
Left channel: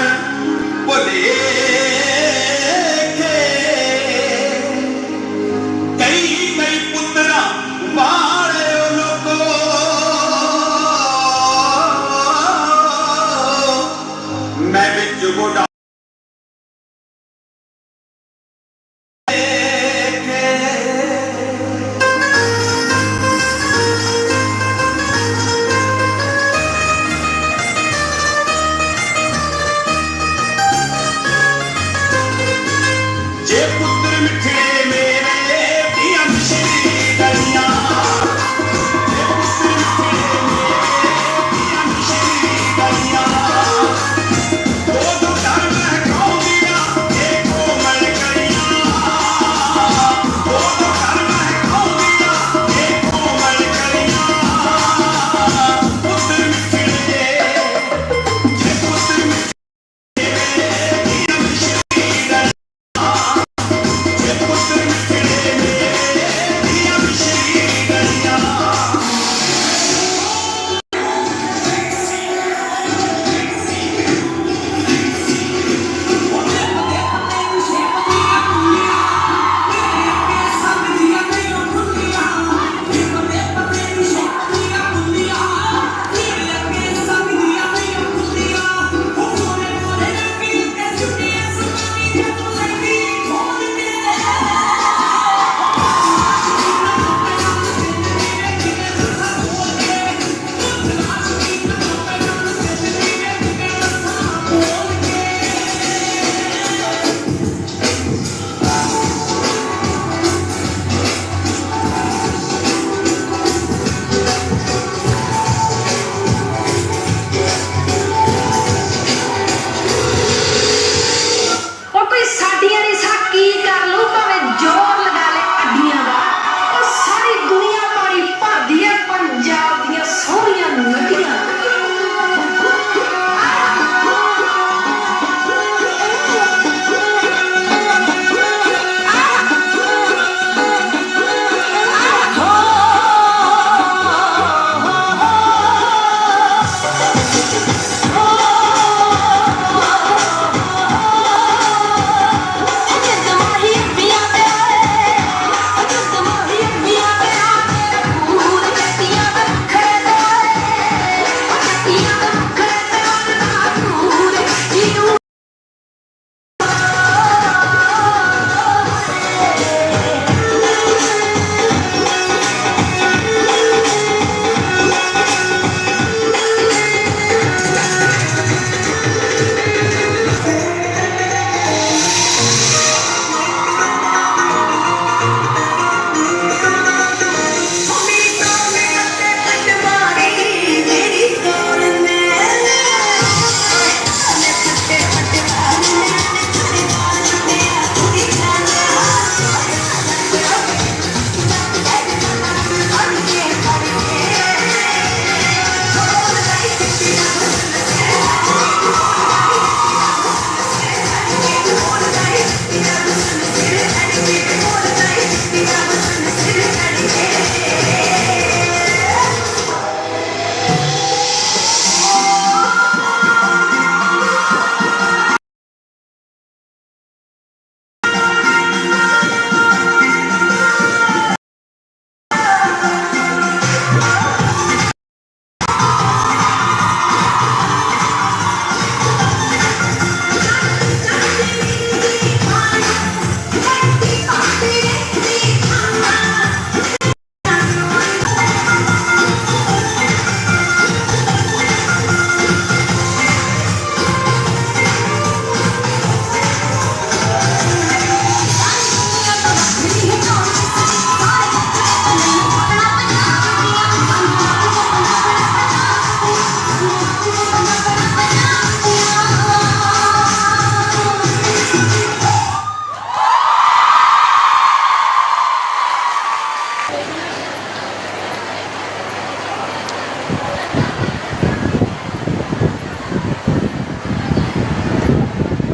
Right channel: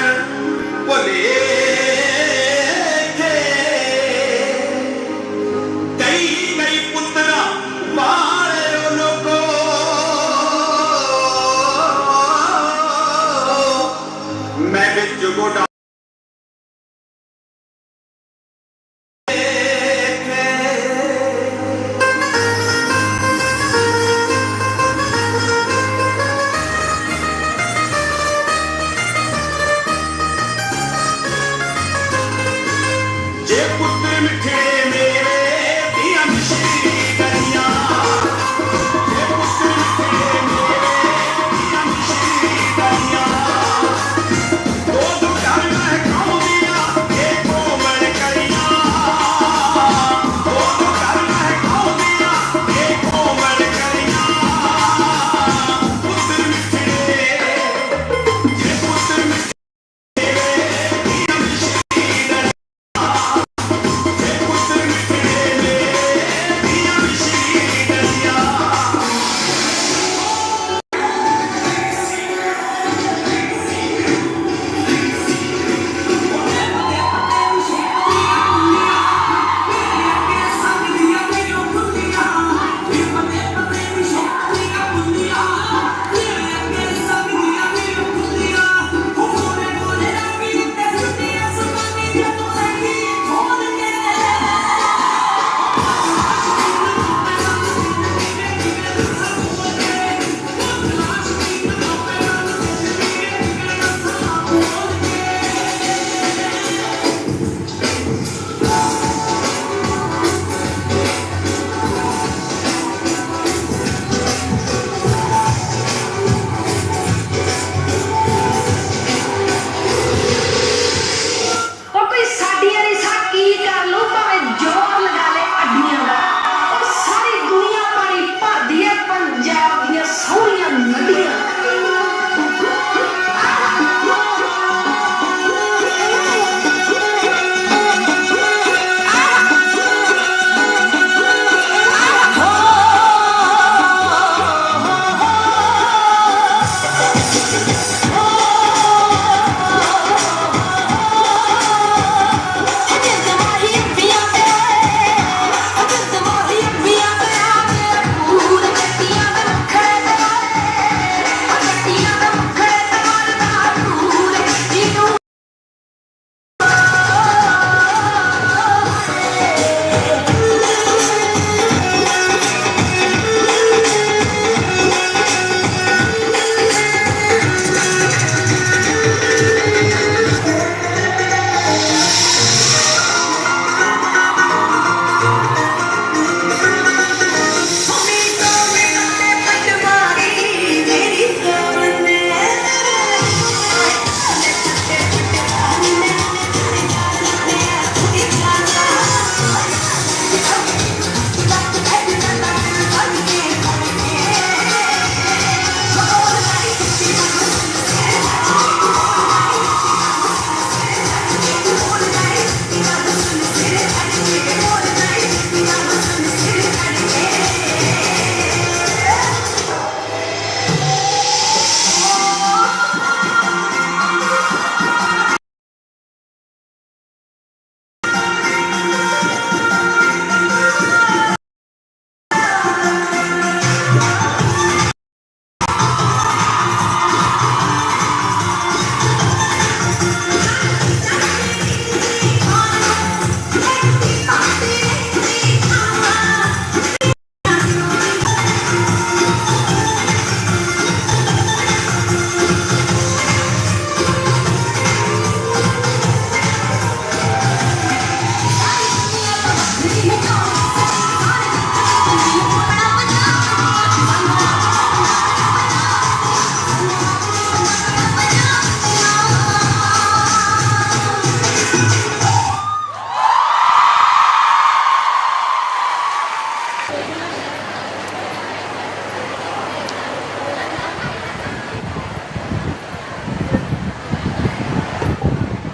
वो देखे कई कई पुत्रा वाले लोगो मैं बिच गोड़ा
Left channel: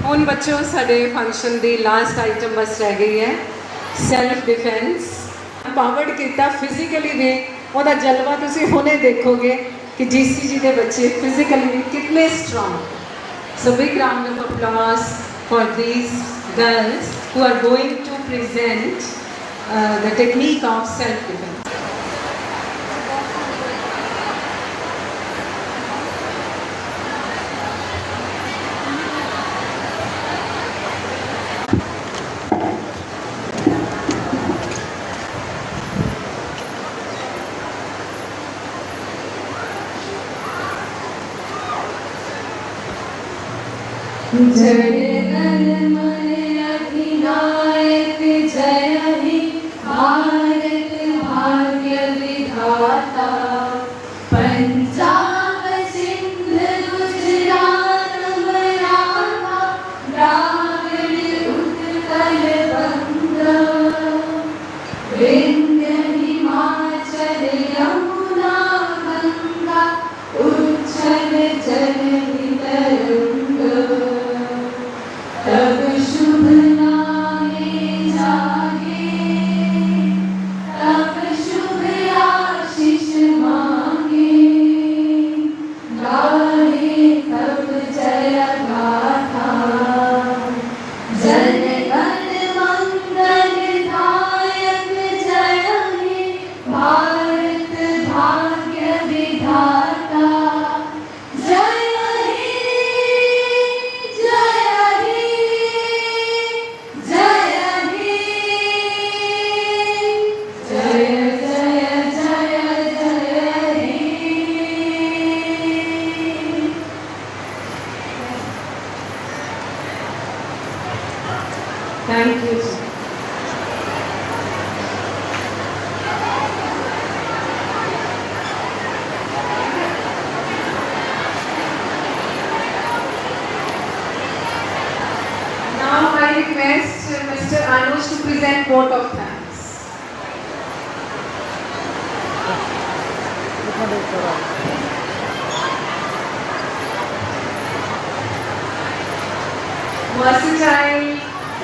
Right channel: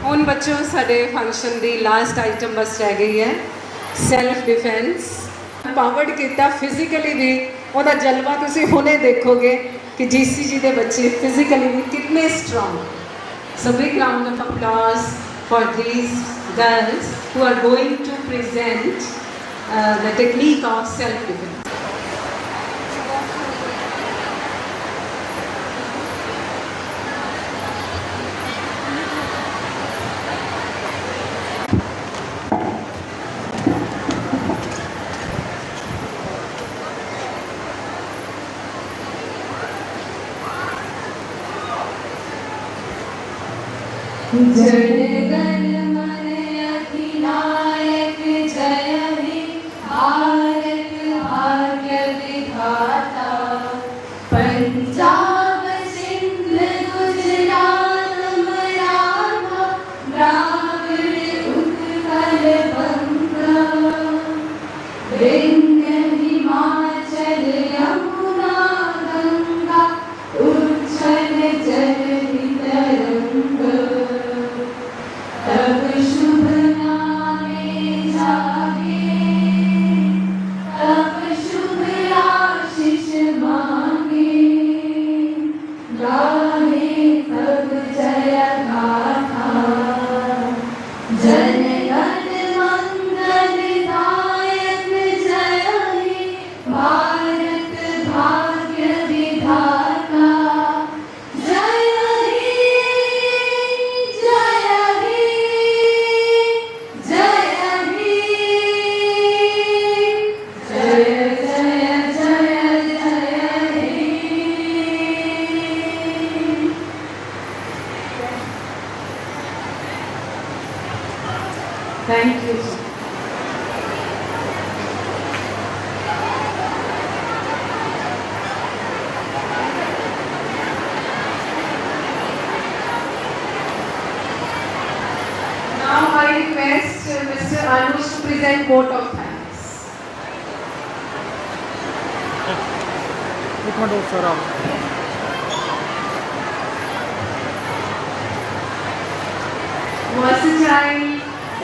ਹੁਣ ਬੱਚੋ ਸਾਡੇ ਫੰਕਸ਼ਨ ਦੀ ਲਾਸਟ ਆਈਟਮ ਬਸ ਰਹਿ ਗਈ ਹੈ ਸੈਲਫ ਡਿਫੈਂਸ ਪਾਵਰਡ ਕੀਤਾ ਫਿਜ਼ੀਕਲੀ ਵੀ ਉਹਦਾ ਜਲਵਾ ਤੁਸੀਂ ਹੁਣੇ ਦੇਖੋਗੇ ਕਿ GCG ਦੇ ਬੱਚੇ ਫਿਜ਼ੀਕਲੀ ਵੀ ਕਿੰਨੇ ਸਟਰੋਂਗ ਸੋ big round of applause for these girls who are going to present the technique of self-defense. Thank you. Now I request Mr. Anush to present vote of thanks. Mercy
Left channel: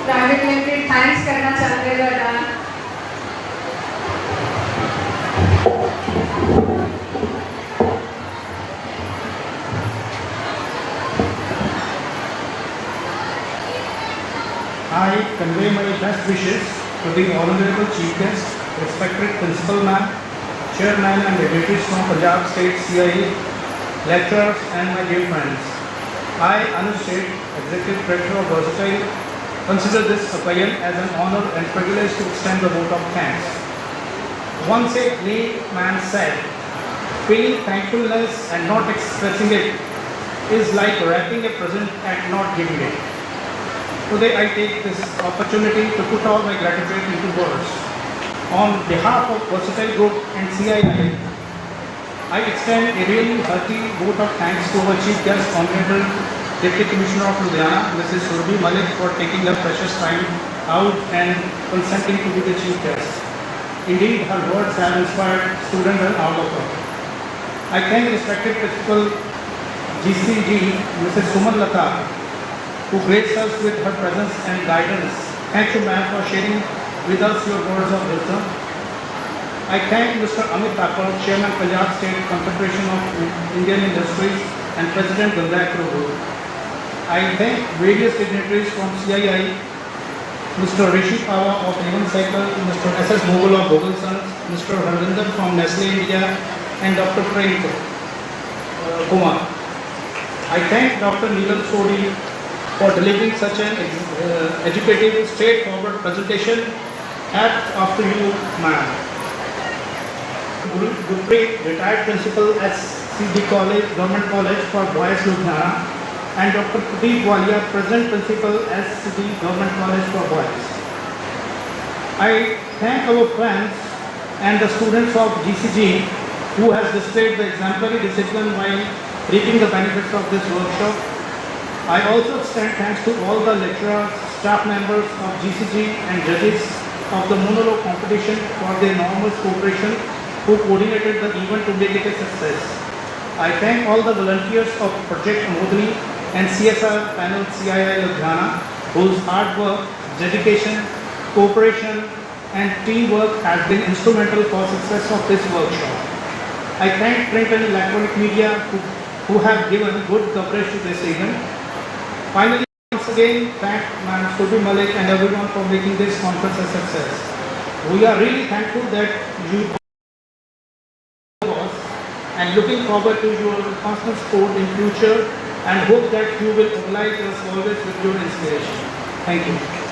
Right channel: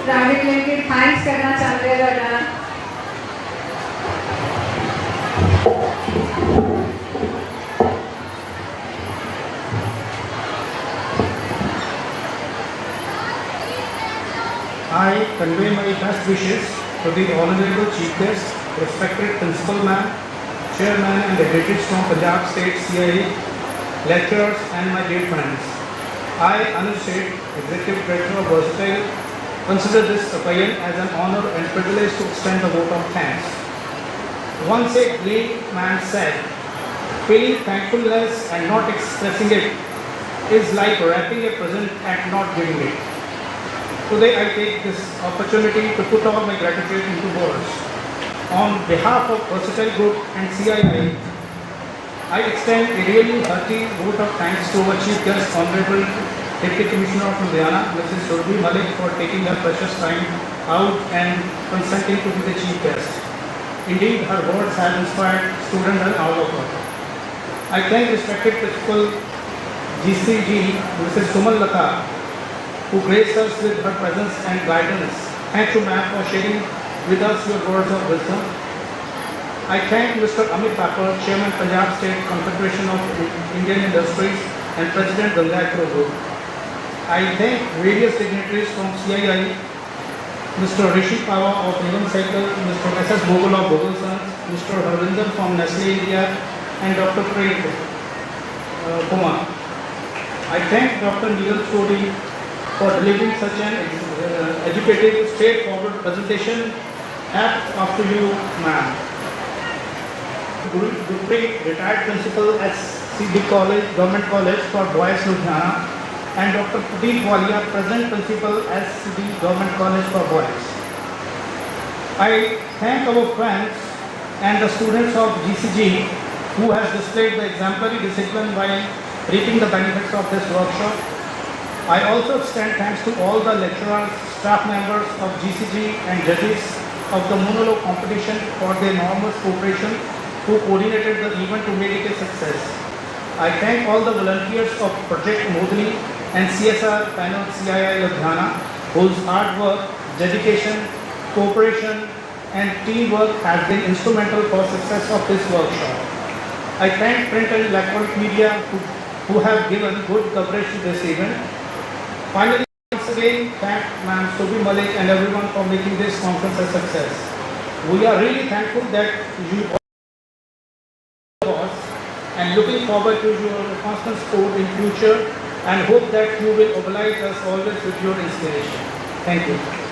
private limited thanks करना चाहते हैं ਤੁਹਾਡਾ I convey my best wishes to the honorable chief guest, respected principal ma'am, chairman and delegates from Punjab State CIA, lecturers and my dear friends. I, Anush Seth, Executive Director of Versatile, consider this occasion as an honor and privilege to extend the vote of thanks. Once a great man said, feeling thankfulness and not expressing it is like wrapping a present and not giving it. Today I take this opportunity to put all my gratitude into words. On behalf of Versatile Group and CII, I extend a really hearty vote of thanks to our Chief Guest, Honorable Deputy Commissioner of Ludhiana, Mrs. Surabhi Malik, for taking her precious time out and consenting to be the Chief Guest. Indeed, her words have inspired students and all of us. I thank respected Principal GCG, Mrs. Suman Lata, who graced us with her presence and guidance. Thank you, ma'am, for sharing with us your words of wisdom. I thank Mr. Amit Thakur, Chairman, Punjab State Confederation of Indian Industries and President Govt College. I thank various dignitaries from CII, Mr. Rishi Pawa of Avon Cycle, Mr. S.S. Mogul of Google Sons, Mr. Ravinder from Nestle India, and Dr. Prem Kumar. I thank Dr. Neelam Sodi for delivering such an educative, straightforward presentation. Hats off to you, ma'am. Gupri, retired principal at CD College, Govt College for Boys, Ludhiana, and Dr. Pradeep Walia, present principal at CD Govt College for Boys. I thank our friends and the students of GCG who has displayed the exemplary discipline while reaping the benefits of this workshop. I also extend thanks to all the lecturers, staff members of GCG and judges of the monologue competition for their enormous cooperation who coordinated the event to make it a success. I thank all the volunteers of Project Amodini and CSR panel CII Ludhiana, whose hard work, dedication, cooperation and teamwork has been instrumental for success of this workshop. I thank print and electronic media who have given good coverage to this event. Finally, once again, thank Ma'am Stobi Malik and everyone for making this conference a success. We are really thankful that you and looking forward to your constant support in future and hope that you will oblige us always with your inspiration. Thank you.